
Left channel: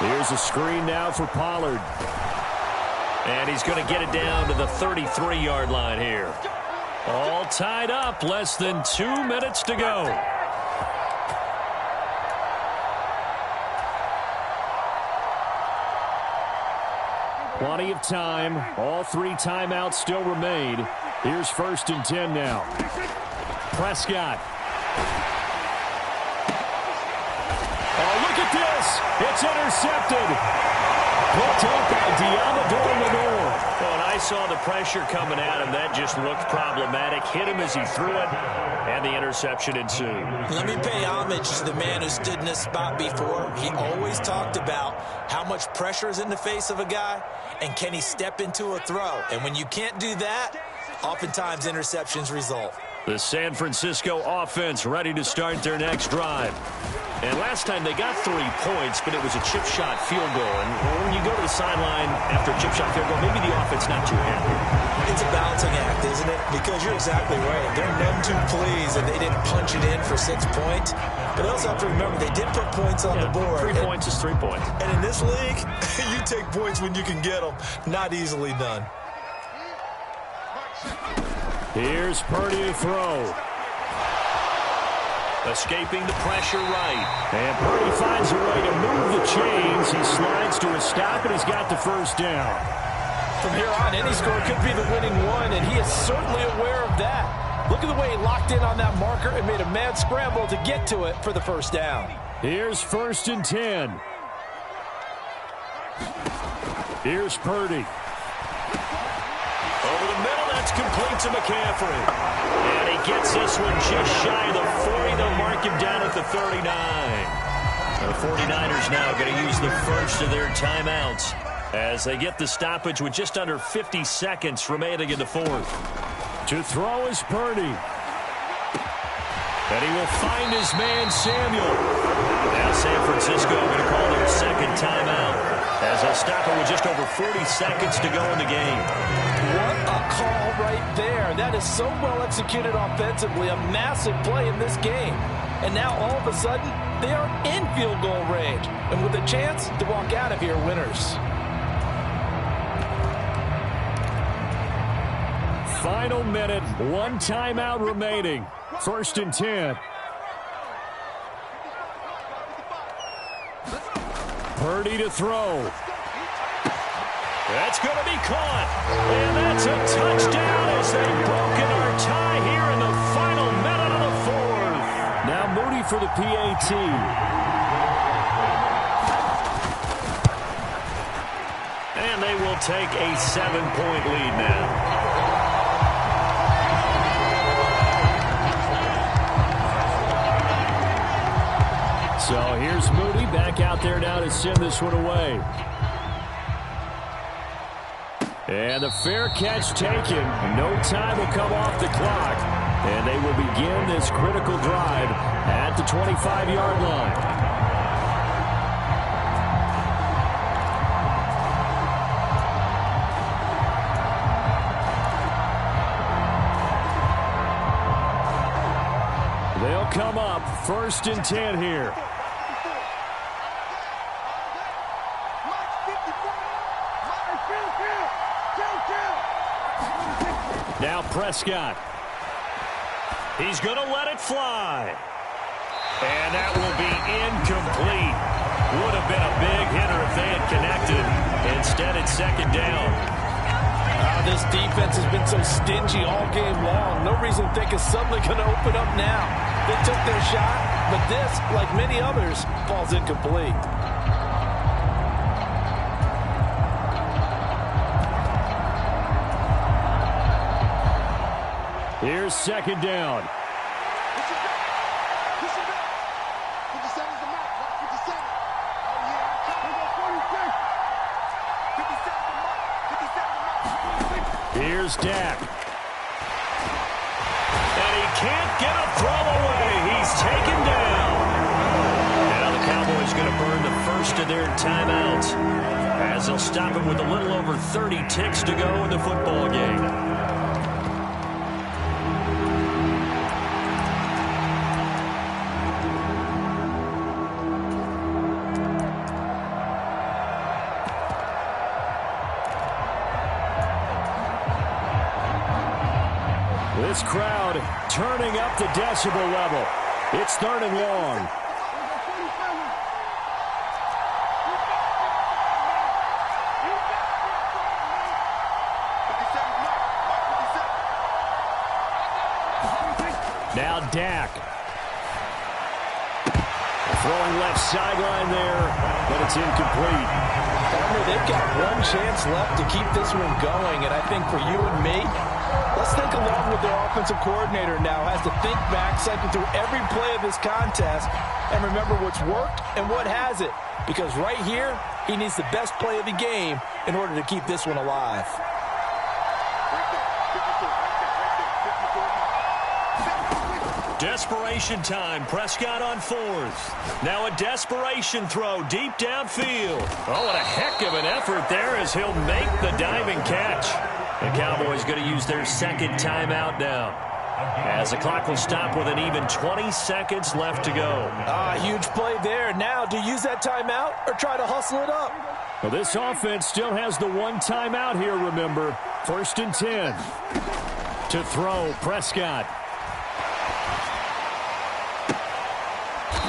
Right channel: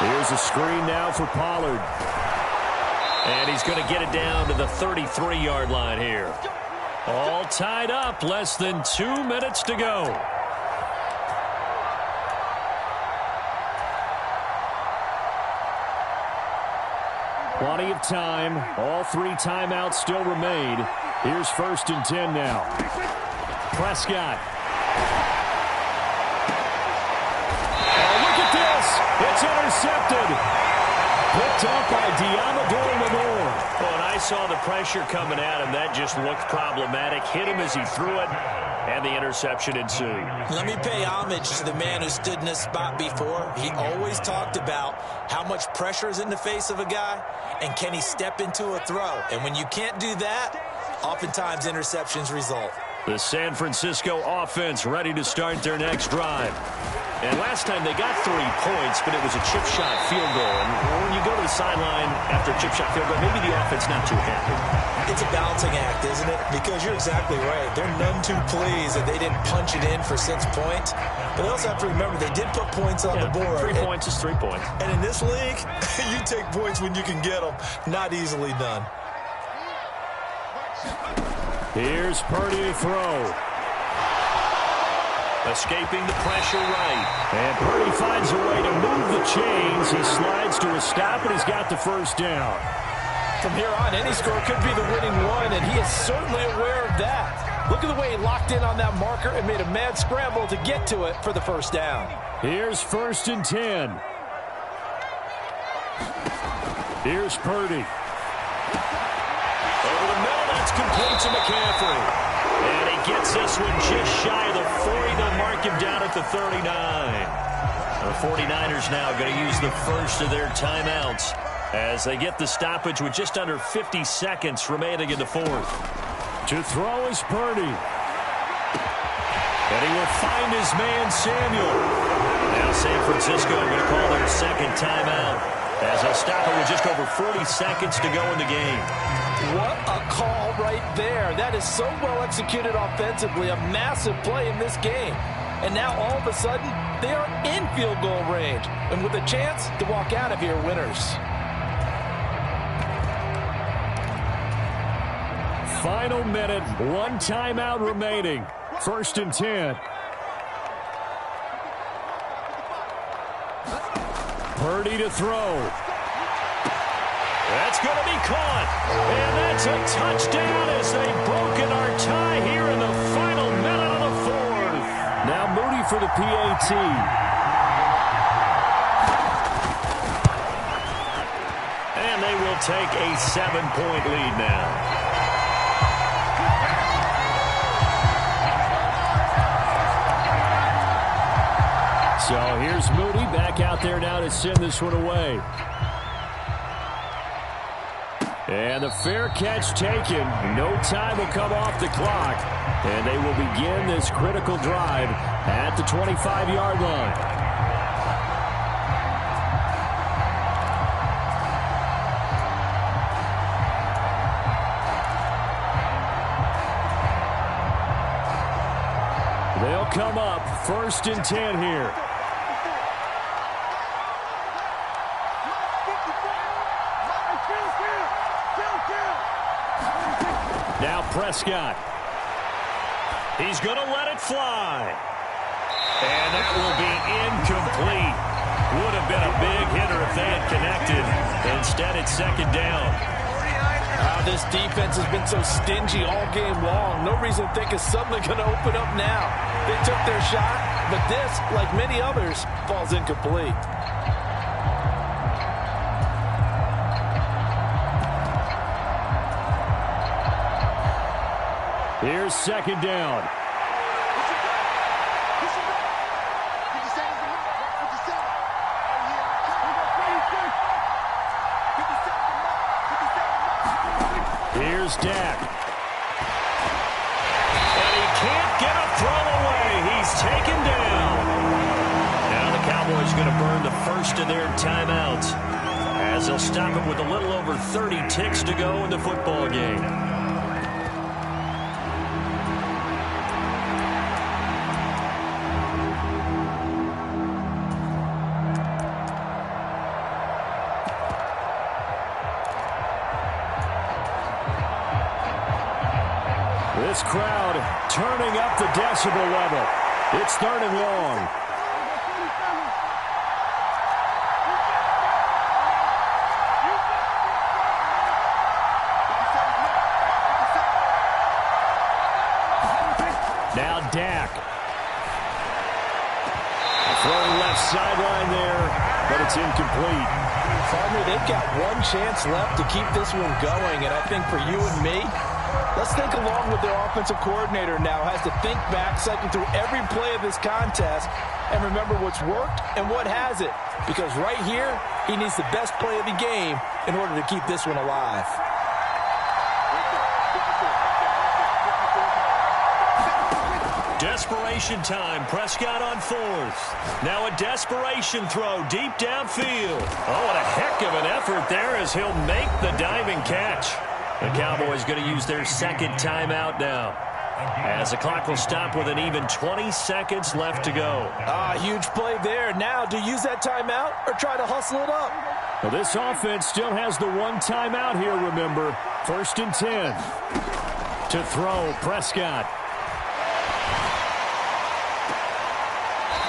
Here's a screen now for Pollard. And he's going to get it down to the 33-yard line here. All tied up, less than 2 minutes to go. Plenty of time. All 3 timeouts still remain. Here's 1st and 10 now. Prescott. Oh, look at this. It's intercepted. Picked up by Diamador Lenore. Well, and I saw the pressure coming at him. That just looked problematic. Hit him as he threw it, and the interception ensued. Let me pay homage to the man who stood in this spot before. He always talked about how much pressure is in the face of a guy, and can he step into a throw. And when you can't do that, oftentimes interceptions result. The San Francisco offense ready to start their next drive. And last time they got 3 points, but it was a chip shot field goal. And when you go to the sideline after a chip shot field goal, maybe the offense not too happy. It's a balancing act, isn't it? Because you're exactly right. They're none too pleased that they didn't punch it in for 6 points. But they also have to remember they did put points on the board. 3 points is 3 points. And in this league, you take points when you can get them. Not easily done. Here's Purdy to throw. Escaping the pressure right. And Purdy finds a way to move the chains. He slides to a stop, and he's got the first down. From here on, any score could be the winning one, and he is certainly aware of that. Look at the way he locked in on that marker and made a mad scramble to get to it for the first down. Here's 1st and 10. Here's Purdy. Over the middle, that's complete to McCaffrey. And he gets this one just shy of the 40. They'll mark him down at the 39. The 49ers now going to use the first of their timeouts as they get the stoppage with just under 50 seconds remaining in the 4th. To throw is Purdy. And he will find his man Samuel. Now San Francisco going to call their 2nd timeout as they'll stop it with just over 40 seconds to go in the game. What a call right there. That is so well executed offensively. A massive play in this game. And now all of a sudden, they are in field goal range. And with a chance to walk out of here winners. Final minute, 1 timeout remaining. 1st and 10. Purdy to throw. That's going to be caught. And that's a touchdown as they've broken our tie here in the final minute of the 4th. Now Moody for the PAT. And they will take a 7-point lead now. So here's Moody back out there now to send this one away. And the fair catch taken. No time will come off the clock. And they will begin this critical drive at the 25-yard line. They'll come up 1st and 10 here. Now Prescott. He's going to let it fly. And that will be incomplete. Would have been a big hitter if they had connected. Instead, it's second down. This defense has been so stingy all game long. No reason to think it's suddenly going to open up now. They took their shot, but this, like many others, falls incomplete. Here's second down. Here's Dak. And he can't get a throw away. He's taken down. Now the Cowboys going to burn the first of their timeouts as they'll stop it with a little over 30 ticks to go in the football game. This crowd turning up the decibel level. It's third and long. Now Dak. Throwing left sideline there, but it's incomplete. Partner, they've got one chance left to keep this one going, and I think for you and me, let's think along with their offensive coordinator now. Has to think back, cycle through every play of this contest, and remember what's worked and what hasn't. Because right here, he needs the best play of the game in order to keep this one alive. Desperation time. Prescott on fourth. Now a desperation throw deep downfield. Oh, what a heck of an effort there as he'll make the diving catch. The Cowboys going to use their second timeout now, as the clock will stop with an even 20 seconds left to go. Huge play there. Now, do you use that timeout or try to hustle it up? Well, this offense still has the one timeout here, remember. First and 10. To throw, Prescott.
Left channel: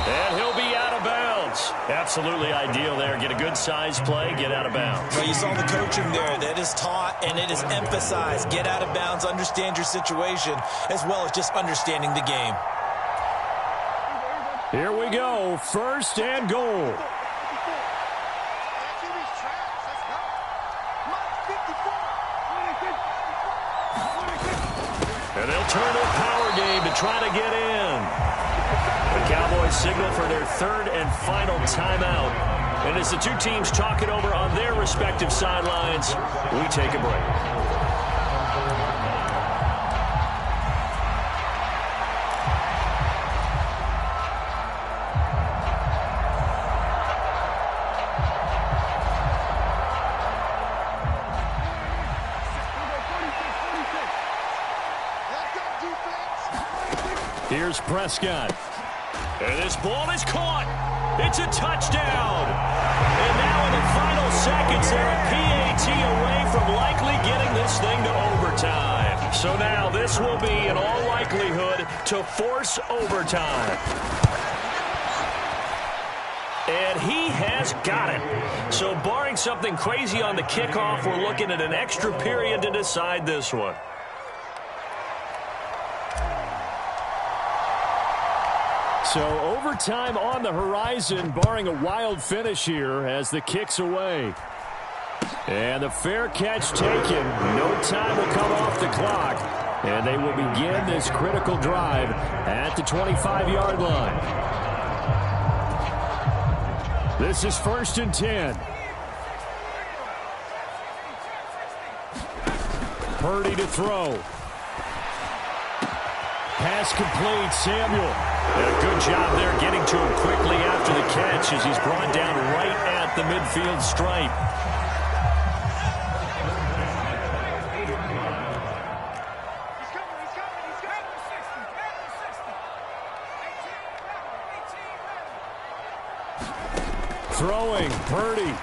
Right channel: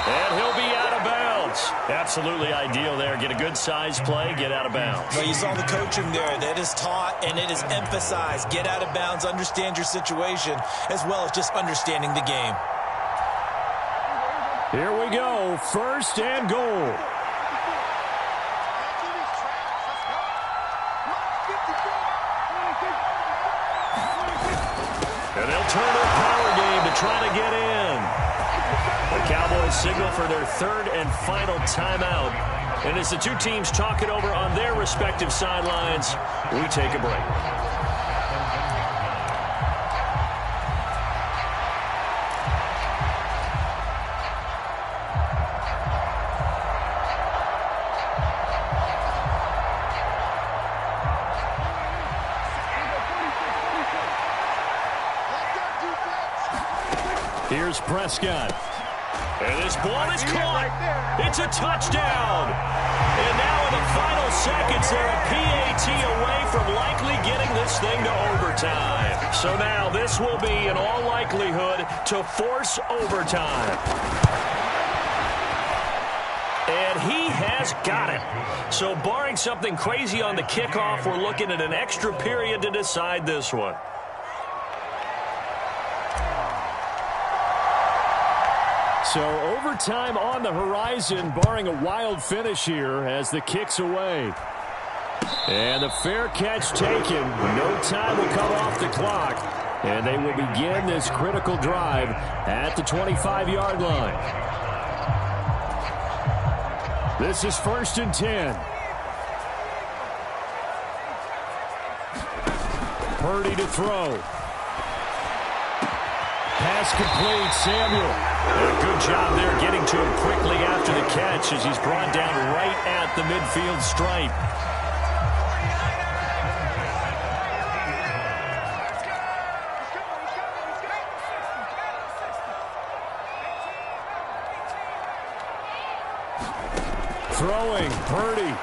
And he'll be out of bounds. Absolutely ideal there. Get a good size play, get out of bounds. Well, you saw the coaching there. That is taught and it is emphasized. Get out of bounds, understand your situation, as well as just understanding the game. Here we go. First and goal. And they'll turn to a power game to try to get in. The Cowboys signal for their third and final timeout. And as the two teams talk it over on their respective sidelines, we take a break. Here's Prescott. And this ball is caught. It's a touchdown. And now in the final seconds, they're a PAT away from likely getting this thing to overtime. So now this will be, in all likelihood, to force overtime. And he has got it. So barring something crazy on the kickoff, we're looking at an extra period to decide this one. So overtime on the horizon, barring a wild finish here as the kick's away. And the fair catch taken. No time will come off the clock. And they will begin this critical drive at the 25-yard line. This is first and 10. Purdy to throw. Pass complete, Samuel. And a good job there getting to him quickly after the catch as he's brought down right at the midfield stripe. Throwing, Purdy.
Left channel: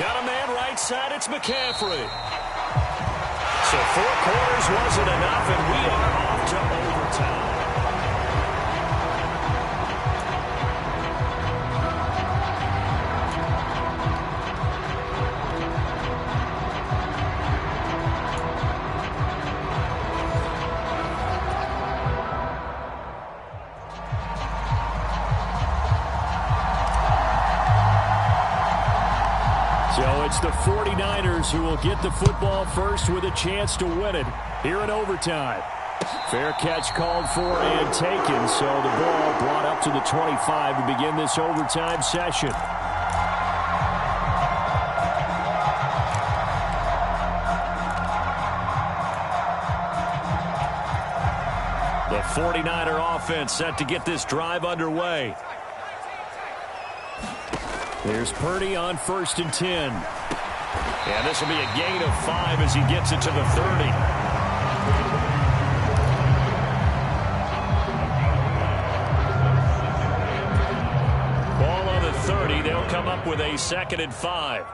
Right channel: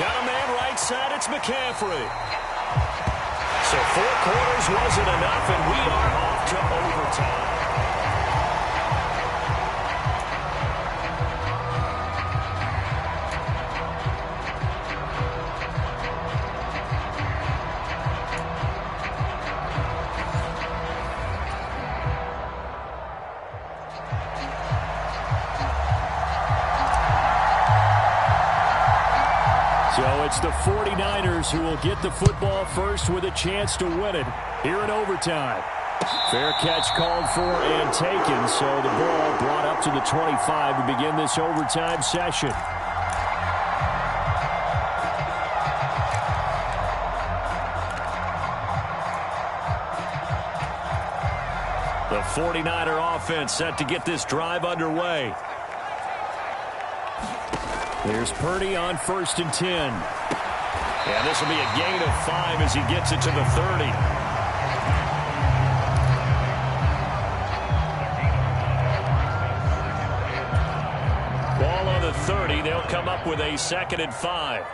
Got a man right side, it's McCaffrey. So 4 quarters wasn't enough, and we are off to overtime. So it's the 49ers who will get the football first with a chance to win it here in overtime. Fair catch called for and taken, so the ball brought up to the 25 to begin this overtime session. The 49er offense set to get this drive underway. There's Purdy on 1st and 10. And this will be a gain of 5 as he gets it to the 30. Ball on the 30. They'll come up with a 2nd and 5.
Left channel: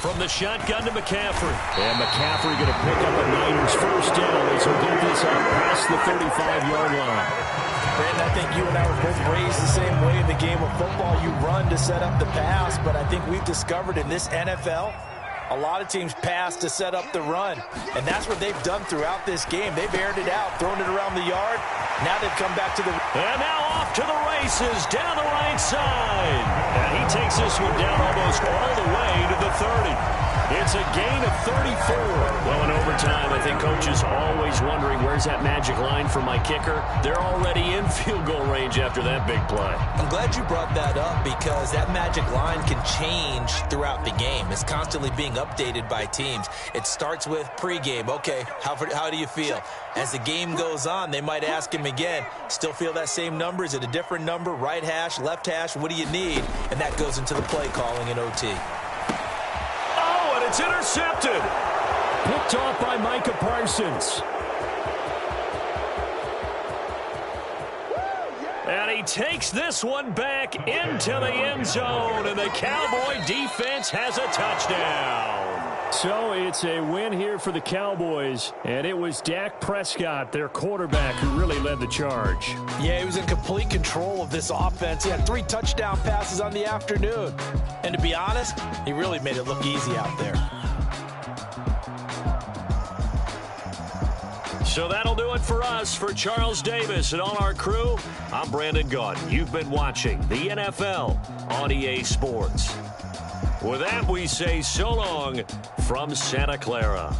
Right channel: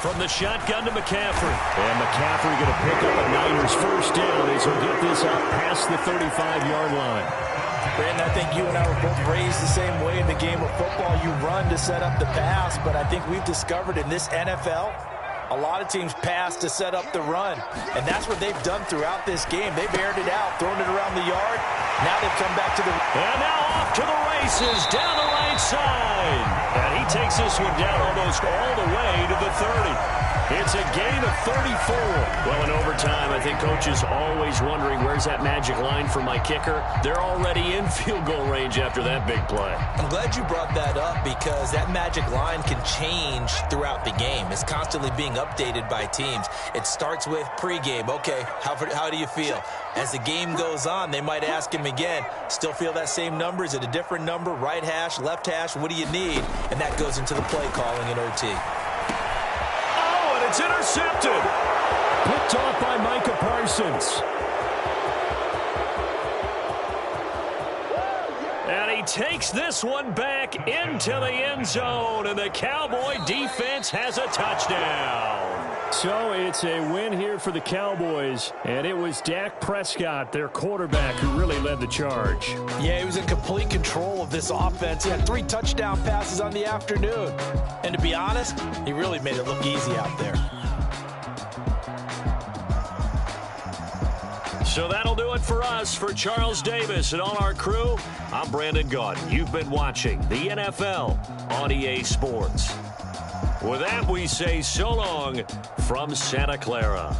From the shotgun to McCaffrey. And McCaffrey going to pick up a Niners first down as he'll get this up past the 35-yard line. Brandon, I think you and I were both raised the same way in the game of football. You run to set up the pass, but I think we've discovered in this NFL, a lot of teams pass to set up the run. And that's what they've done throughout this game. They've aired it out, thrown it around the yard. Now they've come back to the... And now off to the races down the right side. And he takes this one down almost all the way to the 30. It's a gain of 34. Well, in overtime, I think Coach is always wondering, where's that magic line for my kicker? They're already in field goal range after that big play. I'm glad you brought that up because that magic line can change throughout the game. It's constantly being updated by teams. It starts with pregame. Okay, how do you feel? As the game goes on, they might ask him again, still feel that same number? Is it a different number? Right hash, left hash? What do you need? And that goes into the play calling in OT. It's intercepted. Picked off by Micah Parsons. And he takes this one back into the end zone, and the Cowboy defense has a touchdown. So it's a win here for the Cowboys, and it was Dak Prescott, their quarterback, who really led the charge. Yeah, he was in complete control of this offense. He had 3 touchdown passes on the afternoon. And to be honest, he really made it look easy out there. So that'll do it for us. For Charles Davis and all our crew, I'm Brandon Gaudin. You've been watching the NFL on EA Sports. With that, we say so long from Santa Clara.